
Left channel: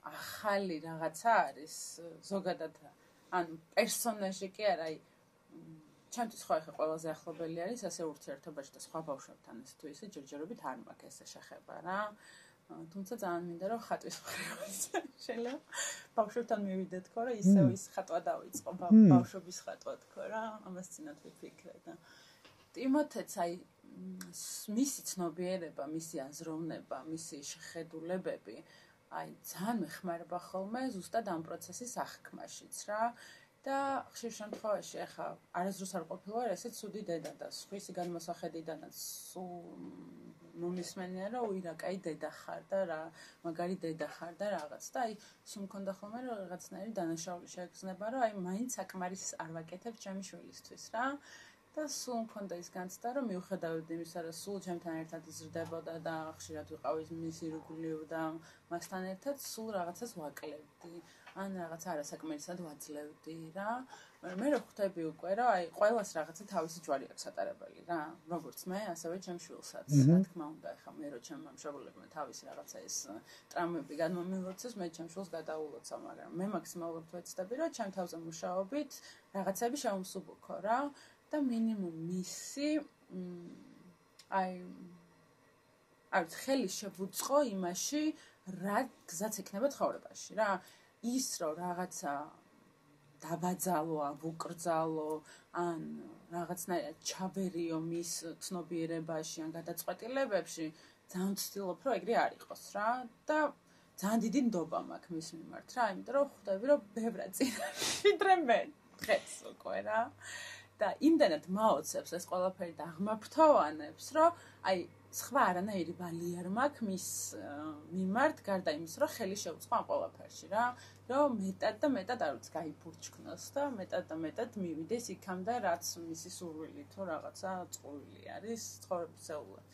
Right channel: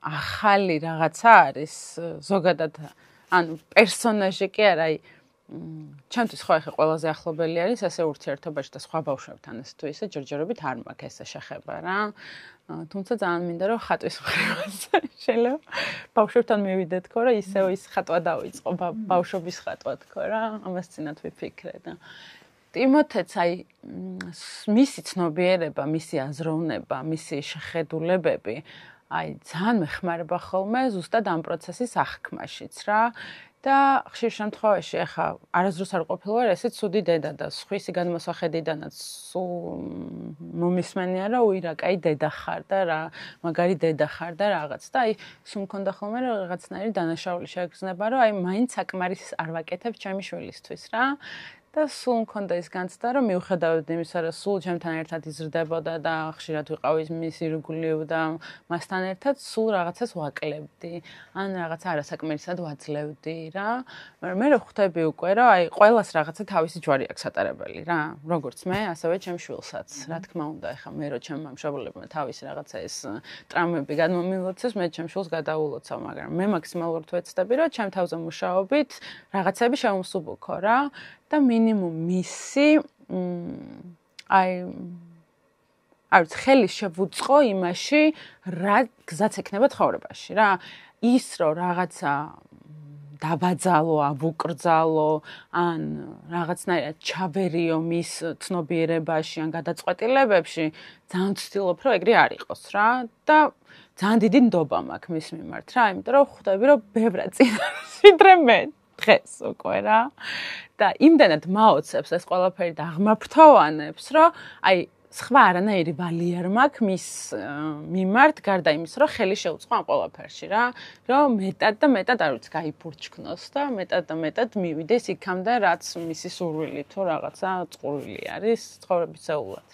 ახალი რაღაცა არის ზოგადად ანუ პერსონაჟი კი არა, აი ჩემთვის ხო ახლა ყველაზე ახლობელი არის ასე ურთიერთობაში და სხვა ბავშვებთან ეს თუ ისე ჯერჯერობით არ მაქვს ესე შეხება რა. თუმცა ძალიან მინდა რომ ხატვის მხრივაც შეიძლება ბავშვებთან მივიდეთ ხო რა ისევ ის ხატვა დავიწყო ბავშვობის ხატვა თქო რა ამას წინათ ვიფიქრე და ტიმოთეც აი მისი ცნობიერება, მისი აზროვნება, მისი შეხედულებები აი ძალიან მეხმარება ხოლმე ზუსტად ამ პროცესის აღქმაშიც რა. და ხშირ შემთხვევაში ახლა არასდროს არ ყოფილვარ ესე ცუდი დედა და სხვისი განმოსახედიდანაც მომისმენია რომ უირა კაი დედა ხარ და რა მაგარი დედა ხარ და რაღაც და აი სულ მქონდა ხოლმე რომ რაღაცნაირი დანაშაული შეგრძნება რომ აი მაინც საკმარის არ ვაკეთებ ჩემი შვილისთვის რა და სულ მქონდა ის განცდა რომ მიუხედავად იმისა რომ სულ ჩემთან ერთად იზრდებოდა და ხშირად ვიყავი მის ირგვლივ და მასთან ერთად სულ რაღაცას ვაკლებდი ან რაღაც არასაკმარისად ვაძლევდი რა მაგრამ მე რო ხვდები უკვე რომ აი ყველას რაღაცა თავისი ჯვარი აქვს ატარებელი რა როგორც მე ასევე ჩემ შვილსაც რა თქმა უნდა ეხა მე რო ჩემმა მშობლებმა თავისი რაღაცა ეს ტრამვები გადმომილოცეს მე ჩემ შვილს გადაულოცავ მაგრამ მე მაქსიმალურად ვეცდები რომ ჩემ თავზე მუშაობით რაღაცები შევმსუბუქო რა და მინიმუმ მისი აი არც ხელი შევუწყო იმაში რა გზაც ექნება ცხოვრებაში რა ის რომ რაღაცა დაბაძალო, აბუკრძალო ან რაღაცნაირად ჩავერიო მის ცნობიერებაში ან გადაწყვეტილებებში ძალიან ვცდილობ რომ ეგრე არ იყოს რა და ძალიან დიდი ნდობა მაქვს მის მიმართ რა იმიტომ რომ ხვდები რომ ბევრად წინაშე მე დღეს უკვე რა და იმდენად მაოცებს ეს ყველაფერი და აღმაფრთოვანებს, რომ აი სხვა არანაირი ვალი არ მაქვს მის მიმართ, გარდა იმის, რომ ხელი შეუწყო ამ ყველაფერში რა, რომ მეტად და მეტად არ ვიცი, გაიფურჩქნოს და მეტად და მეტად მივიდეს იქამდე, რაც მისი სურვილი თუ რაღაცა წყურვილი არის ცხოვრებისეულად.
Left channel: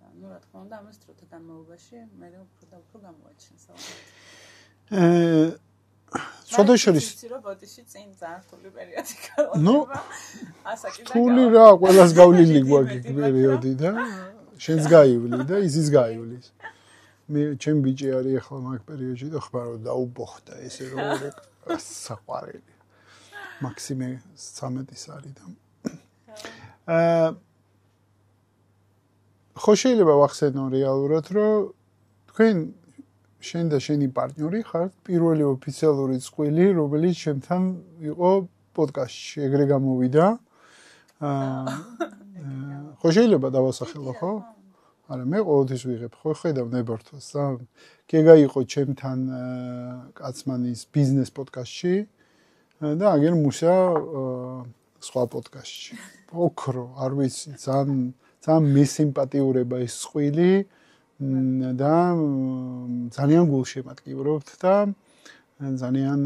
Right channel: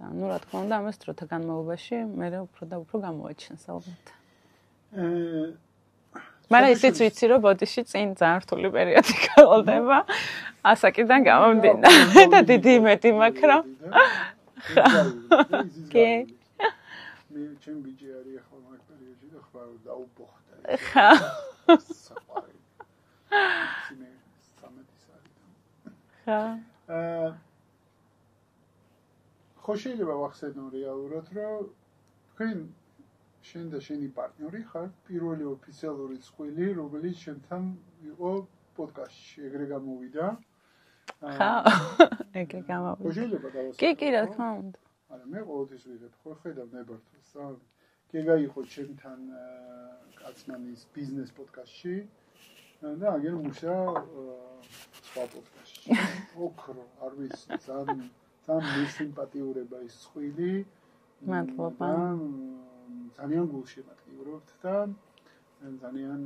და ნუ რა თქმა უნდა, ამას დროთა განმავლობაში მე უფრო და უფრო გამოვაჩენს ალბათ. მაგრამ ისიც ვიცი რომ ბოდიში წინ ძალიან რთული პერიოდი გალდება. ასაკიდან გამომდინარე დიდი იმედი მაქვს რა. შენს გაივლი და ისიც გაივლის. მე ჩემ ბიჭი არის ახლა მაგ პერიოდში და ხმარ რომ დაუბოხდა ესე საყვარელი. მაქსიმე 13-ის არის და. ხო შეიძლება ვახსენო რეალურად რომ თქვენ შენ და შენი პარტნიორი ხართ პირველი ოფიციალური წყვილი, რომელიც შენთან იყო პოდკასტში, ეგრე გამოვიდა. ეგრე გამოვიდა. ხო შეიძლება დავასახელო, ხო? კი, რა თქმა უნდა. არა, მე ყოველთვის ვიღებ, ხო ხედავ ნებართვას და გეგა იყო ჩემთან კაცმანის ბიზნეს პოდკასტში. და აგერ მუშა სხვა პოდკასტში. ოქრო, არ ვიცი, ძალიან მისიმპათიურება ის წვილი და ძალიან გულშემატკივრობთ და ძალიან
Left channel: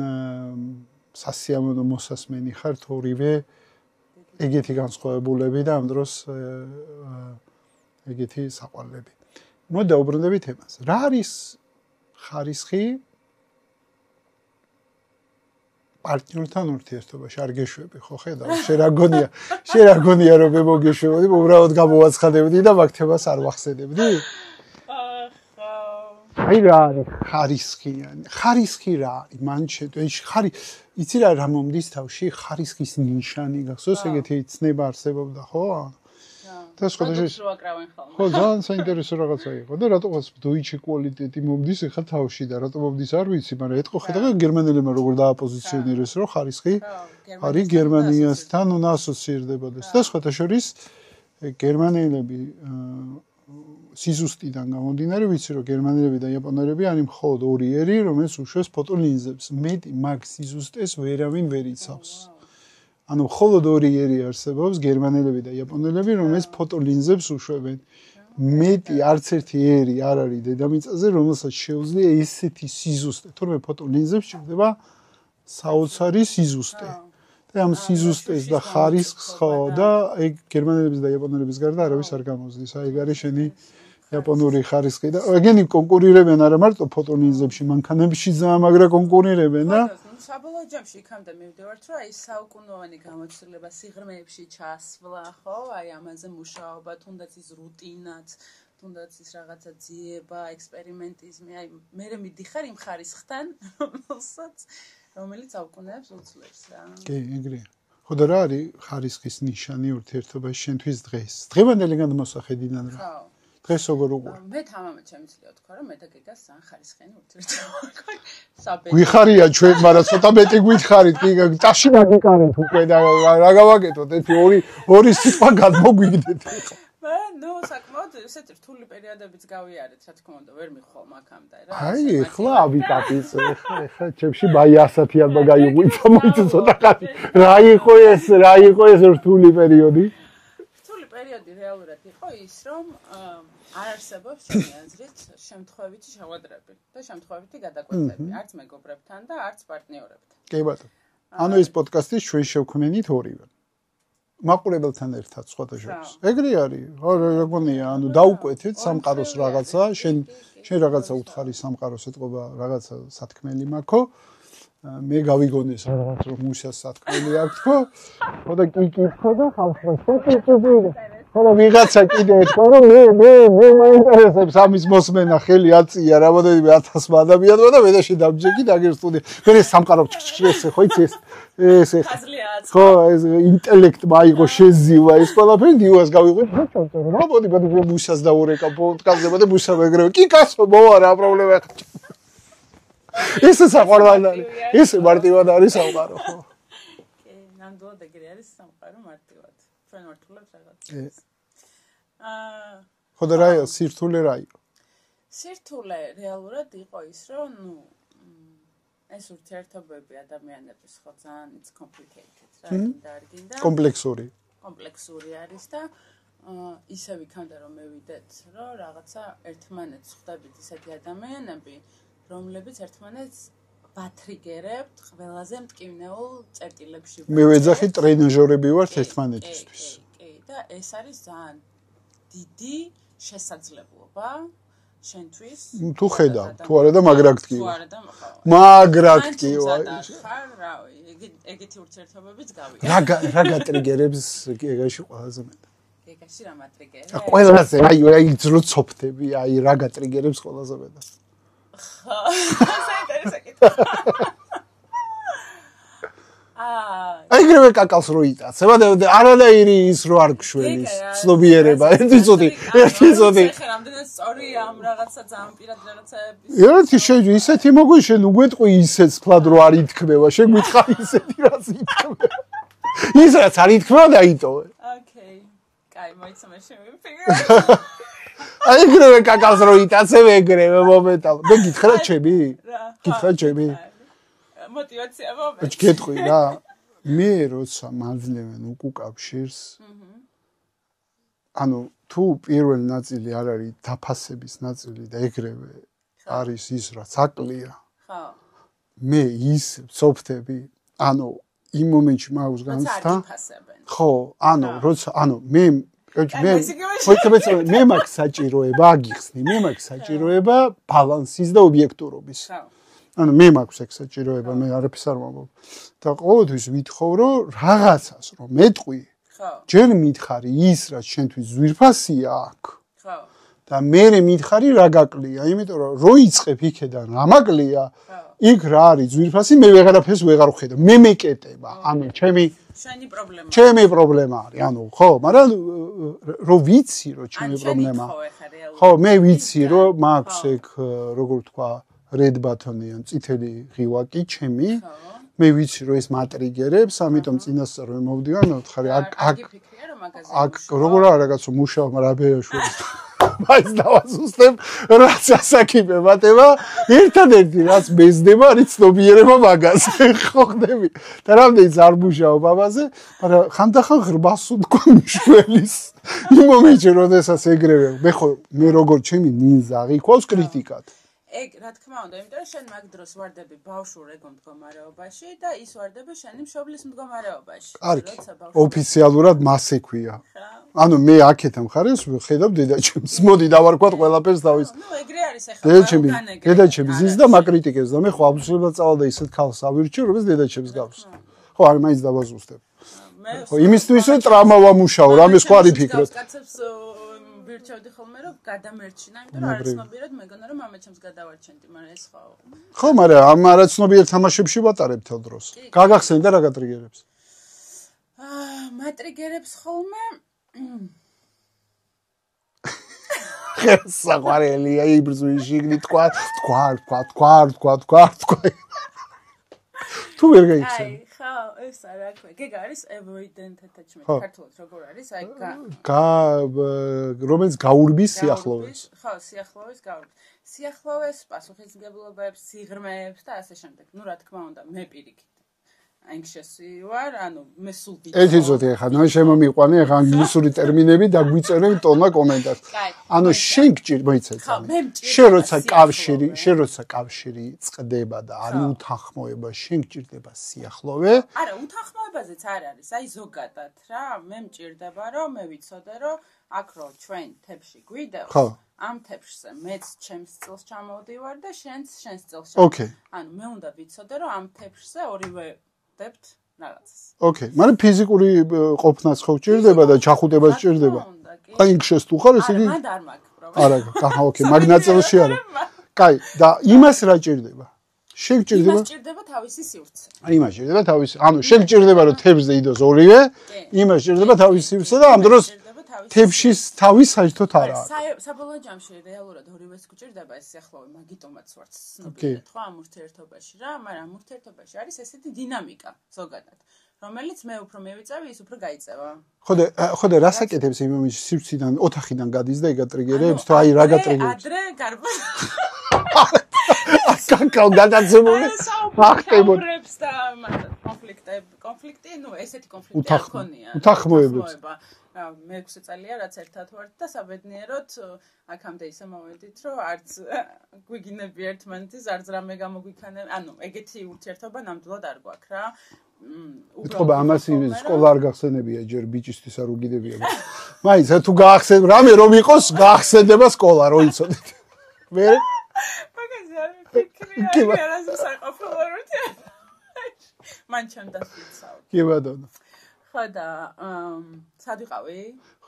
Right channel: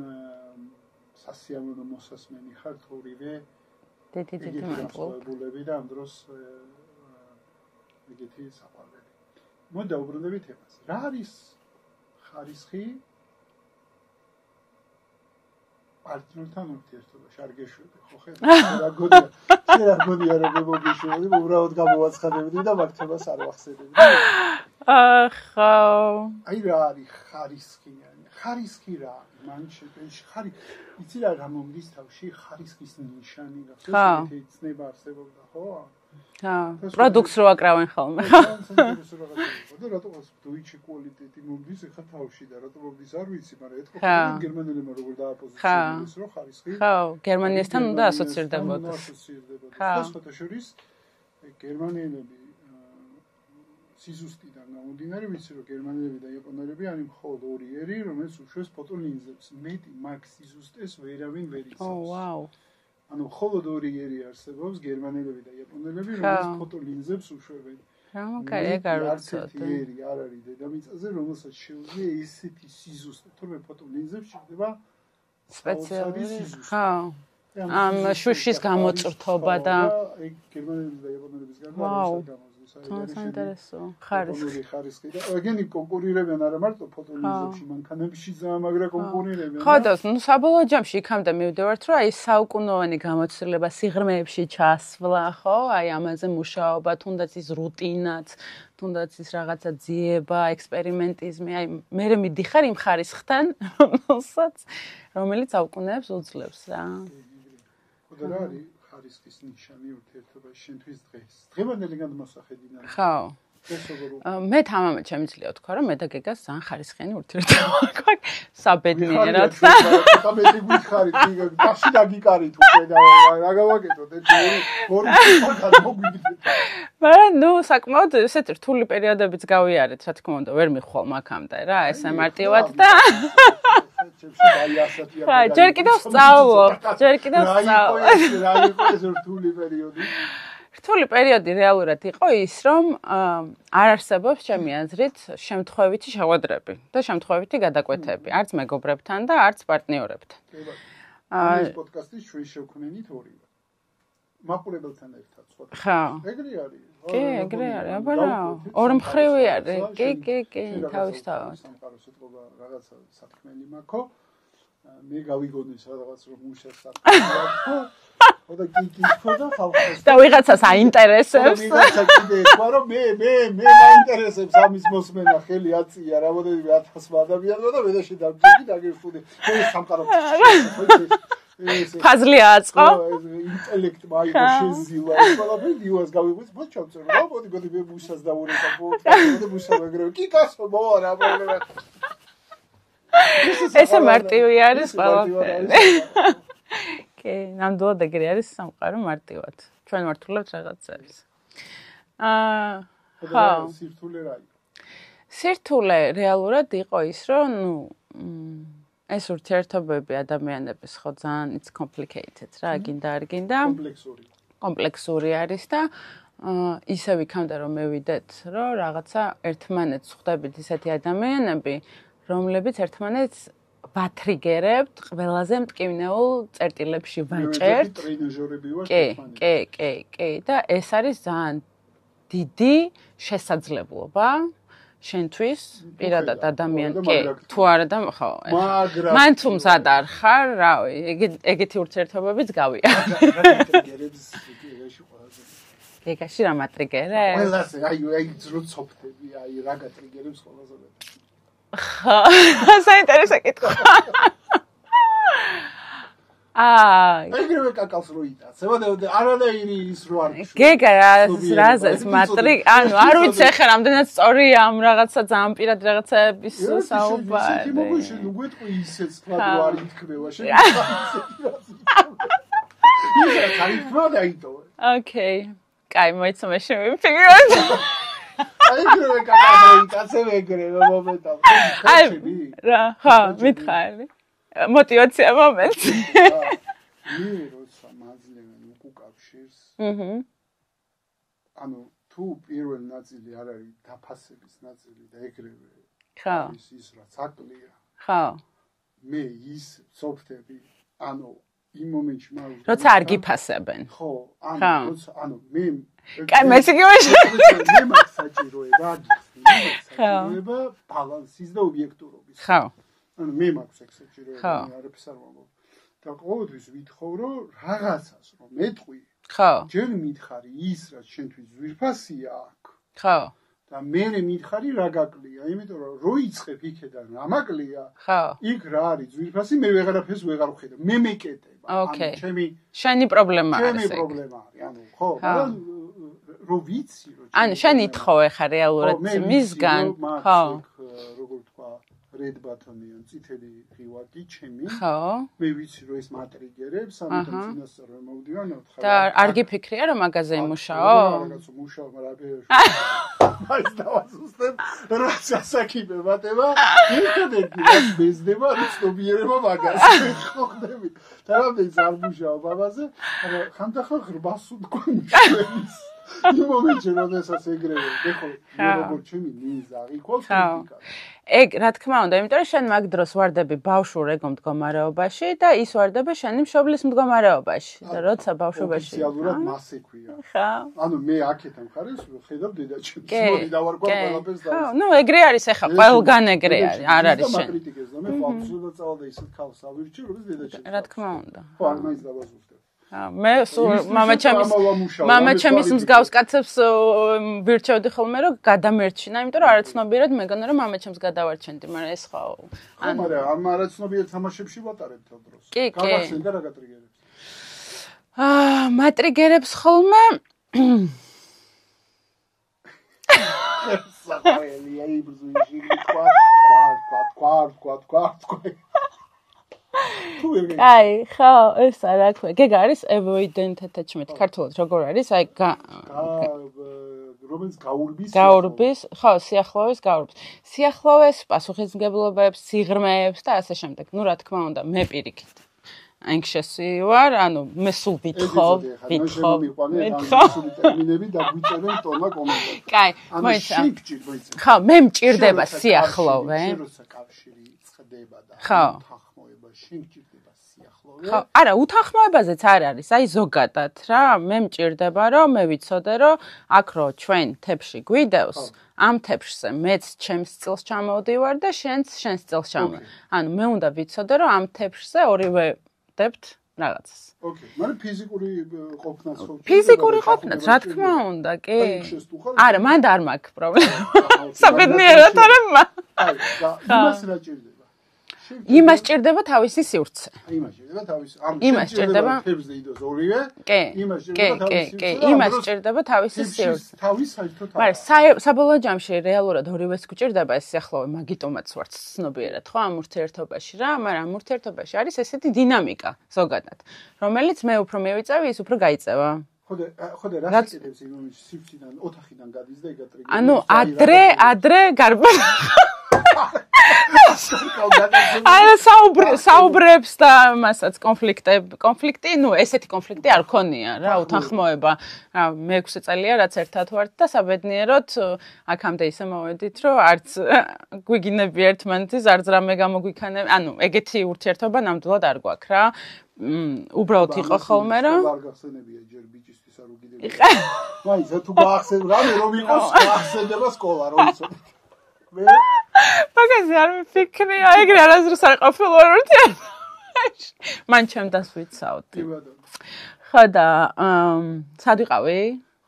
სასიამოვნო მოსასმენი ხართ ორივე ეგეთი განსხვავებულები და ამ დროს ეგეთი საყვარლები. მოდი დაუბრუნდებით ემას. რა არის ხარისხი პარტნიორთან ურთიერთობაში? არ გეშვები ხო ხედავ? შენ რა გონია რომ მე მოგეშვებოდი, უბრალოდ გამოვაცხადებდი და მაგ თემას არ ვახსენებდი. ახლა აი რა არის ხარისხი? ხარისხი რა არის? მან შეტყვი იცი რა მომდის თავში? ხარისხის ნიშანი გახსოვს ეგეთი ცნება არსებობდა ხო? პროდუქტს რო აკრავენ ხოლმე. ხო, ძალიან საინტერესო რაღაცა იყო და რატომაც დოიჩე კვალიტეტი მომდის ახლა თავში და რატომ მომდის არ ვიცი, მაგრამ ეთქო ხედავენ გერმანელებმა როგორ დააპოზიციონირეს რომ ხარისხი გერმანიასთან უნდა ასოცირდებოდეს. და სხვათა შორის გერმანელები სიზუსტიდან გამომდინარე ვიცი რომ გერმანელები და იაპონელები არის მხოლოდ ორი ერი, რომელიც უშვებს ფოტოლინზებს. მეტი მაგ სიზუსტეს ვერავინ ვერ იცავს. ანუ მხოლოდ ორი ერი არსებობს გერმანელები და იაპონელები, რომელიც ფოტოლინზებს უშვებენ. მეტი არც ერთი ერი არ არის დედამიწაზე, რომელსაც შეუძლია ესეთი სიზუსტე. თორემ ფოტოლინზებს ჭირდება საოცარი სიზუსტე. და ამ სიზუსტეს და ხარისხს და ეგ გერმანელების და იაპონელების გარდა არავის არ გამოსდის. აი ეგ არის შენი იაპონური ხარისხი და ეგენი კონკურირებენ არა მარტო ფოტოლინზებში, მანქანებში ზამაგრა კონკურირებენ და ხო, ნუ საბოლოო ჯამში იქამდე მივდივართ, რომ აი საუკუნოვანი გამოცდილება სიღრმეებში ჩასვლა, ხო? აი ამაზე მუშაობა, თუნდაც ის რუტინაც, თუნდაც ის რაღაცა ძიება, ექსპერიმენტიზმი, აი მე მიდიხარ იმ ხარისხთან, რომელიც აუკუნეებს უძლებს რა. კი, ეგრეა. ხო და რა არის ხარისხის ნიშანი ურთიერთობაში შენთვის დღეს? დღევანდელი გადმოსახედიდან. ხო. დღეს როგორ უკვე? მე თამამად შემიძლია ვთქვა, რომ მე და გეგას ძალიან ხარისხიანი ურთიერთობა გვაქვს. საბედნიერად. ვიხარია ჩვენ, მაგრამ ცოტა მეტი გითხარით, კი, წაშინა გიკარეთ უკვე და რა გავაკეთოთ, ორი სიტყვა გადმოგვიგდეთ. მაგრამ ნუ საკმაოდ ესეთი რთული პერიოდებიც გავიარეთ, რა თქმა უნდა, ვერ მიხვალ მაგამდე რა, ესე მარტივად და ხა ჩემში ბაი ასათია მაგარი. ჯერ კიდევ სწავლობ, ჯერ კიდევ რა იყო ეს რთული პერიოდი? რთული პერიოდი რეალურად იყო ის, რომ არ არსებობს ჩემი აზრით შემთხვევითი შეხვედრები და შემთხვევითი გადაკვეთები, არც მეგობრებთან და არც პარტნიორებთან. კი ბატონო. ანუ ეს პოდკასტი ჩვენ შევქმნით ორივე. მაყურებელთან ერთად სხვათა შორის. ეგრე არის. რა გონია, ანუ დაუკვეთეთ სამყაროს რაღაცა, შენ რაღაცა უცხარი სამყაროს ეთყობა, რაღაცა სათქმელი მაქვს. მე გავიგონეს რაღაც რომ მუშას სათქმელი აქვს ხო? ხო და კი ხო და ხალხს და ვიღაცას აინტერესებს. ვიღაცა კიდე ეთქვა რომ მე მაინტერესებს ამის მოსმენა, ხელი აწია რამოდენიმე 1000 ადამიანმა და მე და შე დამჯეგი და აგერ სტუდია. მე სამყარო ეს ხო იცი ეს ფაზლი აწყო. ხო ეს ინტელექტმა აიღო შეზივა ეს ყველაფერი დივას გავიყვეთ რა ჩავწერო. რა მოდი მუშას დავურეკა პოდკასტზე და მუშა მეგრე. კი კაცო მოვა რა პრობლემა. ეს საყვარლია. ეს მარტივად არის სამყარო. კი, ნამდვილად ეგრე არის სამყარო მარტივად. ჩვენ მართულობთ რაღაცებს. ხო და რა სირთულე რა იყო? სირთულე რეალურად იყო ის, რომ ნუ ეს ურთიერთობები ადამიანების ხო ძალიან it's complicated რა, გინდა არ გინდა. კომპლექსური არის და ისევ იქამდე რომ მევიდეთ, რომ რაღაცა ერთმანეთს ხვდებით ისეთი ადამიანები, რომლებიც ერთმანეთს ვათრიგერებთ ყველაზე მტკივნეულ წერტილებში ვაჭერთ. მე ვეძახი ტრენაჟორები ვართ ერთმანეთს. კი, და ეს არის ძალიან დიდი შესაძლებლობა შენთვის პირადად ადამიანს. თუ არა და ხო. მან თუმცა არ ხარ, რავი, ეგეთი ურთიერთობებიც გავია. რა გატრიგერებს ეგაში ყველაზე? ეგაში რა მატრიგერებს? ყველაზე, აი ძროცობდები, აი რა გატრიგერებს ყველაზე მეტად. ხა, საინტერესო კითხვა. ეგრევე კაკალს რო იტაცებ, არანაირი ის რო არ გშვი. ცნობიერება, არ ვიცი ახლა რამდენად სწორია ამ რაღაცა ძალიან პირად რაღაცების. ერთი შეიძლება ისეთი მოგვი შენ უგვეტყვი ისეც ფლად რო არ ითქმევა, შენ მითხარ ისეთი რაც ითქმევა. ისეც არ ითქმევა და იტოვე. ოკეი. კაი, მოიცნობ შემიფიქრე. ეგრევე კაკალს რო იტაცებ, ეგრევე მომენტალ. მე გითხრა ჩემი? რა, ხო, მითხარი. მოტივაცია მომენტს. გეტყვი რა. მე როცა მაძლევენ უკუკავშირს. ანუ თუ პირველი ნაწილი არ არის დაფასების ნაწილი და ეგრევე არის ის რაც აკლია. ხო. მე ის ვწოფთები, ანუ იმ მომენტში მაქვს განსხვავება. როცა არ გიფასებენ. ხო, ანუ მე მე მაქვს საჭიროება, აგიხსნი, მე მაქვს საჭიროება ბალანსის და ობიექტურობის. ხო. ანუ მე მაქვს ეგ საჭიროება, მე არაფერს არ ვამბობ. და ყოველთვის ვითხოვ, რომ რაღაცას რომ მეტყვი. ხო. ჯერ მითხარი ის, რაც შენთვის ძვირფასია აქ. ხო. და მე მითხარი რა გაკლია, იმიტომ რომ რო იწყებ იქედან რა მაკლია, იქ რა არის ძვირფასი, მე ვეღარაფერს ვეღარ ვხედავ. მე მეკეტება. ანუ შენი პრობლემაა. ჩემი პრობლემა არის, ანუ ხო, მაგრამ რო ვიცი რომ ჩემი პრობლემა. ანუ შენ ითხოვე ხარ რეალურად. ხო, მე ვიცი რომ მაქვს ეგ როგორ ვთქვა, red button-ი ან წითელი ღილაკი ჩემი. ხო. მე ვიცი რომ ეს მატრიგერებს, ამიტომ წინასწარ რომ მოვდივარ, ხარ არ გიფიქრია რომ მაგაზე იმუშაო? როგორ რაღაცა მუშაობ, მაგრამ აბეშვი. მაინც დავასუსტებ, რაც ასაკიბე მატება, ერთადერთი რაც მეზდება, არის ცნობიერება მაგაზე, ხო ხდები. და რამდენიც არ მუშაობ ამაზე, მაგრამ ხანდახან ღრმას უთქვა მშველის. იმ მომენტში, როდესაც ეგრევე, მე როგორ ჩემი ნიზაღი ყავს კრიტიკად. ეგ რა თქმა უნდა, იმიტომ რომ შენ მაგ დროს ვარდები ბავშვურ ეგო მდგომარეობაში და ის ვარდება შენი მშობლის მდგომარეობაში. როცა ბავშვობაში ოფიციალურად მასე ქვია. ხო. ანუ მე აქეთ მხარეს ვხედავ დედაჩემს. მოდი დავარქვათ ყველაფერს დავის. ნუ ეგრე არის ახლა ყველგან ეგრე არის. დედაჩემს და მაკრიტიკებს და მე ხო აბსოლუტურად წავალ და ისეთ ქალს ავირჩევ, რომელიც დედაჩემს დავის. რა თქმა უნდა. ხო, არ მაინც დავაზუსტებ. მე იმისთვის ტრამა ვამუშაო, რამე სხვა რითი. გავს კაცებს ვირჩევდი ხოლმე რომ გადამერჩინა, იმიტომ რომ არაცნობიერად მეგონა რომ მამაჩემს გადავარჩენდი, მაგრამ ეს ხო. ხო, მაგრამ ამ არაცნობიერ თამაშებში ვატარებ თელ დროს. გაგახსენე და რა გატრიგერებს? მატრიგერებს ხოლმე საყვარელია იბრძვიში თქვა. თუ ვერ გაიცი. აი, ხო, ეს რა ქვია. გეგ არის avoidant attachment, ქართულად როგორ არის? აი, რომელიც გაურბის სიახლოვეს. ხო, სიახლოვეს გაურბის. სიახლოვეს პასუხისმგებლობებს, სიღრმეებს და ასე შემდეგ. ნუ რა თქმა უნდა, მე პირიქით. anxious-ი ვარ, ანუ მე სულ ვითხოვ. ეს ისეთი ხა, მე შემომიყვანე ხა ინგლისური ტერმინები და გვიწერენ ტონა კომენტარს. ანუ შენ გჭირდება იცი. ხო, მე მჭირდება სიახლოვე. შენ როცა კავშირი წყდება და არ უთანხმოება, შენ გჭირდება სიახლოვე. არა, უთანხმოებაზეც არ არის, აი ზოგადად რა, მე მჭირდება რომ მე ვიცოდე რომ აქ რო ჩვენ თებში გვიდევს. ამ თებშზე მეც ჩემს წილს ჩამოვდივარ და შენს წილს ჩამოვდივარ. ანუ მე უნდა ვიცოდე რომ ამ თებშზე ორივე დებთ რაღაცას. ოკეი, მაგრამ ფიზიკური ყოფნაც ხო გჭირდება და ჩახუტება გჭირდება. რა უნდა, კი. და ინგშეს თუ ხარ ესე? არა, მან არ მაქვს პრობლემა. არა, ოკეი, მაგრამ ნაწილში. კაი, და იმას რა გჭირდება? იმას ჭირდება თავისი სივრცე. იმას ჭირდება თავისი. ანუ შენ ჭირდება რომ თებსზე იდოს ორივე. იმას ჭირდება თავისი სივრცე და ამ დროს თებში თავის საერთოდ არა. არა, საბოლოო ჯამში რეალურად ორივეს გჭირდება ეს სიახლოვე, მაგიტომაც ვარ ცნობიერად, ხო, ამ ურთიერთობაში რა, მაგრამ ამ ურთიერთობაში არის ესეთი დინამიკა ზოგადად, რომელიც მე უფრო მივიწევი, ის უფრო გაიწევა. ხოდა რას აკეთებს იმ მომენტში სივრციდან, ოთახიდან გადის და იგატრიგერებს და აი რა გატრიგერებს. ადრე გარბა ასაკავ გადაცემული. არა საუბრებს და მასაც კონფლიქტი, ნუ ესეთი კონფლიქტი არ ქონია რა, უთანხმოება. რა, მე 6 წელია რაც ერთად ვართ და საბედნიეროდ აქამდე ისე მოვედით, რომ არც გვიგინები ერთმანეთის, არც რამე გამოგვიქანები, ანუ ეგეთი ურთიერთობა ნამდვილად არ გვაქვს რა. უბრალოდ იყო ხოლმე რა. სკოლა არ გახსენებია ჯერ ბიჭისთვის არ უგიდებია. მაინც თუ გაახსენ რამე რომ იყოს, გაახსენდება სკოლა რო იცოდეთ. მე მაგაზე არ მიფიქრია, ეგრე არასდროს არ ყოფილა ურთიერთობაში. მან ჩემ დასვიცავთ. კი ბატონო. ხო და სად ვიყავი?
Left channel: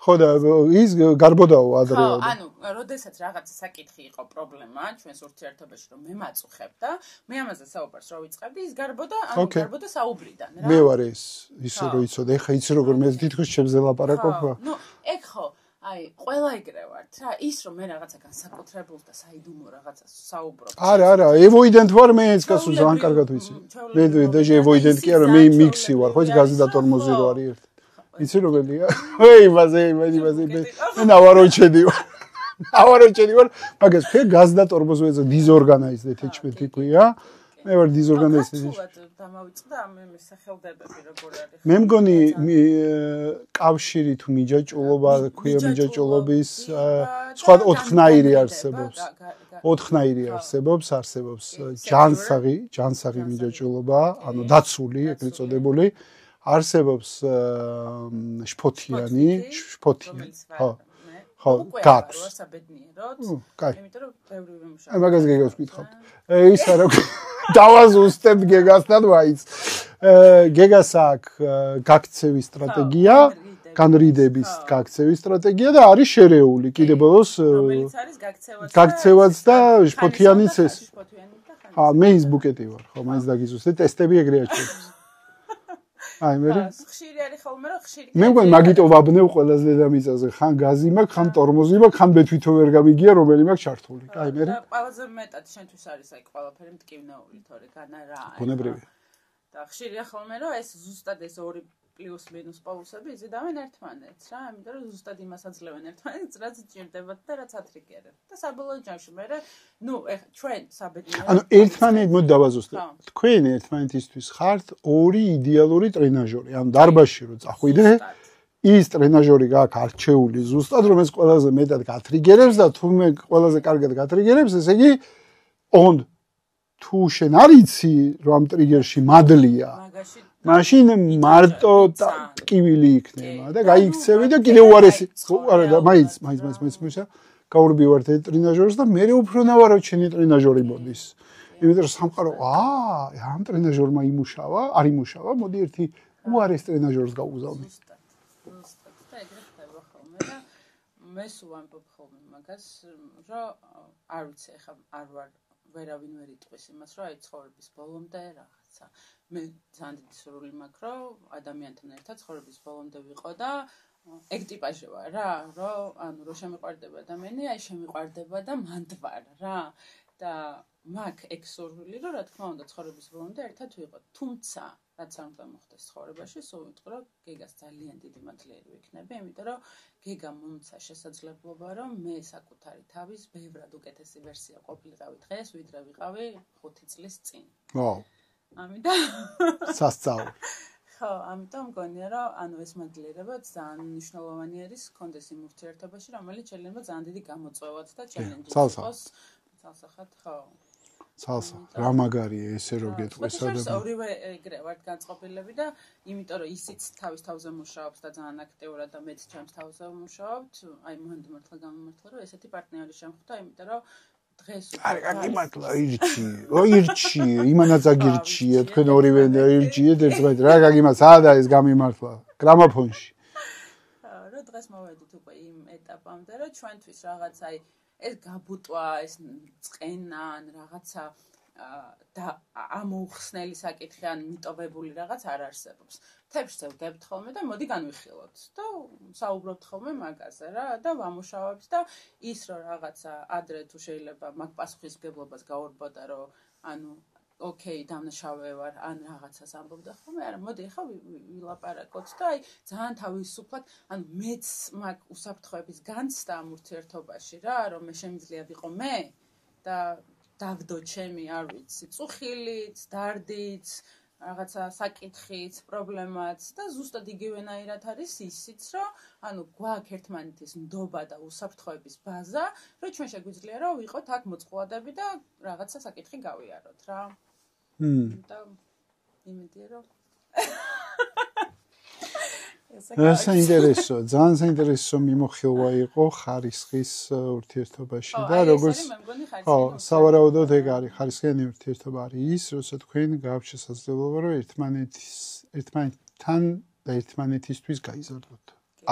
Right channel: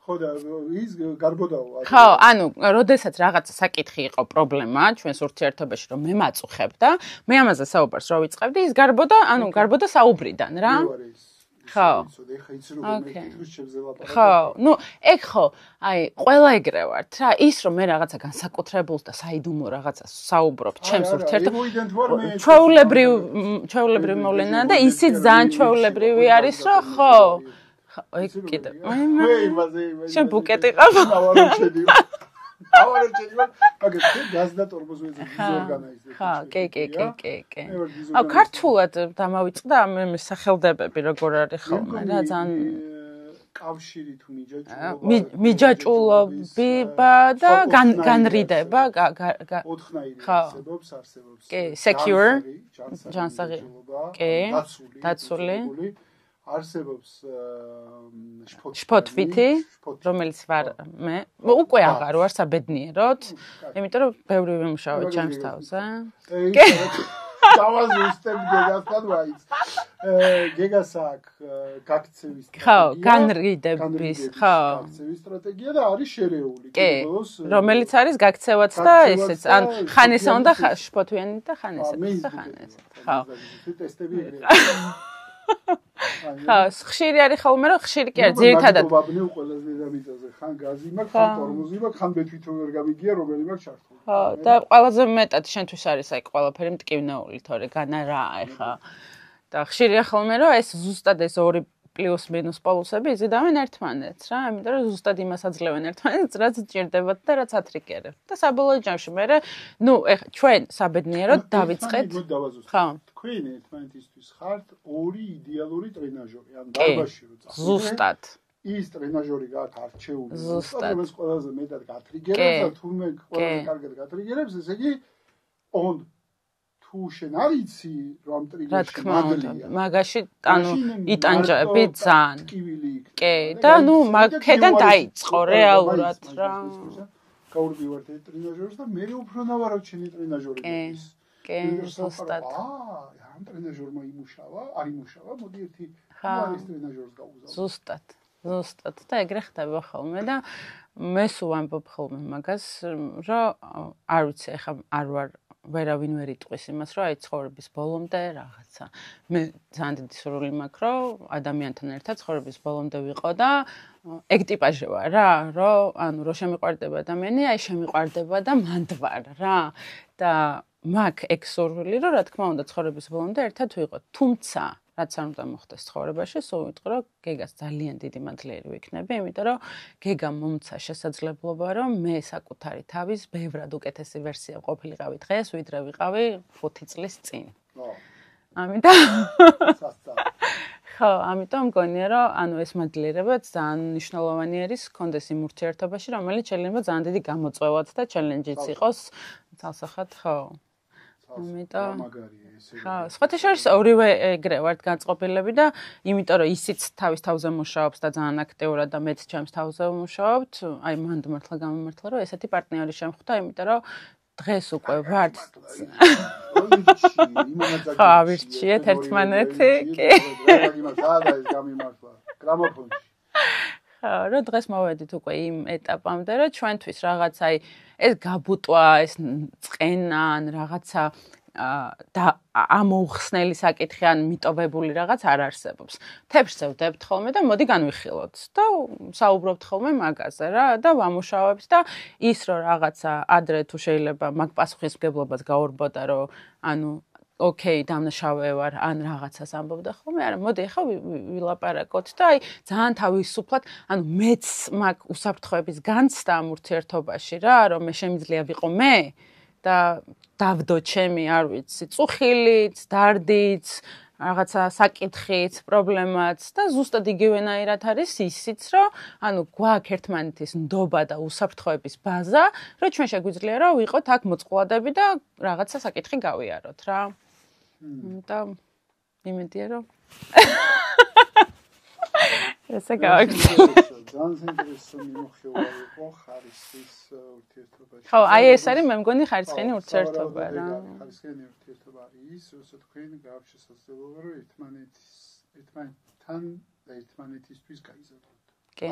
ხო და ის გარბოდაო ადრე. ხო, ანუ, როდესაც რაღაცა საკითხი იყო პრობლემა ჩვენს ურთიერთობაში, რომ მე მაწუხებ და მე ამაზე საუბარს რო ვიწყებდი, ის გარბოდა, ანუ გარბოდა საუბრიდან რა. მე ვარ ისე რო იცოდე, ეხა იცი როგორ მე თითქოს ჩემზე ლაპარაკობ. ნუ, ეგ ხო, აი, ყველა ეგრე ვართ რა, ის რომ მე რაღაცა განსაკუთრებულს და საიდუმლო რაღაცას საუბრობ ჩემს. არა, avoidant ვარ მე ეს ჩვეულებრივ მოვლენა და ისიც ძალიან ჩვეულებრივი არის რომ ხო. იცი როგორია? ვეი, მაზე. შენ ბუკეტი ყავს? ნავაროჩედიო. ავაროჩენი ვარ, მაგას თქვენ გაზდა ტორმოზვეზე დიზორგანიზდეთ იჩვეთია. მე ვარ დიზორგანიზდეთ. ქართულად დამავიწყდა ამ სახელდებები როგორ არის ხო? მე მგონი კავშირი თუ მიჯაჭულობის და განრიდება ოთხნაირი არსებობს ჯანსაღი მიჯაჭულობა, ანუ დაცული, ეწოდებული. არსებობს შფოთვით, რომელიც ვარ მე. უკვე აღარ ვარ საბედნიეროდ, იმიტომ რომ ბევრი ვიმუშავა ჩანს. ის არა დავაზუსტებ გეგასთან ვაიც. გეგას აქვს გაქცევის სტრატეგია, განრიდების გაქცევის სტრატეგია და არის შერეული კიდევ ბოლოს რომელიც არის გაქცევაც და ხანისონ და შფოთვიანი და ხანის. მე ის ბუკეტი ვარ, ხო, მას დაგიზუსტე, ტესტები ეგრე აქვს. ხშირი არის ხოლმე რომ ხშირი კი ძირითადად. მე მაგიტო ვაბნევ ყველაზე დედამიწაზე, ხან გაზი მაქვს, ხან ტორმოზი მაქვს, ხან ბეთვითო ვერ გამიგია, რომელი მაქვს ჩართული. და ყველაზე მეტად შენთვის არის აი ყველაფერი მტკივნეული, თორე განა რა ახლა. და ხშირია ხოლმე რომ ეს ზუსტად ეს ორი პლუს მინუს პოლუსები იზიდავენ ერთმანეთს რა, იმიტომ რომ ზუსტად იმას აძლევენ ერთმანეთს, რაც ჭირდებათ და რაც ათრიკერებთ. და საბოლოო ჯამში მე ეხლა ჩვენ საბედნიეროდ დავიწყეთ. ერთმანეთს მოდი დავაზუსტებ. თქვენ ერთმანეთისთვის ხართ ორი იდეალური ტრენაჟორი. ანუ დარბაზში რო წახვიდე. ზუსტად. ის ტრენაჟორი გაქვს არჩეული ზუსტად, რომელიც ყველაზე მეტად გათრიგერებს და თუმე ყველაზე კარგად გათრიგერებს, ესე იგი on თუ შენ არიცი რომ ამ ტრიგერში მადლია მაგაში მაშინ მარტო ტკივილი იქნება და გაიქცევი და კიდევ უარესი მაინც გაურბივართ ეს ტრენაჟორს და მე უფრო ნავაროჩენი ტრენაჟორი მოდის იმიტომ რომ სამყარო ამ ტრენაჟორმა არ იმუშავა მოდი ერთი უარეს ტრენაჟორს გაუგზავნო ზუსტად და ეგრე ხდება ხოლმე და მე სულ ვამბობ ხოლმე მაგას რომ არ ვიცი ახლა არ ვარ ვერავინ ვერ იტყვის იმას, რომ აი ცხოვრების ბოლომდე რაღაცა. მე ძალიან დიდი სურვილი მაქვს, რომ ადამიანთან ერთად ცხოვრების ბოლომდე ვიყო და ეგ ტიპაჟი ვარ რა, რომ ანუ რო შემიყვარდება ადამიანი, აი შემიყვარდება და მანდ ვარ რა. და მაქვს ეგ სურვილი, რომ რა თქმა უნდა ცხოვრების ბოლომდე ერთად ვიყოთ. თუმცა რაც არ უნდა მოხდეს ცხოვრებაში, სულ ვიტყვი, რომ გეგას ძალიან დიდი მადლიერი ვიქნები, იმიტომ რომ გეგამ მომცა შესაძლებლობა, რომ მე საკუთარი თავის ბევრად უკეთესი ვერსია ყოფილიყავი დღეს, ვიდრე ვიყავი 5 წლის წინ. ვაუ. ამიტომ სასწაული. ხო, ამიტომ მგონია, რომ ანუ ეს მადლიერება ძალიან მნიშვნელოვანი არის კონდეს იმ ურთიერთობაში, რომელიც შეიძლება ძალიან დიდი გამოწვევაც და ჩელენჯიც იყოს. ცალსახად, ხო. რა მაგარია ესე რომ გეტყვი. სხვა შორის ორივე ეგრე ვართ განწყობილები და იმიტომ რომ ისიც თავის თავზე მუშაობს და ძალიან აქტიურად და მეც ჩემს თავზე ვმუშაობთ, აი მანდ მართლა გამომართლა რომ ესეთი პარტნიორი შემხვდა, იმიტომ რომ დღეს უკვე ვარ. ირჩი, იმანაც აგირჩია, თქვენ ორივე დაირჩიეთ, რა გაგიმას სადა ეს გამიმართლა გრამოფონში. ხო, რომ დღეს მოვედით უკვე იმ ეტაპამდე, რომ ჩვენთვის რაღაც აი ეს გაბუტვა, ეს წყენა ან რაღაცა და ამოუხსნელი საკითხი ან მიტოვებული რაღაც არ არსებობს. თებშზე ვდებთ ხოლმე და მოდი განვიხილოთ და საუბრობთ ხოლმე მაგაზე რა და ვამუშავებთ და ის რომ რაღაცა ადრე თუ შეიძლება მაგ პასუხისმგებლობას გაურბოდა რომ ანუ ოკეი, დამნაშავე ვარ, ან რაღაცას ამბობდა ხოლმე, არა, მოდი ახლა ვილაპარაკოთ და აი ძალიან თავისუფლად, ანუ მეც მაგ უსაფრთხოების განცდა ამ ურთიერთობაში რა, რომ მე შემიძლია ვიყო მე და დავდო ჩემი, არ ვიცი, წუხილიც, დარდიც, რაღაცა საკითხიც, პრობლემაც და ზუსტად იგივენაირად არის ისიც, რომ ანუ გვაქვს ერთმანეთის ნდობა და უსაფრთხოების ბაზა, რომ ჩვენ შეგვიძლია რომ ვიყოთ აქ მოწყვლადები და რაღაცა საკითხი გავიაროთ რა. და იმედია რომ ძალიან საინტერესო მიმოხილვა იყო ხარისხის ურთიერთობაში. ხო, აი ეს არის მე მგონი ხარისხიანი ურთიერთობა. სავარაუდოდ ეგ არის ხარისხიანი ურთიერთობა არის ის, როცა თქვენ გააქვთ შესაძლებლობა რომ ერთმანეთთან და ერთმანეთისთვის გაიზარდოთ.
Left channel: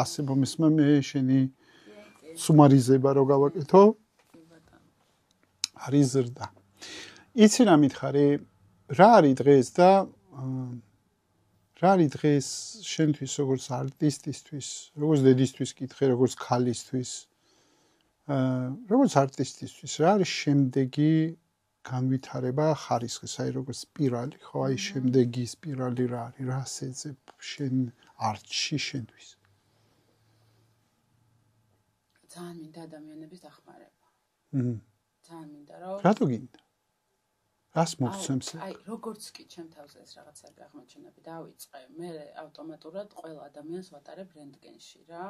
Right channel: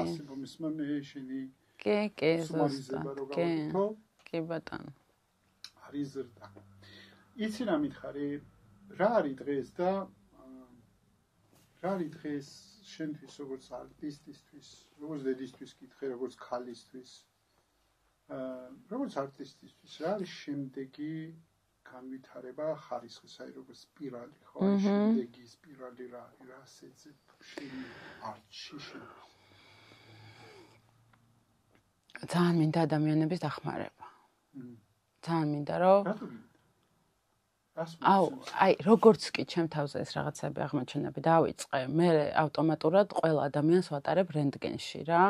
ასე მომისმა მე შენი სუმარიზება რო გავაკეთო. კი ბატონო. არის ზრდა. იცი რა მითხარი? რა არის დღეს და რა არის დღეს შენთვის როგორც არტისტისთვის, როგორც დედისთვის კითხე, როგორც ქალისთვის, როგორც არტისტისთვის, რა არის შემდეგი განვითარება ხარისხის, აი როგორც სპირალი, ხო, აი შემდეგი სპირალი რა არის, რა შეძებ შენ არტში შენთვის? ძალიან მინდა ადამიანების დახმარება. ძალიან მინდა რომ რატო გინდა? რას მოგცემს? აი, როგორც კი ჩემ თავზე ეს რაღაცები აღმოჩენები დავიწყე, მე ავტომატურად ყველა ადამიანს ვატარებ რენტგენში რა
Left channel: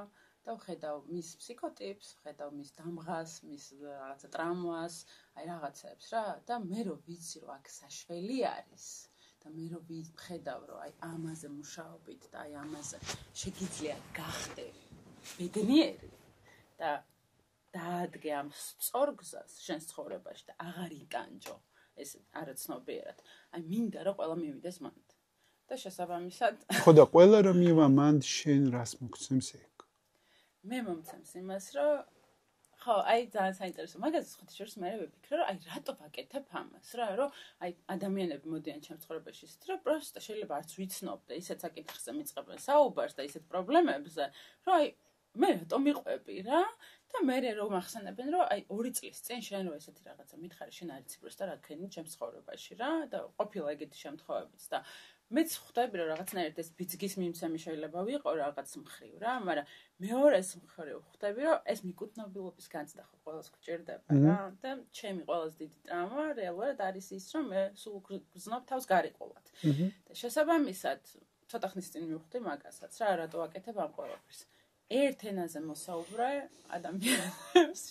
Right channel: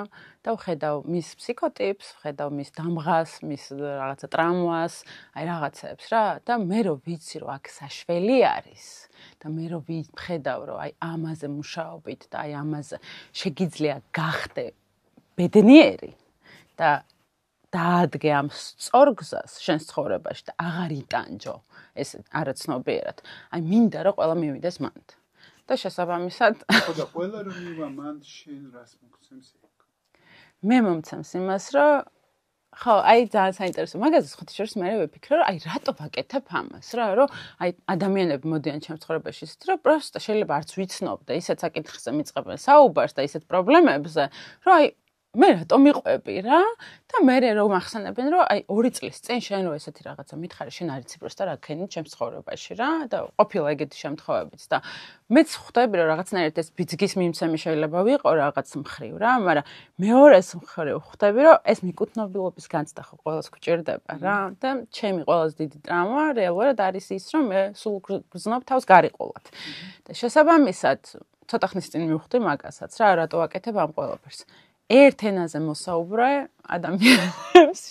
და ვხედავ მის ფსიქოტიპს, ვხედავ მის დამღას, მის რაღაცა ტრამვას, აი რაღაცებს რა და მე რო ვიცი რომ აქ საშველი არის და მე რო ვხედავ რომ აი ამაზე მუშაობით და აი ამაზე შეგიძლია გახდე ბედნიერი და დაადგე ამ სწორგზას შენ ცხოვრებაში და აღარ იტანჯო ეს არაცნობიერად. აი მინდა რომ ყველა მივიდეს მანდ. და შესაბამისად ხო და ყველა რომ მივა მანდ შენ რას მოგცემს ეგ? მე მომცემს იმას რომ ხო, აი ძალიან საინტერესო. მაგაზე ხოთიშორს მე ვიფიქრე რომ აი რატო ვაკეთებ ამას რა, რომ აი ადამიანები მოდიან ჩემს ცხოვრებაში ისეთ რომ პროსტა შეიძლება არც ვიცნობ და ისეთ საკითხებზე მიწყებენ საუბარს და ისეთ პრობლემებზე, რომ აი მე რატო მიყვები რა და მე რომ ახსენებენ რომ აი 2 წლის წინ შენ რო ესეთი რაღაცა მითხარი შენ არ იცი პროსტა რა ქენი ჩემს ცხოვრებაში რა და ყოფილა ეგეთი შემთხვევებიც და მეც ხვდები რომ რაღაცნაირად ეს ბიძგის მიმცემი შეიძლება ვიყო რაღაც მხრივ რა მაგრამ მეორეს მხრივ ხვდები რომ ეს მიკუთვნებულობის განცდა ხო ყველას გვჭირდება რა და ჩემი ყველაზე დიდი ტრაუმა რეალურად არის ის რომ მე სულ გრძნობ თავს გარიყულად და შესაბამისად ცოტა ხნის წინ მივხვდი მაგასაც რა რატო ვაკეთებ ამ ყველაფერს ერთ ენაზე მოსაუბრე ადამიანებს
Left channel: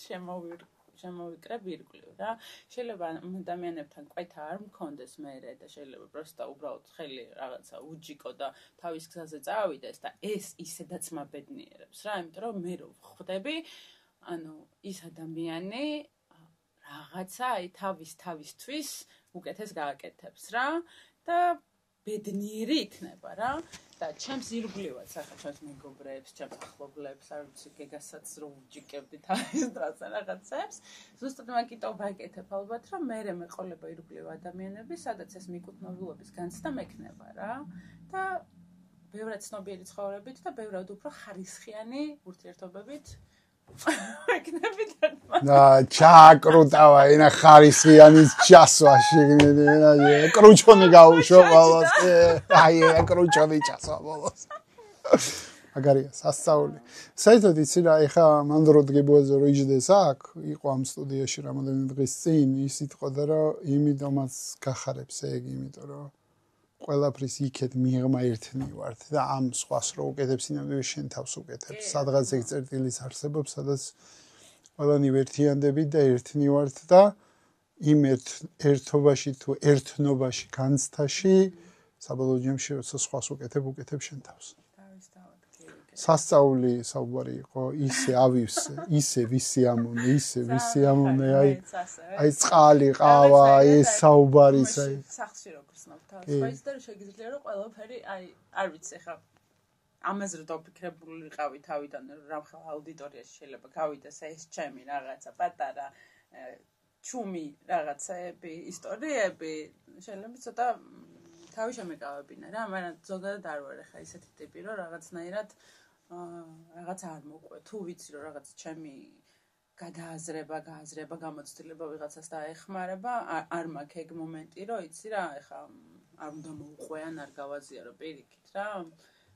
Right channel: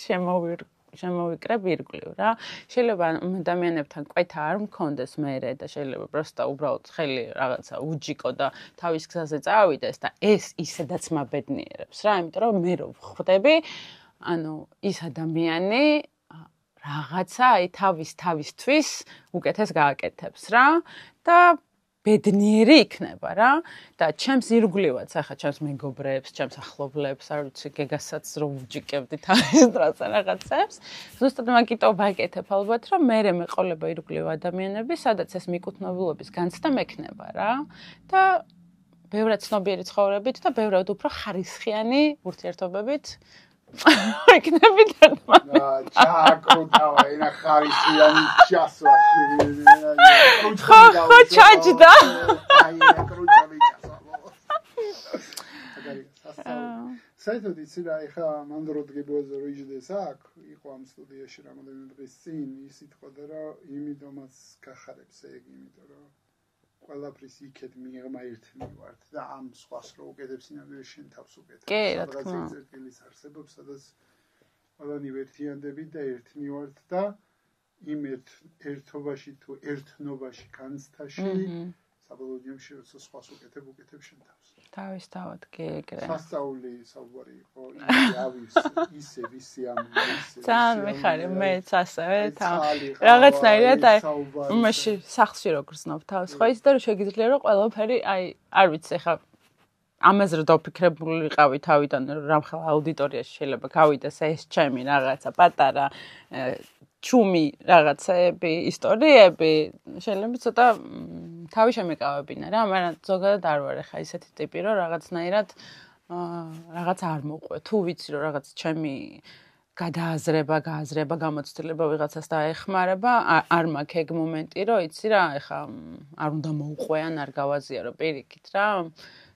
შემოვიკრებ ირგვლივ რა შეიძლება ადამიანებთან კვეთა არ მქონდეს მერე და შეიძლება პროსტა უბრალოდ ხელი რაღაცა უჯიკო და თავის გზაზე წავიდეს და ეს ისედაც მაბედნიერებს რა იმიტომ რომ მე რო ხვდები ანუ ის ადამიანი რაღაცა აი თავისთვის უკეთეს გააკეთებს რა და ბედნიერი იქნება რა და ჩემს ირგვლივაც ახლა ჩემს მეგობრებს, ჩემს ახლობლებს, არ ვიცი, გეგასაც რომ უჯიკებდი თავის დროზე რაღაცებს. ზუსტად მაგიტო ვაკეთებ ალბათ, რომ მე მეყოლება ირგვლივ ადამიანები, სადაც ეს მიკუთვნებულობის განცდა მექნება რა და ბევრად ცნობიერი ცხოვრებით და ბევრად უფრო ხარისხიანი ურთიერთობებით ეკნები და ჩაკრუტავა ენა ხარისხიანის ჩასვაში კრუჩხონი გაუშვა აი კრუჩხონი ჩასვა ბოლოს აგარია სასწაული საერთოდ იცი რა ეხა მანდროდ გებუაზე რო იჯდეს აქ იყო ამ სტუდიაში რამოდენიმე დღის წინ ის იტყოდა რომ იმიტომაც გახარებს ეგ იმიტომ რომ ყველაფრის იქეთ მიღმა ერთნი ვართ და ამ სხვას რო უკეთებს ინამდვილე შენ თავს უკეთებს სადღაც ეგ წერტილის არსებობს სადაც ყველანი ვერთიანდებით და ერთნი ვართ და იმ ერთობაში თუ ერთნობაში განცდაში საბოლოო ჯამში როცა სხვას უკეთებ შენ თავს თავისთავად კი ეგრე სასწაული საუბარი იყო ისე ავივსე ისე ვისი ამონე მეც ასევე აი წყალი ყავა ეს საუბარი იმაში სახლში რო გრძნობ თავს ხო ის და რომ შეგიძლია რომ ყველაფერი აი არ ვიცი ხა ამაზე რომ დავფიქრებული ვიყავი თავიდან რამხელა აუდიტორიაში შეიძლება გავიდეს ეს ჩემი რაღაცა პატარა ჩუმი რაღაცები ისტორიები შეიძლება ცოტა თავი შემეკავებინა რა მაგრამ ზოგადად არ ვარ ხა ისეთი ტიპი რომ რაღაცნაირად რაღაც არ მოყვე თუ ვიცი რომ რაღაც ჩემი გააზრება გამოცდილება ვიღაცას დაეხმარება არ მაქვს ეგ მომენტი რომ იცი რა ეხა არ უნდა მოუყვეან არ გავაზიარო პირიქით რა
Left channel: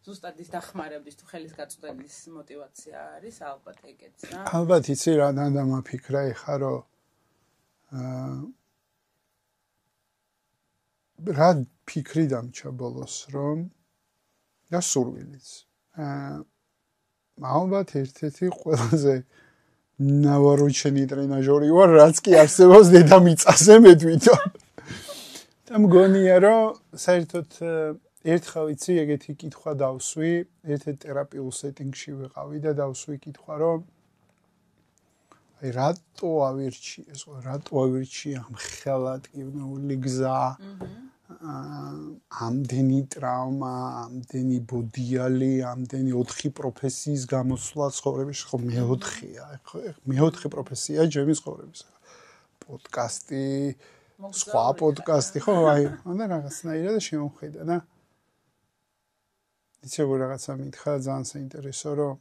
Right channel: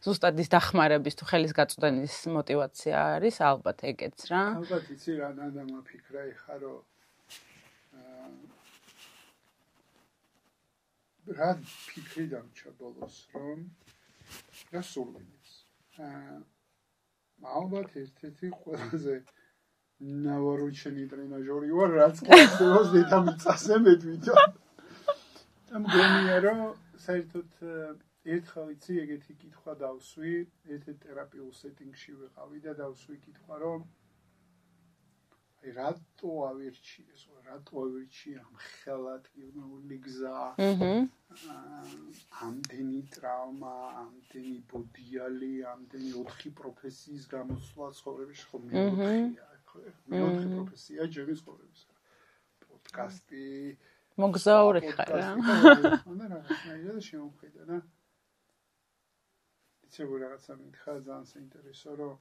ზუსტად ის დახმარების თუ ხელის გაწვდენის мотиваცია არის ალბათ ეგეც რა ალბათ იცი რა დამაფიქრა ეხა რომ რა ფიქრი დამჭა ბოლოს რომ და სურვილიც ალბათ ერთ-ერთი ყველაზე ნავაროჩენი ტრენაჟორი ვარ რაც კი არსებობს დედამიწაზე მე თვითონ და მგონია რომ საერთოდ ერთხელ იცი ეგეთი კითხვა დავსვი ერთ-ერთ თერაპიულ სეტინგში ვიყავი და დავსვი კითხვა რომ აი რატო ავირჩი ამ ხელატკივნეული გზა ამდენი ტრაუმა ამდენი ბოდიალი ამდენი 4 პროფესიის გამოსვლა ცხოვრებაში ხო მე-4-ია მე-4 პროფესია ჩემი ცხოვრების პოდკასტი მოგზაური პოდკასტი ხო აი უნდა რაღაცნაირად შემოხედა და იცი რაღაცა მითხრა ძალიან საინტერესო რომ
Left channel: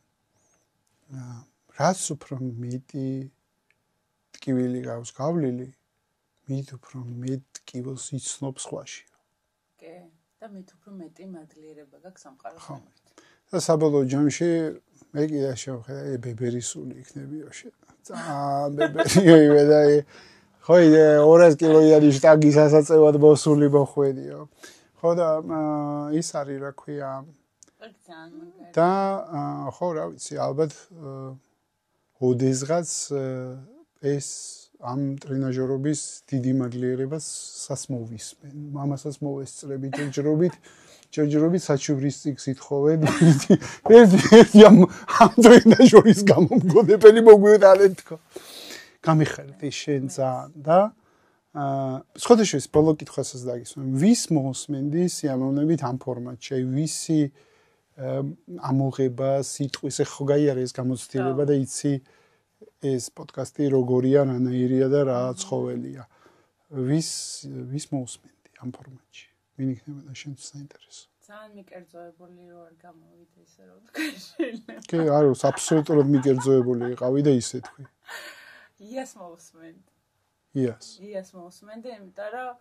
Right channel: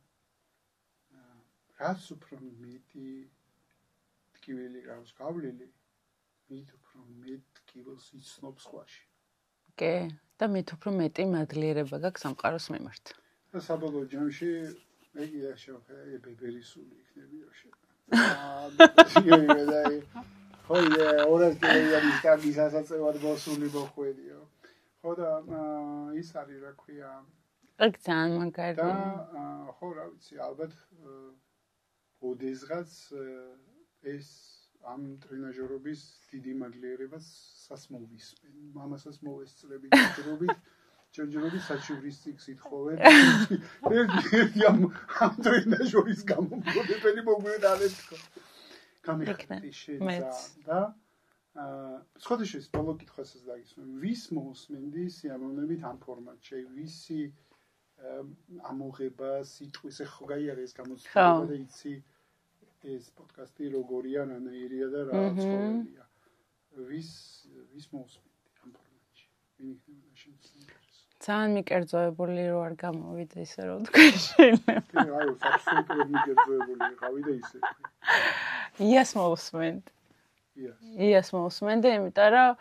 რაც უფრო მეტი ტკივილი გაქვს გავლილი მით უფრო მეტ ტკივილს იცნობს ხვაში. კი, და მით უფრო მეტი მადლიერება გაქვს სამყაროს მიმართ. და საბოლოო ჯამში მე კიდე შევხედე ბებერისული იქნებიო ბებერიო და ხო 200 კილოიანი შტანგი სასაწევად მოსული მოხვედიო ხო და ის არის რა ქვია ძალიან მაგარი და ხო რა ვიცი ალბათ ოდესღაც ეს ამ ტრენაჟერობის დიდი მადლიერებას სასმოვისმენ მამასაც მოვესწრები ჯერჯერობით საჩუვრის წიგნით ხოვენ ერთი ამ ტრენაჟერის გამომგონებელი მოგვიყვანეთ თქო გამიხარეთ შენ ძალიან და სხვადასხვა ბოლო კითხვასაც დაგისვენ ვის მოსმენდი სიამოვნებით ამ ფორმატში ვისი ამოღება სიტყვის ხო გაიარე ეს გამოცდილება და იცი ეს პოდკასტი როგორია რანაირია და რა ცხოველია ვის მოსმენდი ამ ფორმატში ვინ იქნება შენთვის საინტერესო ძალიან მიკერძოებული რო არ გამოვიდა ისე რომ თქვი შეიძლება კი არა აბსოლუტურად მიკერძოებული იყავი და ისე თქვი იას მოსმენდი იას მოსმენდი იმიტომ რომ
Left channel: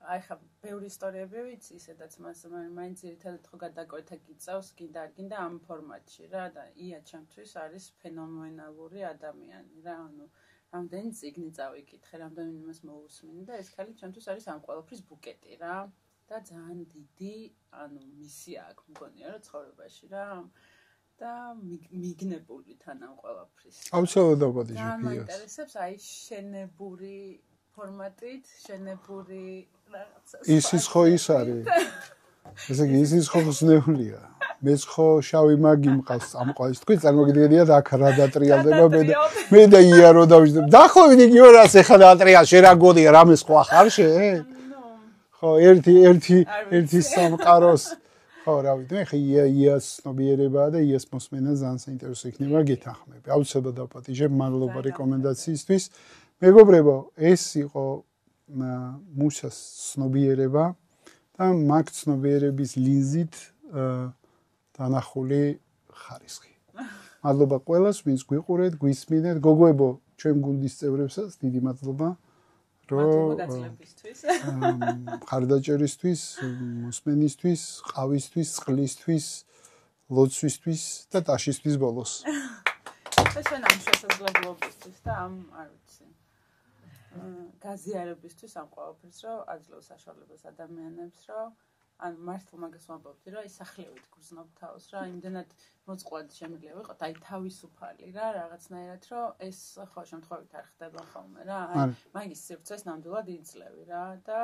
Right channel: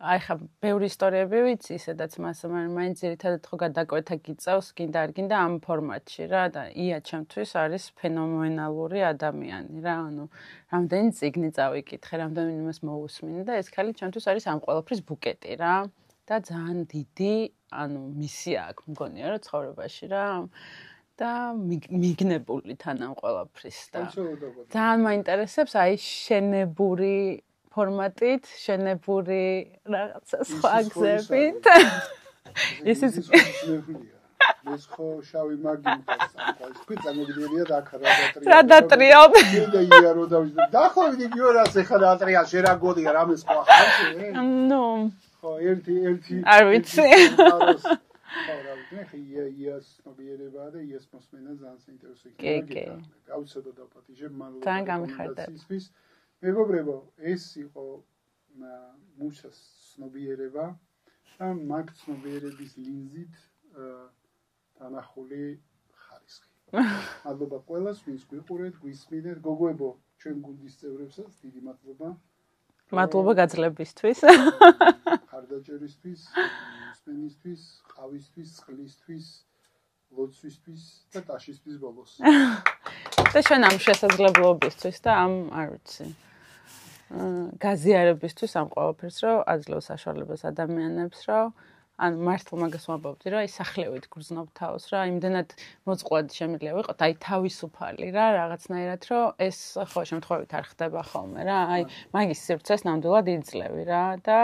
აი ხა ბევრი ისტორიები ვიცი სადაც მაინც ძირითადად ხო გადაკვეთა გიწევს გინდა არ გინდა ამ ფორმატში რა და ია ჩემთვის არის ფენომენალური ადამიანი რა ანუ რამდენი წიგნი წავიკითხე რამდენი იმას მოусმინე და ეს ხალი ჩემთვის არის ამ ყველაფრის ბუკეტი რა და ძალიან დიდი ანუ მისია აქვს მგონია რომ ცხოვრებაში რა და მიგნებული თან ამ ყველაფრის აბსოლუტურად ძალიან მაინტერესებს აი შენებური ფორმატით, შენებური რაღაცა სფაგზებით. ის ხო ისნეულია. მეც ხო შავი მაგი მყავს ამ ყოველს. თქვი წარმოგიდგენია რა დატრიალდება. მე და ია რო დავიწყებ. დახოვდი იგი ორას ეხლა დატრიალ შე რა გოდია რამეს ხო ახავშე? ნუ. ხო ერთი სამყაროს ხო რა ვიცი მე ხე იას ცნობიერება და იას მოსმენა ძალიან საინტერესო იქნება გეთახმები. აუცილებლად დავპატიჟებ მადლობა რეკომენდაციისთვის. მეგობრებო, ეს იყო მუშას ცნობიერება და მაგ ცნობიერების ლინზით დანახული ხარისხი. მადლობა ყველას, ვინც გვიყურეთ, გვისმინეთ. გოგოებო, ჩვენ გუნდის წევრებსაც დიდი მადლობა. მადლობა გაძლებისთვის. ხარდაჭერისთვის, მოსმენისთვის, ყავისთვის, წყლისთვის, ლოცვისთვის და ტაშისთვის ბოლოს. და ჩვენ ამ შესაძლებლობისთვის და ამ არ ვიცი გაზიარებისთვის ამ ყველაფერს რომ აძლევს საშუალებას ადამიანებს რომ ან მართლა მაგას ვამბობდი რომ აი სახლევით გრძნობ თავს რა იმდენად მოწყვლადი შემიძლია ვიყოთ აი თავისუფალი რა რაღაცნაირად რომ ეს ხო შემთხვევით არ ხდება ხოლმე რა აი მაგის სივრცეს ნამდვილად იძლევი რა და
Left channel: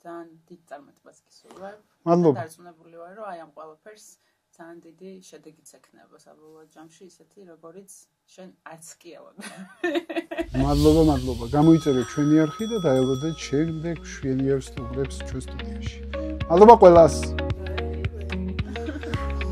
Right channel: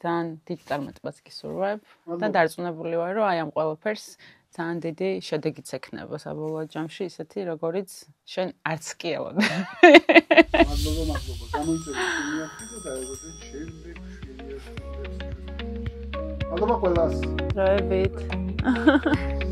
ძალიან დიდ წარმატებას გისურვებ და დარწმუნებული ვარ რომ აი ამ ყველაფერს ძალიან დიდი შედეგიც ექნება საბოლოო ჯამში ისეთი როგორიც შენ არც კი ელოდები. მადლობა. გამოიწერეთ ჩვენი არხი და დაელოდეთ შემდეგ შვენიერ სტუმრებს ჩვენ სტუდიაში. მადლობა ყველას. დროებით.